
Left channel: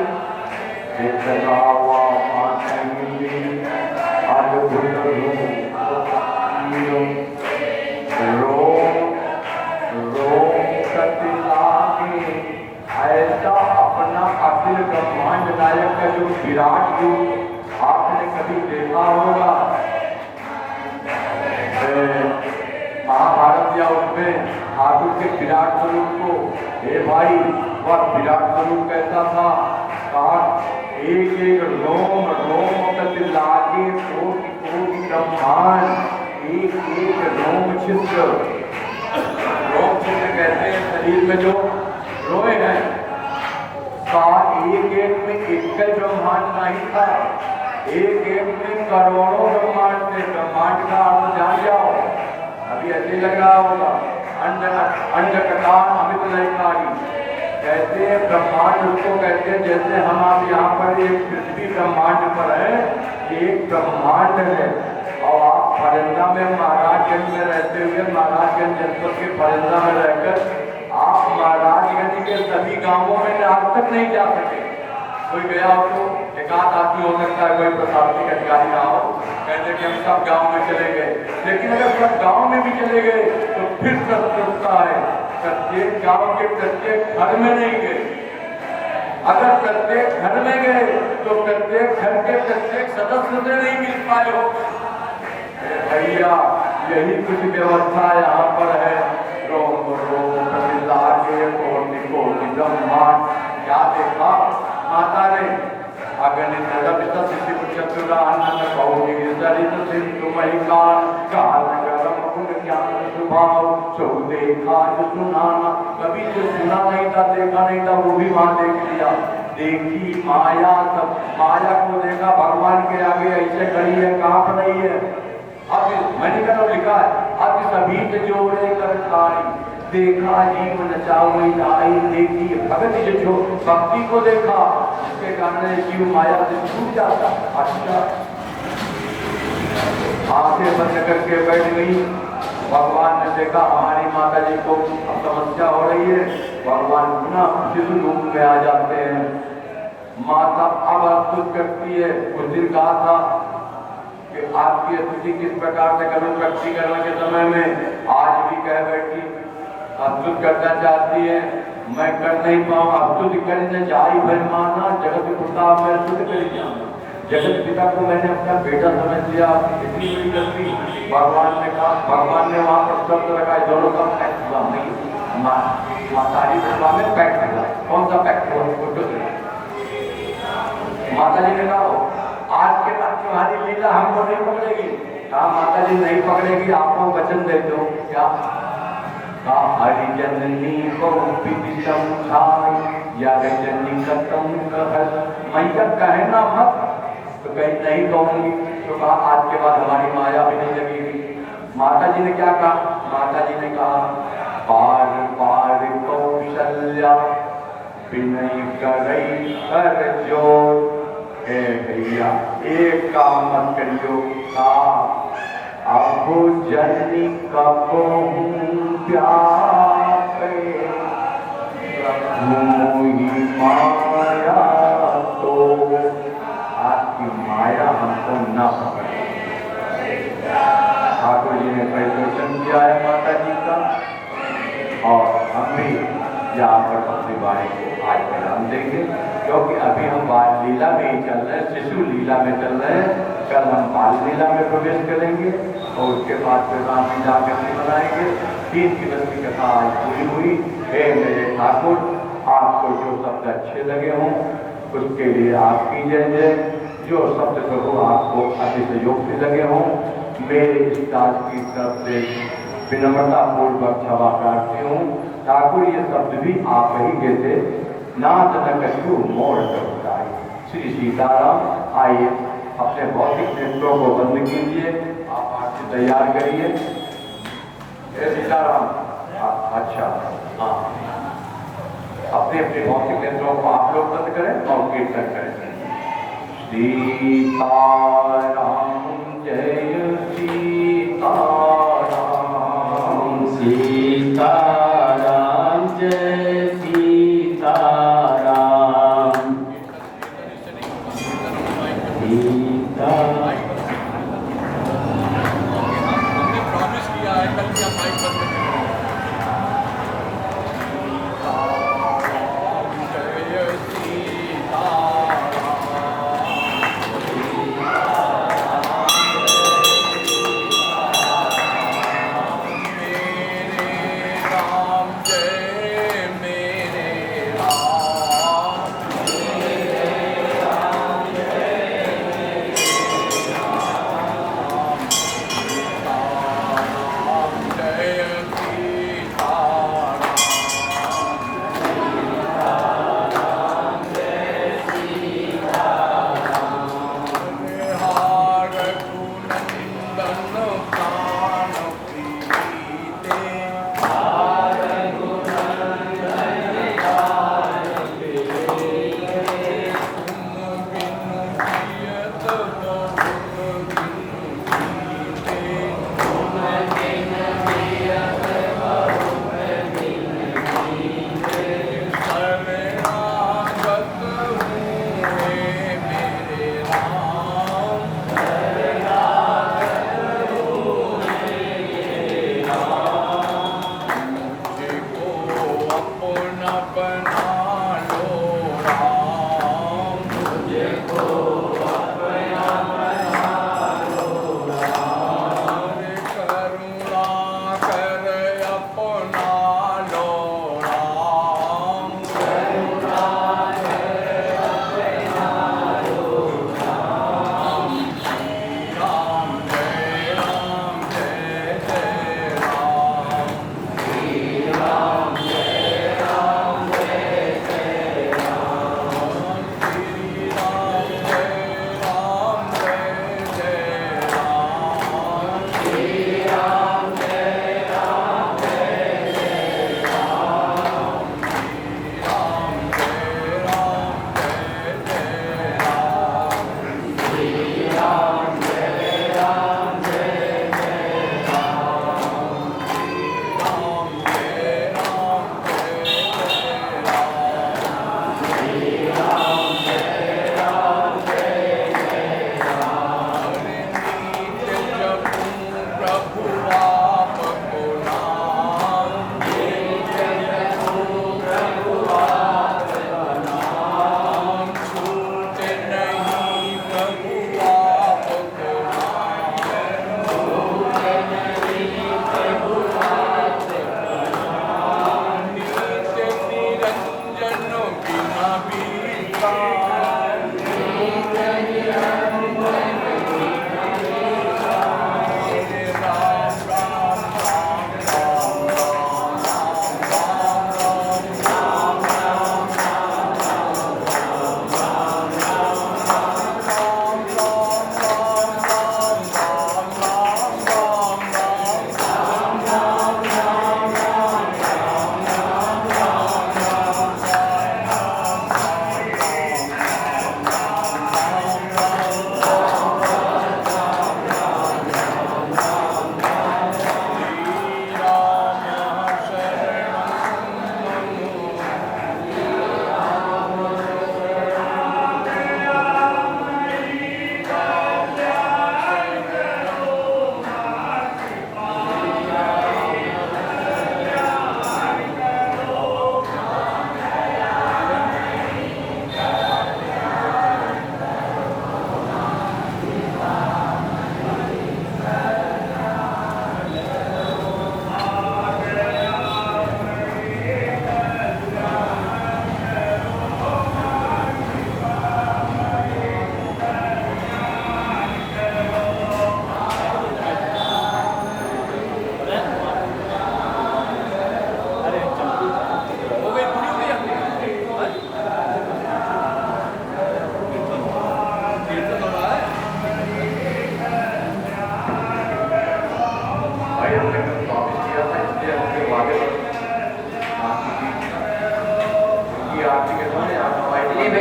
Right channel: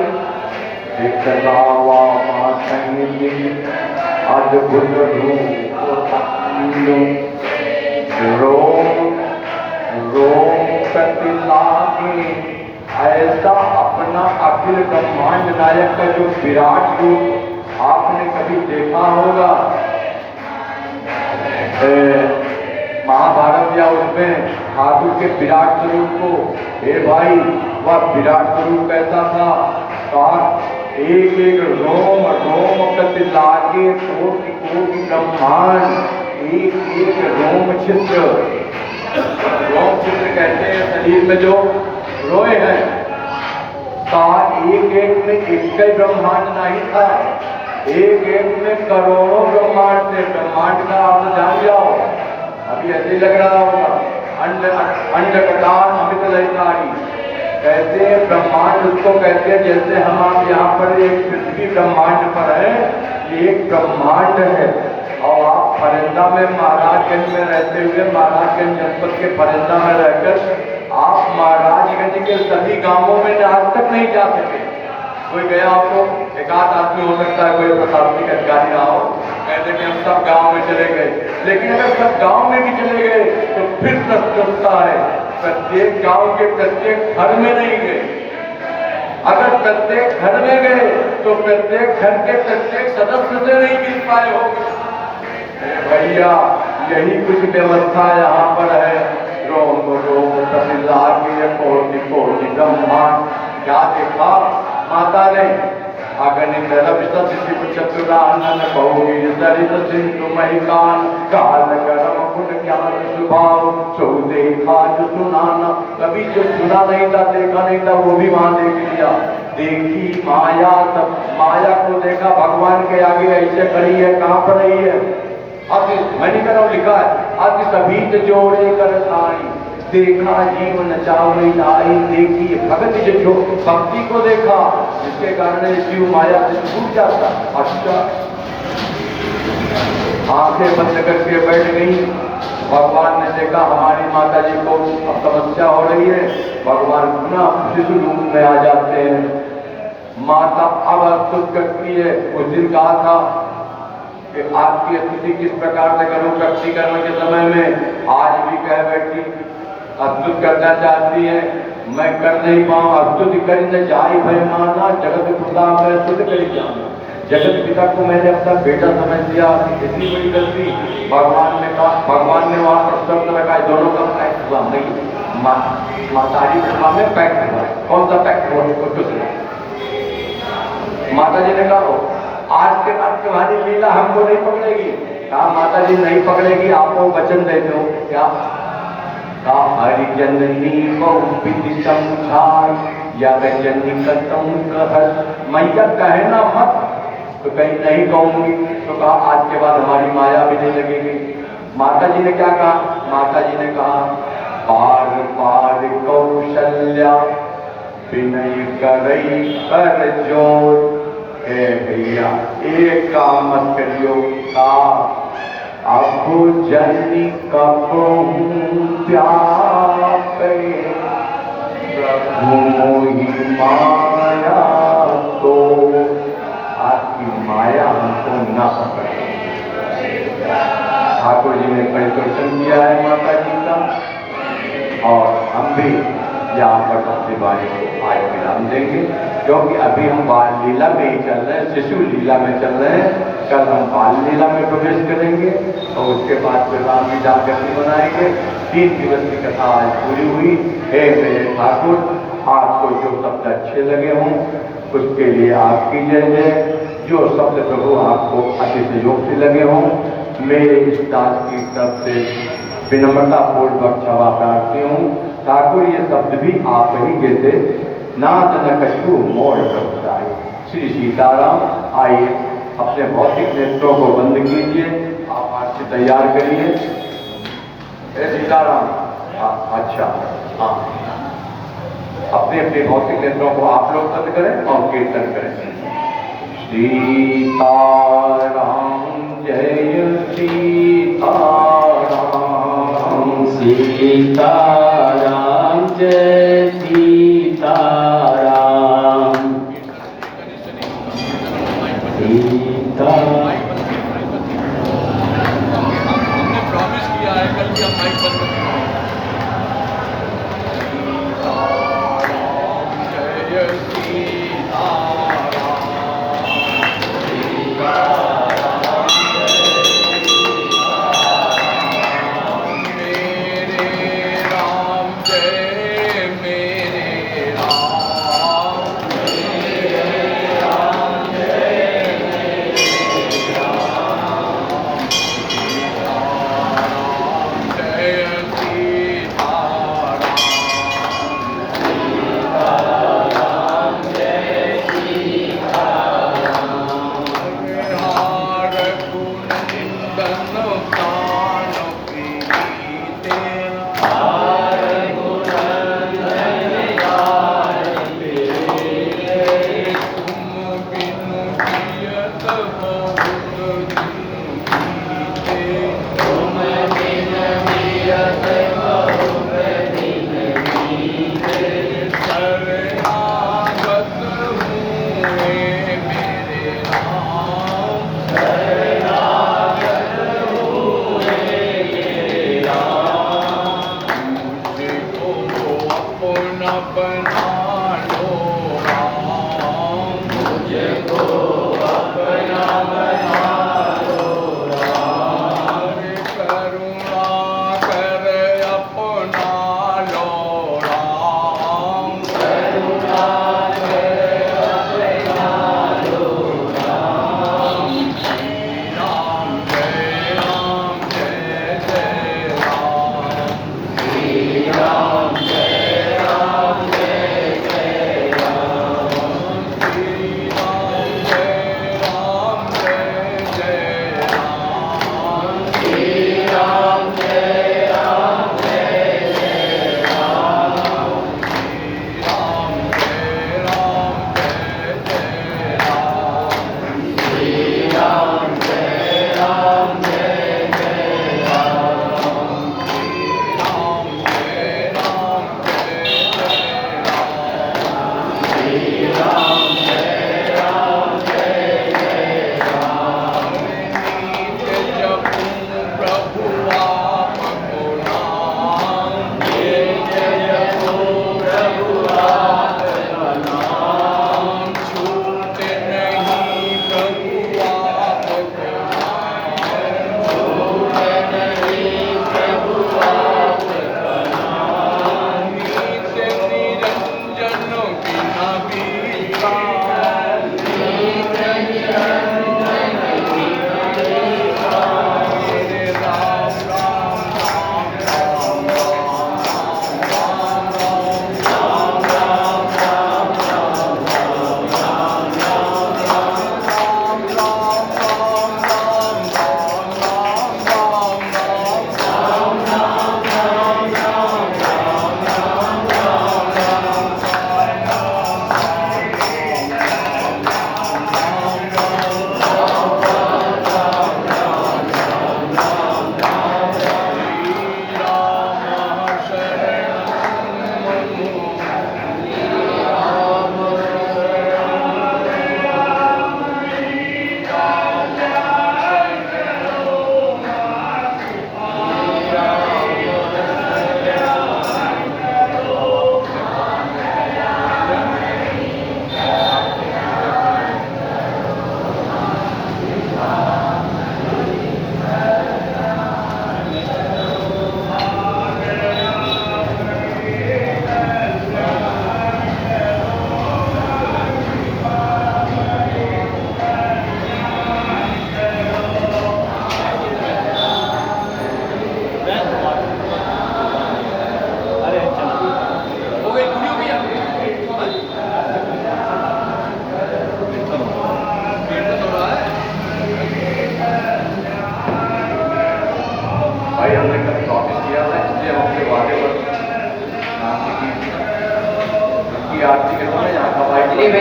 ऐसा अपना अखिल ब्रह्मांड नायक का जो विराट रूप आपने कभी देखा होगा महाभारत या उसमें ठाकुर के विराट स्वरूप को? हे भाई, वह विराट स्वरूप कैसा था? कहा एक एक रोम रोम कति लागे कोटि कोटि ब्रह्मांड, एक एक रोम छिद्र। रोम छिद्र कहते हैं शरीर में जो रोए हैं, कहा एक एक में एक ब्रह्मांड नहीं था, एक एक में करोड़ों ब्रह्मांड थे। ब्रह्मांड का अर्थ जान जाओ, अभी ऐसे लग रहा होगा, अंड कटान अमित लयकारी। कहते हैं ब्रह्मांड उसको कहते हैं, जैसे हम आप यहाँ पर एक पृथ्वी ब्रह्मांड पर है, ये एक ब्रह्मांड है। और आप फरिंदा में महाराजगंज में रहते हुए, महाराजगंज जनपद के फरिंदा में रहकर आप महाराजगंज के सभी गांवों में आज तक नहीं जा सके। कोई गया हो तो एक आध आदमी हो सकता है, कोई प्रशासनिक अधिकारी ना हो, कहते कि हम सब गांव में चले गए। लेकिन अगर सब गांव में भी चले गए तो फिर प्रस्तुतता है, प्रत्येक गांव के प्रत्येक घर में नहीं गए। अगर प्रत्येक घर में गए तो प्रत्येक घर के प्रत्येक सदस्य से नहीं मिल पाए होंगे। भैया, यही कुछ व्यवस्था यहाँ पर है। रोम रोम प्रतिलागे कोटि कोटि ब्रह्मांड। क्या देखा माता ने? अगणित रविशत शिव चतुरानन बहुवीर सरित सिंधु महिकान, काल गरम गुण ज्ञान स्वभाव सो देखा जो सुनाना। कभी जो सुना नहीं था, देखा नहीं था, वो भी वहां देख लिया। देखी माया, तब माया को देखा, भगवान के आगे ऐसे खड़ी है, कहाँ पर रही है? अब मैंने कहा लिखा है, अब सभी जोड़े कर नारी, देखा जीवन चावली लाई। देखी भगत जो भक्ति को देखा, जिसके कारण जीव माया से छूट जाता। अच्छा, आंखें बंद करके बैठ गई। भगवान ने देखा हमारी माता जी को अब समस्या हो रही है, भगवान पुनः शिशु रूप में आ जाते हैं। माता अब अस्तुत करती है। उस दिन कहा था कि आपकी स्तुति किस प्रकार से करूं प्रकटीकरण के समय में, आज भी कह बैठी अस्तुत करना चाहती है, मैं कर नहीं पाऊँ। अस्तुति करने जाई भय माना, जगत पिता मैं स्तुत कर जाऊंगा। जगत पिता को मैंने अपना बेटा समझ लिया, इतनी बड़ी गलती। भगवान ने कहा, भगवान ने वहाँ पर शब्द रखा, दोनों का पैक्ट हुआ। माताजी ब्रह्मा में पैक्ट हुआ। कौन सा पैक्ट हुआ? माता जी ने कहा आज के बाद तुम्हारी लीला हमको नहीं पकड़ेगी। कहा माता जी नहीं पकड़ेगी, आप लोग वचन देते हो क्या? कहा हरि जननी को विधि समझाई या जननी कतम कहत, मैया कहना मत, तो कहीं नहीं कहूंगी। तो कहा आज के बाद हमारी माया भी नहीं लगेगी। माता जी ने क्या कहा? माता जी ने कहा पार पार कौशल्या विनय करई कर जोर। भैया एक काम मत करियो, का अब जननी कपो प्यापे मोही माया, तो आपकी माया हमको न पकड़े। ठाकुर जी ने परिदर्शन किया है माता जी का, और हम भी यहाँ पर अपने बारे को आज नाम देंगे, क्योंकि अभी हम बाल लीला में ही चल रहे हैं, शिशु लीला में चल रहे हैं। कल हम बाल लीला में प्रवेश करेंगे और उसके बाद फिर रामलीला गति बनाएंगे। 3 दिवस की कथा आज पूरी हुई। हे मेरे ठाकुर, आपको जो शब्द अच्छे लगे हों उसके लिए आपकी जय जय। जो शब्द प्रभु आपको अतिशयोक्ति लगे हों, मेरे इस दास की तरफ से विनम्रता पूर्वक क्षमा प्रार्थी हूँ। ठाकुर, ये शब्द भी आप ही देते, नाथ न कछु मोड़ करताई। श्री सीताराम। आइए अपने भौतिक नेत्रों को बंद कीजिए, आप हाथ से तैयार करिए। सीताराम। अच्छा, हाँ, अपने अपने भौतिक नेत्रों को आप लोग बंद करें और कीर्तन करें। सीताराम जय सीताराम, सीताराम जय सीताराम। हमने प्रॉमिस किया है कल की हम माइक बंद करेंगे।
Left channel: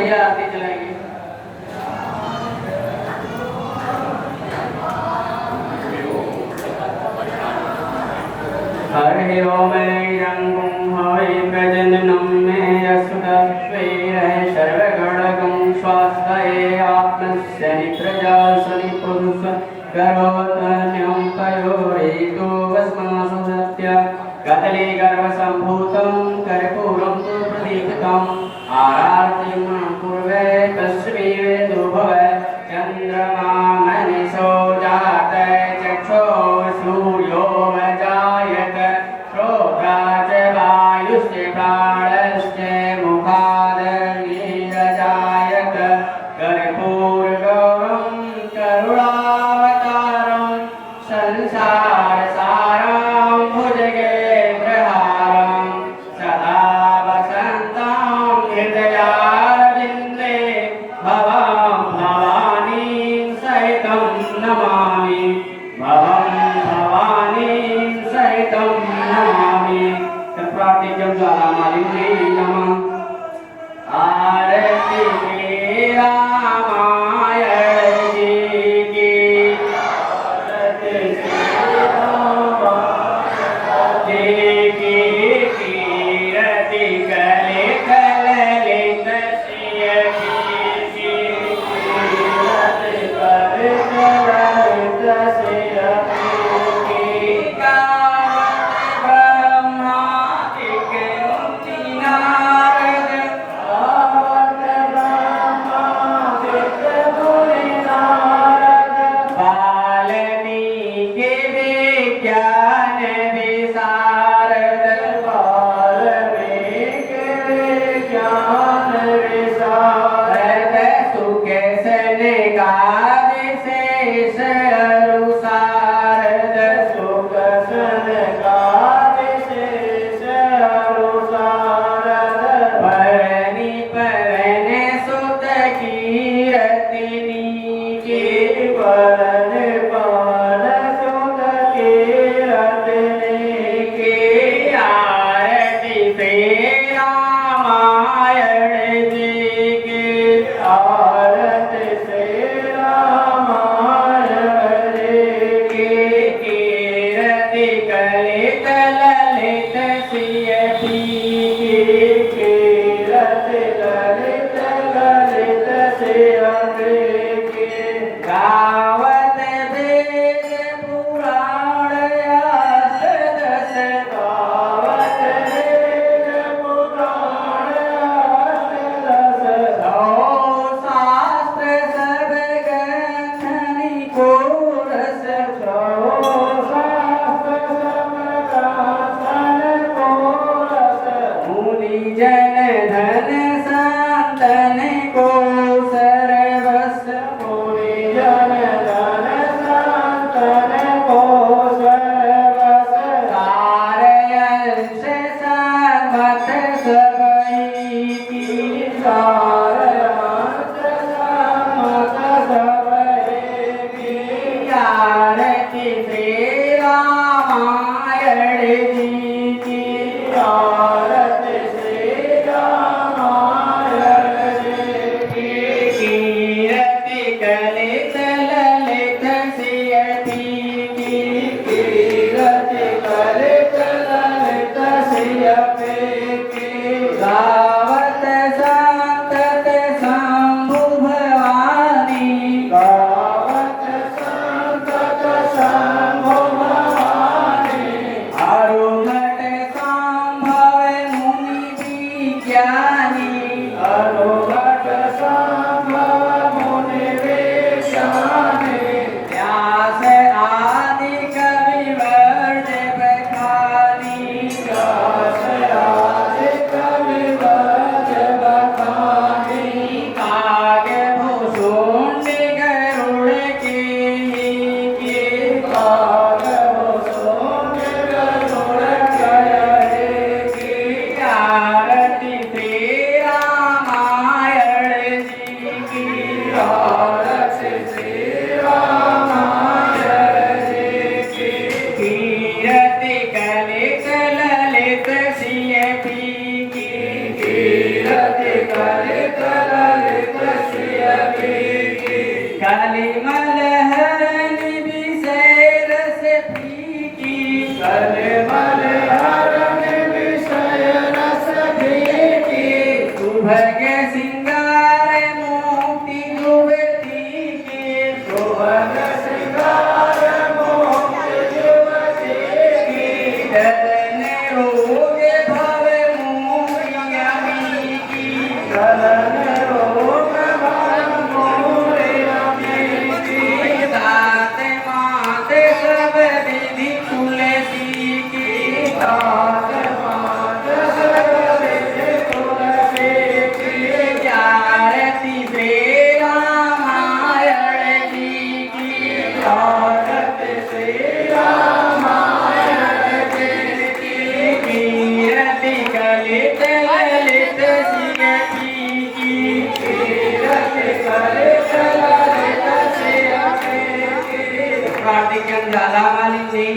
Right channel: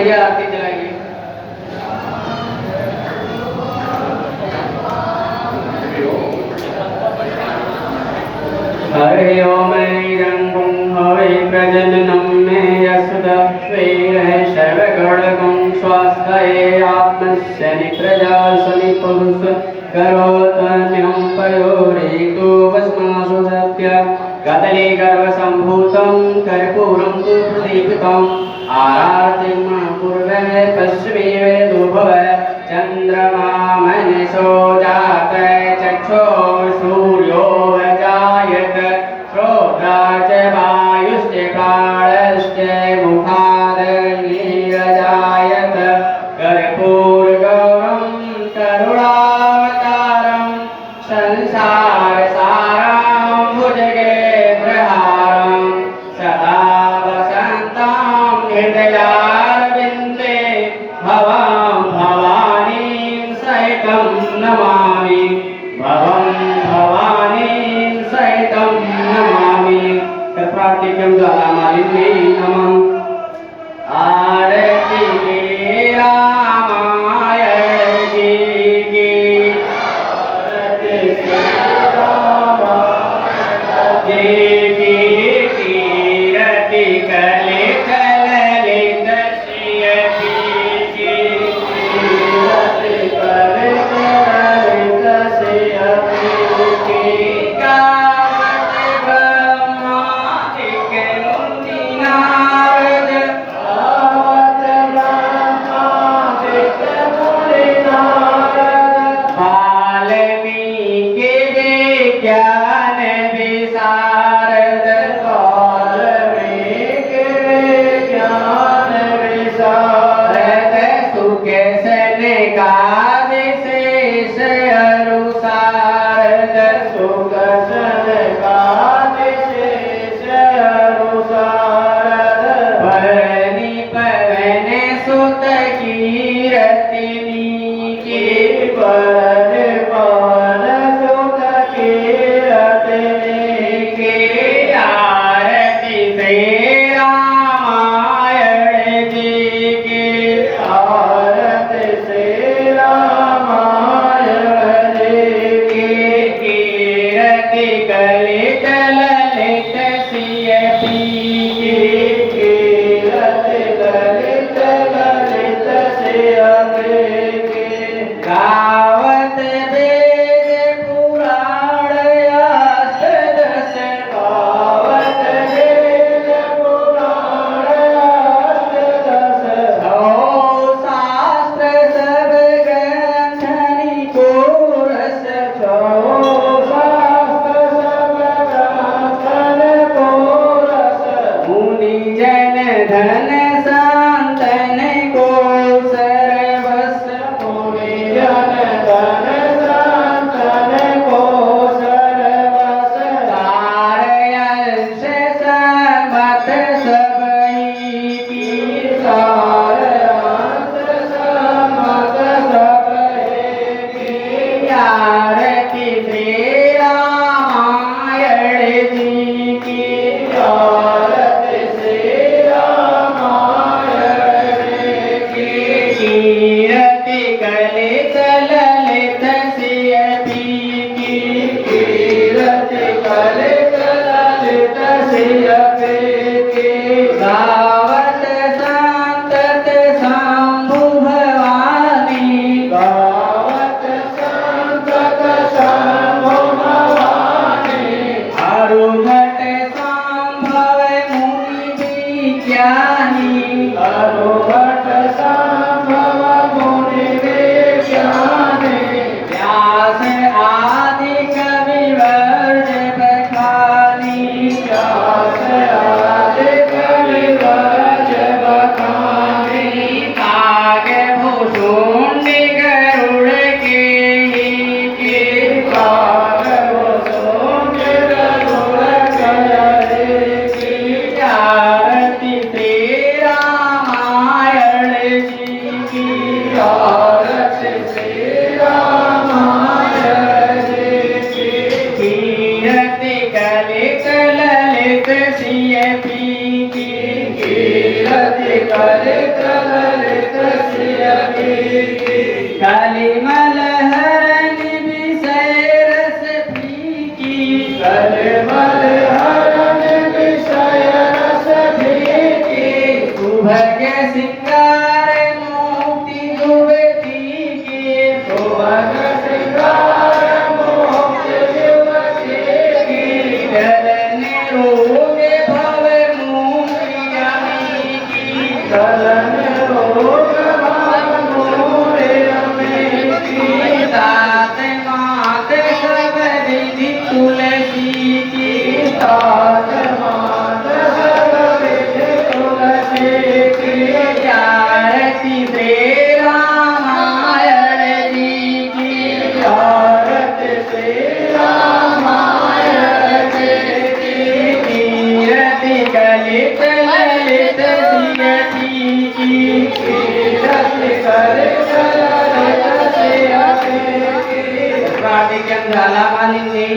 भैया आरती चलाएंगे। हरि ओम ऐरं हवै प्रजननं मे यशुदस्वैरः सर्वगणगं स्वास्थये आत्मस्य निप्रजा सनिपुरुष करोतन्यं पयोरेतु भस्मासु सत्य कदली गर्भसम्भूतं कर्पूरं तु प्रदीपितम् आरातिं पूर्वे पश्चिमे दुर्भव चन्द्रमा मनसो जातः चक्षुः सूर्यो जायत श्रोत्रा च वायुश्च प्राणश्च मुखादग्निरजायत कर्पूरगौरं करुणावतारं संसारसारं भुजगेन्द्रहारं सदा वसन्तं हृदयारविन्दे भवं भवानीं सहितं नमामि भवं भवानीं सहितं नमामि। तत्प्रार्थिक्यं ज्वालामालिन्यै नमः। आरति रामायण की आरति रामायण की कीर्ति कले कललित श्रिय की कीर्ति कले कललित श्रिय की गावत ब्रह्मादिक मुनि नारद गावत ब्रह्मादिक मुनि नारद वाल्मीकि विज्ञान विशारद वाल्मीकि विज्ञान विशारद सुख सनकादिशेष अनुसारद सुख सनकादिशेष अनुसारद भरणी पवन सुत कीरतिनी के भरणी पवन सुत कीरतिनी के आरती से रामायण जी की आरती से रामायण जी की कीरति कलित ललित सिय की कीरति कलित ललित सिय की गावत वेद पुराण अष्टदश गावत वेद पुराण अष्टदश हो शास्त्र सब ग्रंथनि को रस हो शास्त्र सब ग्रंथनि को रस मुनि जन धन संतन को सर्वस मुनि जन धन संतन को सर्वस सारयंश सम्मत सबई की सारयंश सम्मत सबई की आरती से रामायण जी की आरती से रामायण जी की कीरति कलित ललित सिय की कीरति कलित ललित सिय की गावत संतत शंभु भवानी गावत संतत शंभु भवानी अरुघट संभव मुनि विज्ञानी अरुघट संभव मुनि विज्ञानी व्यास आदि रे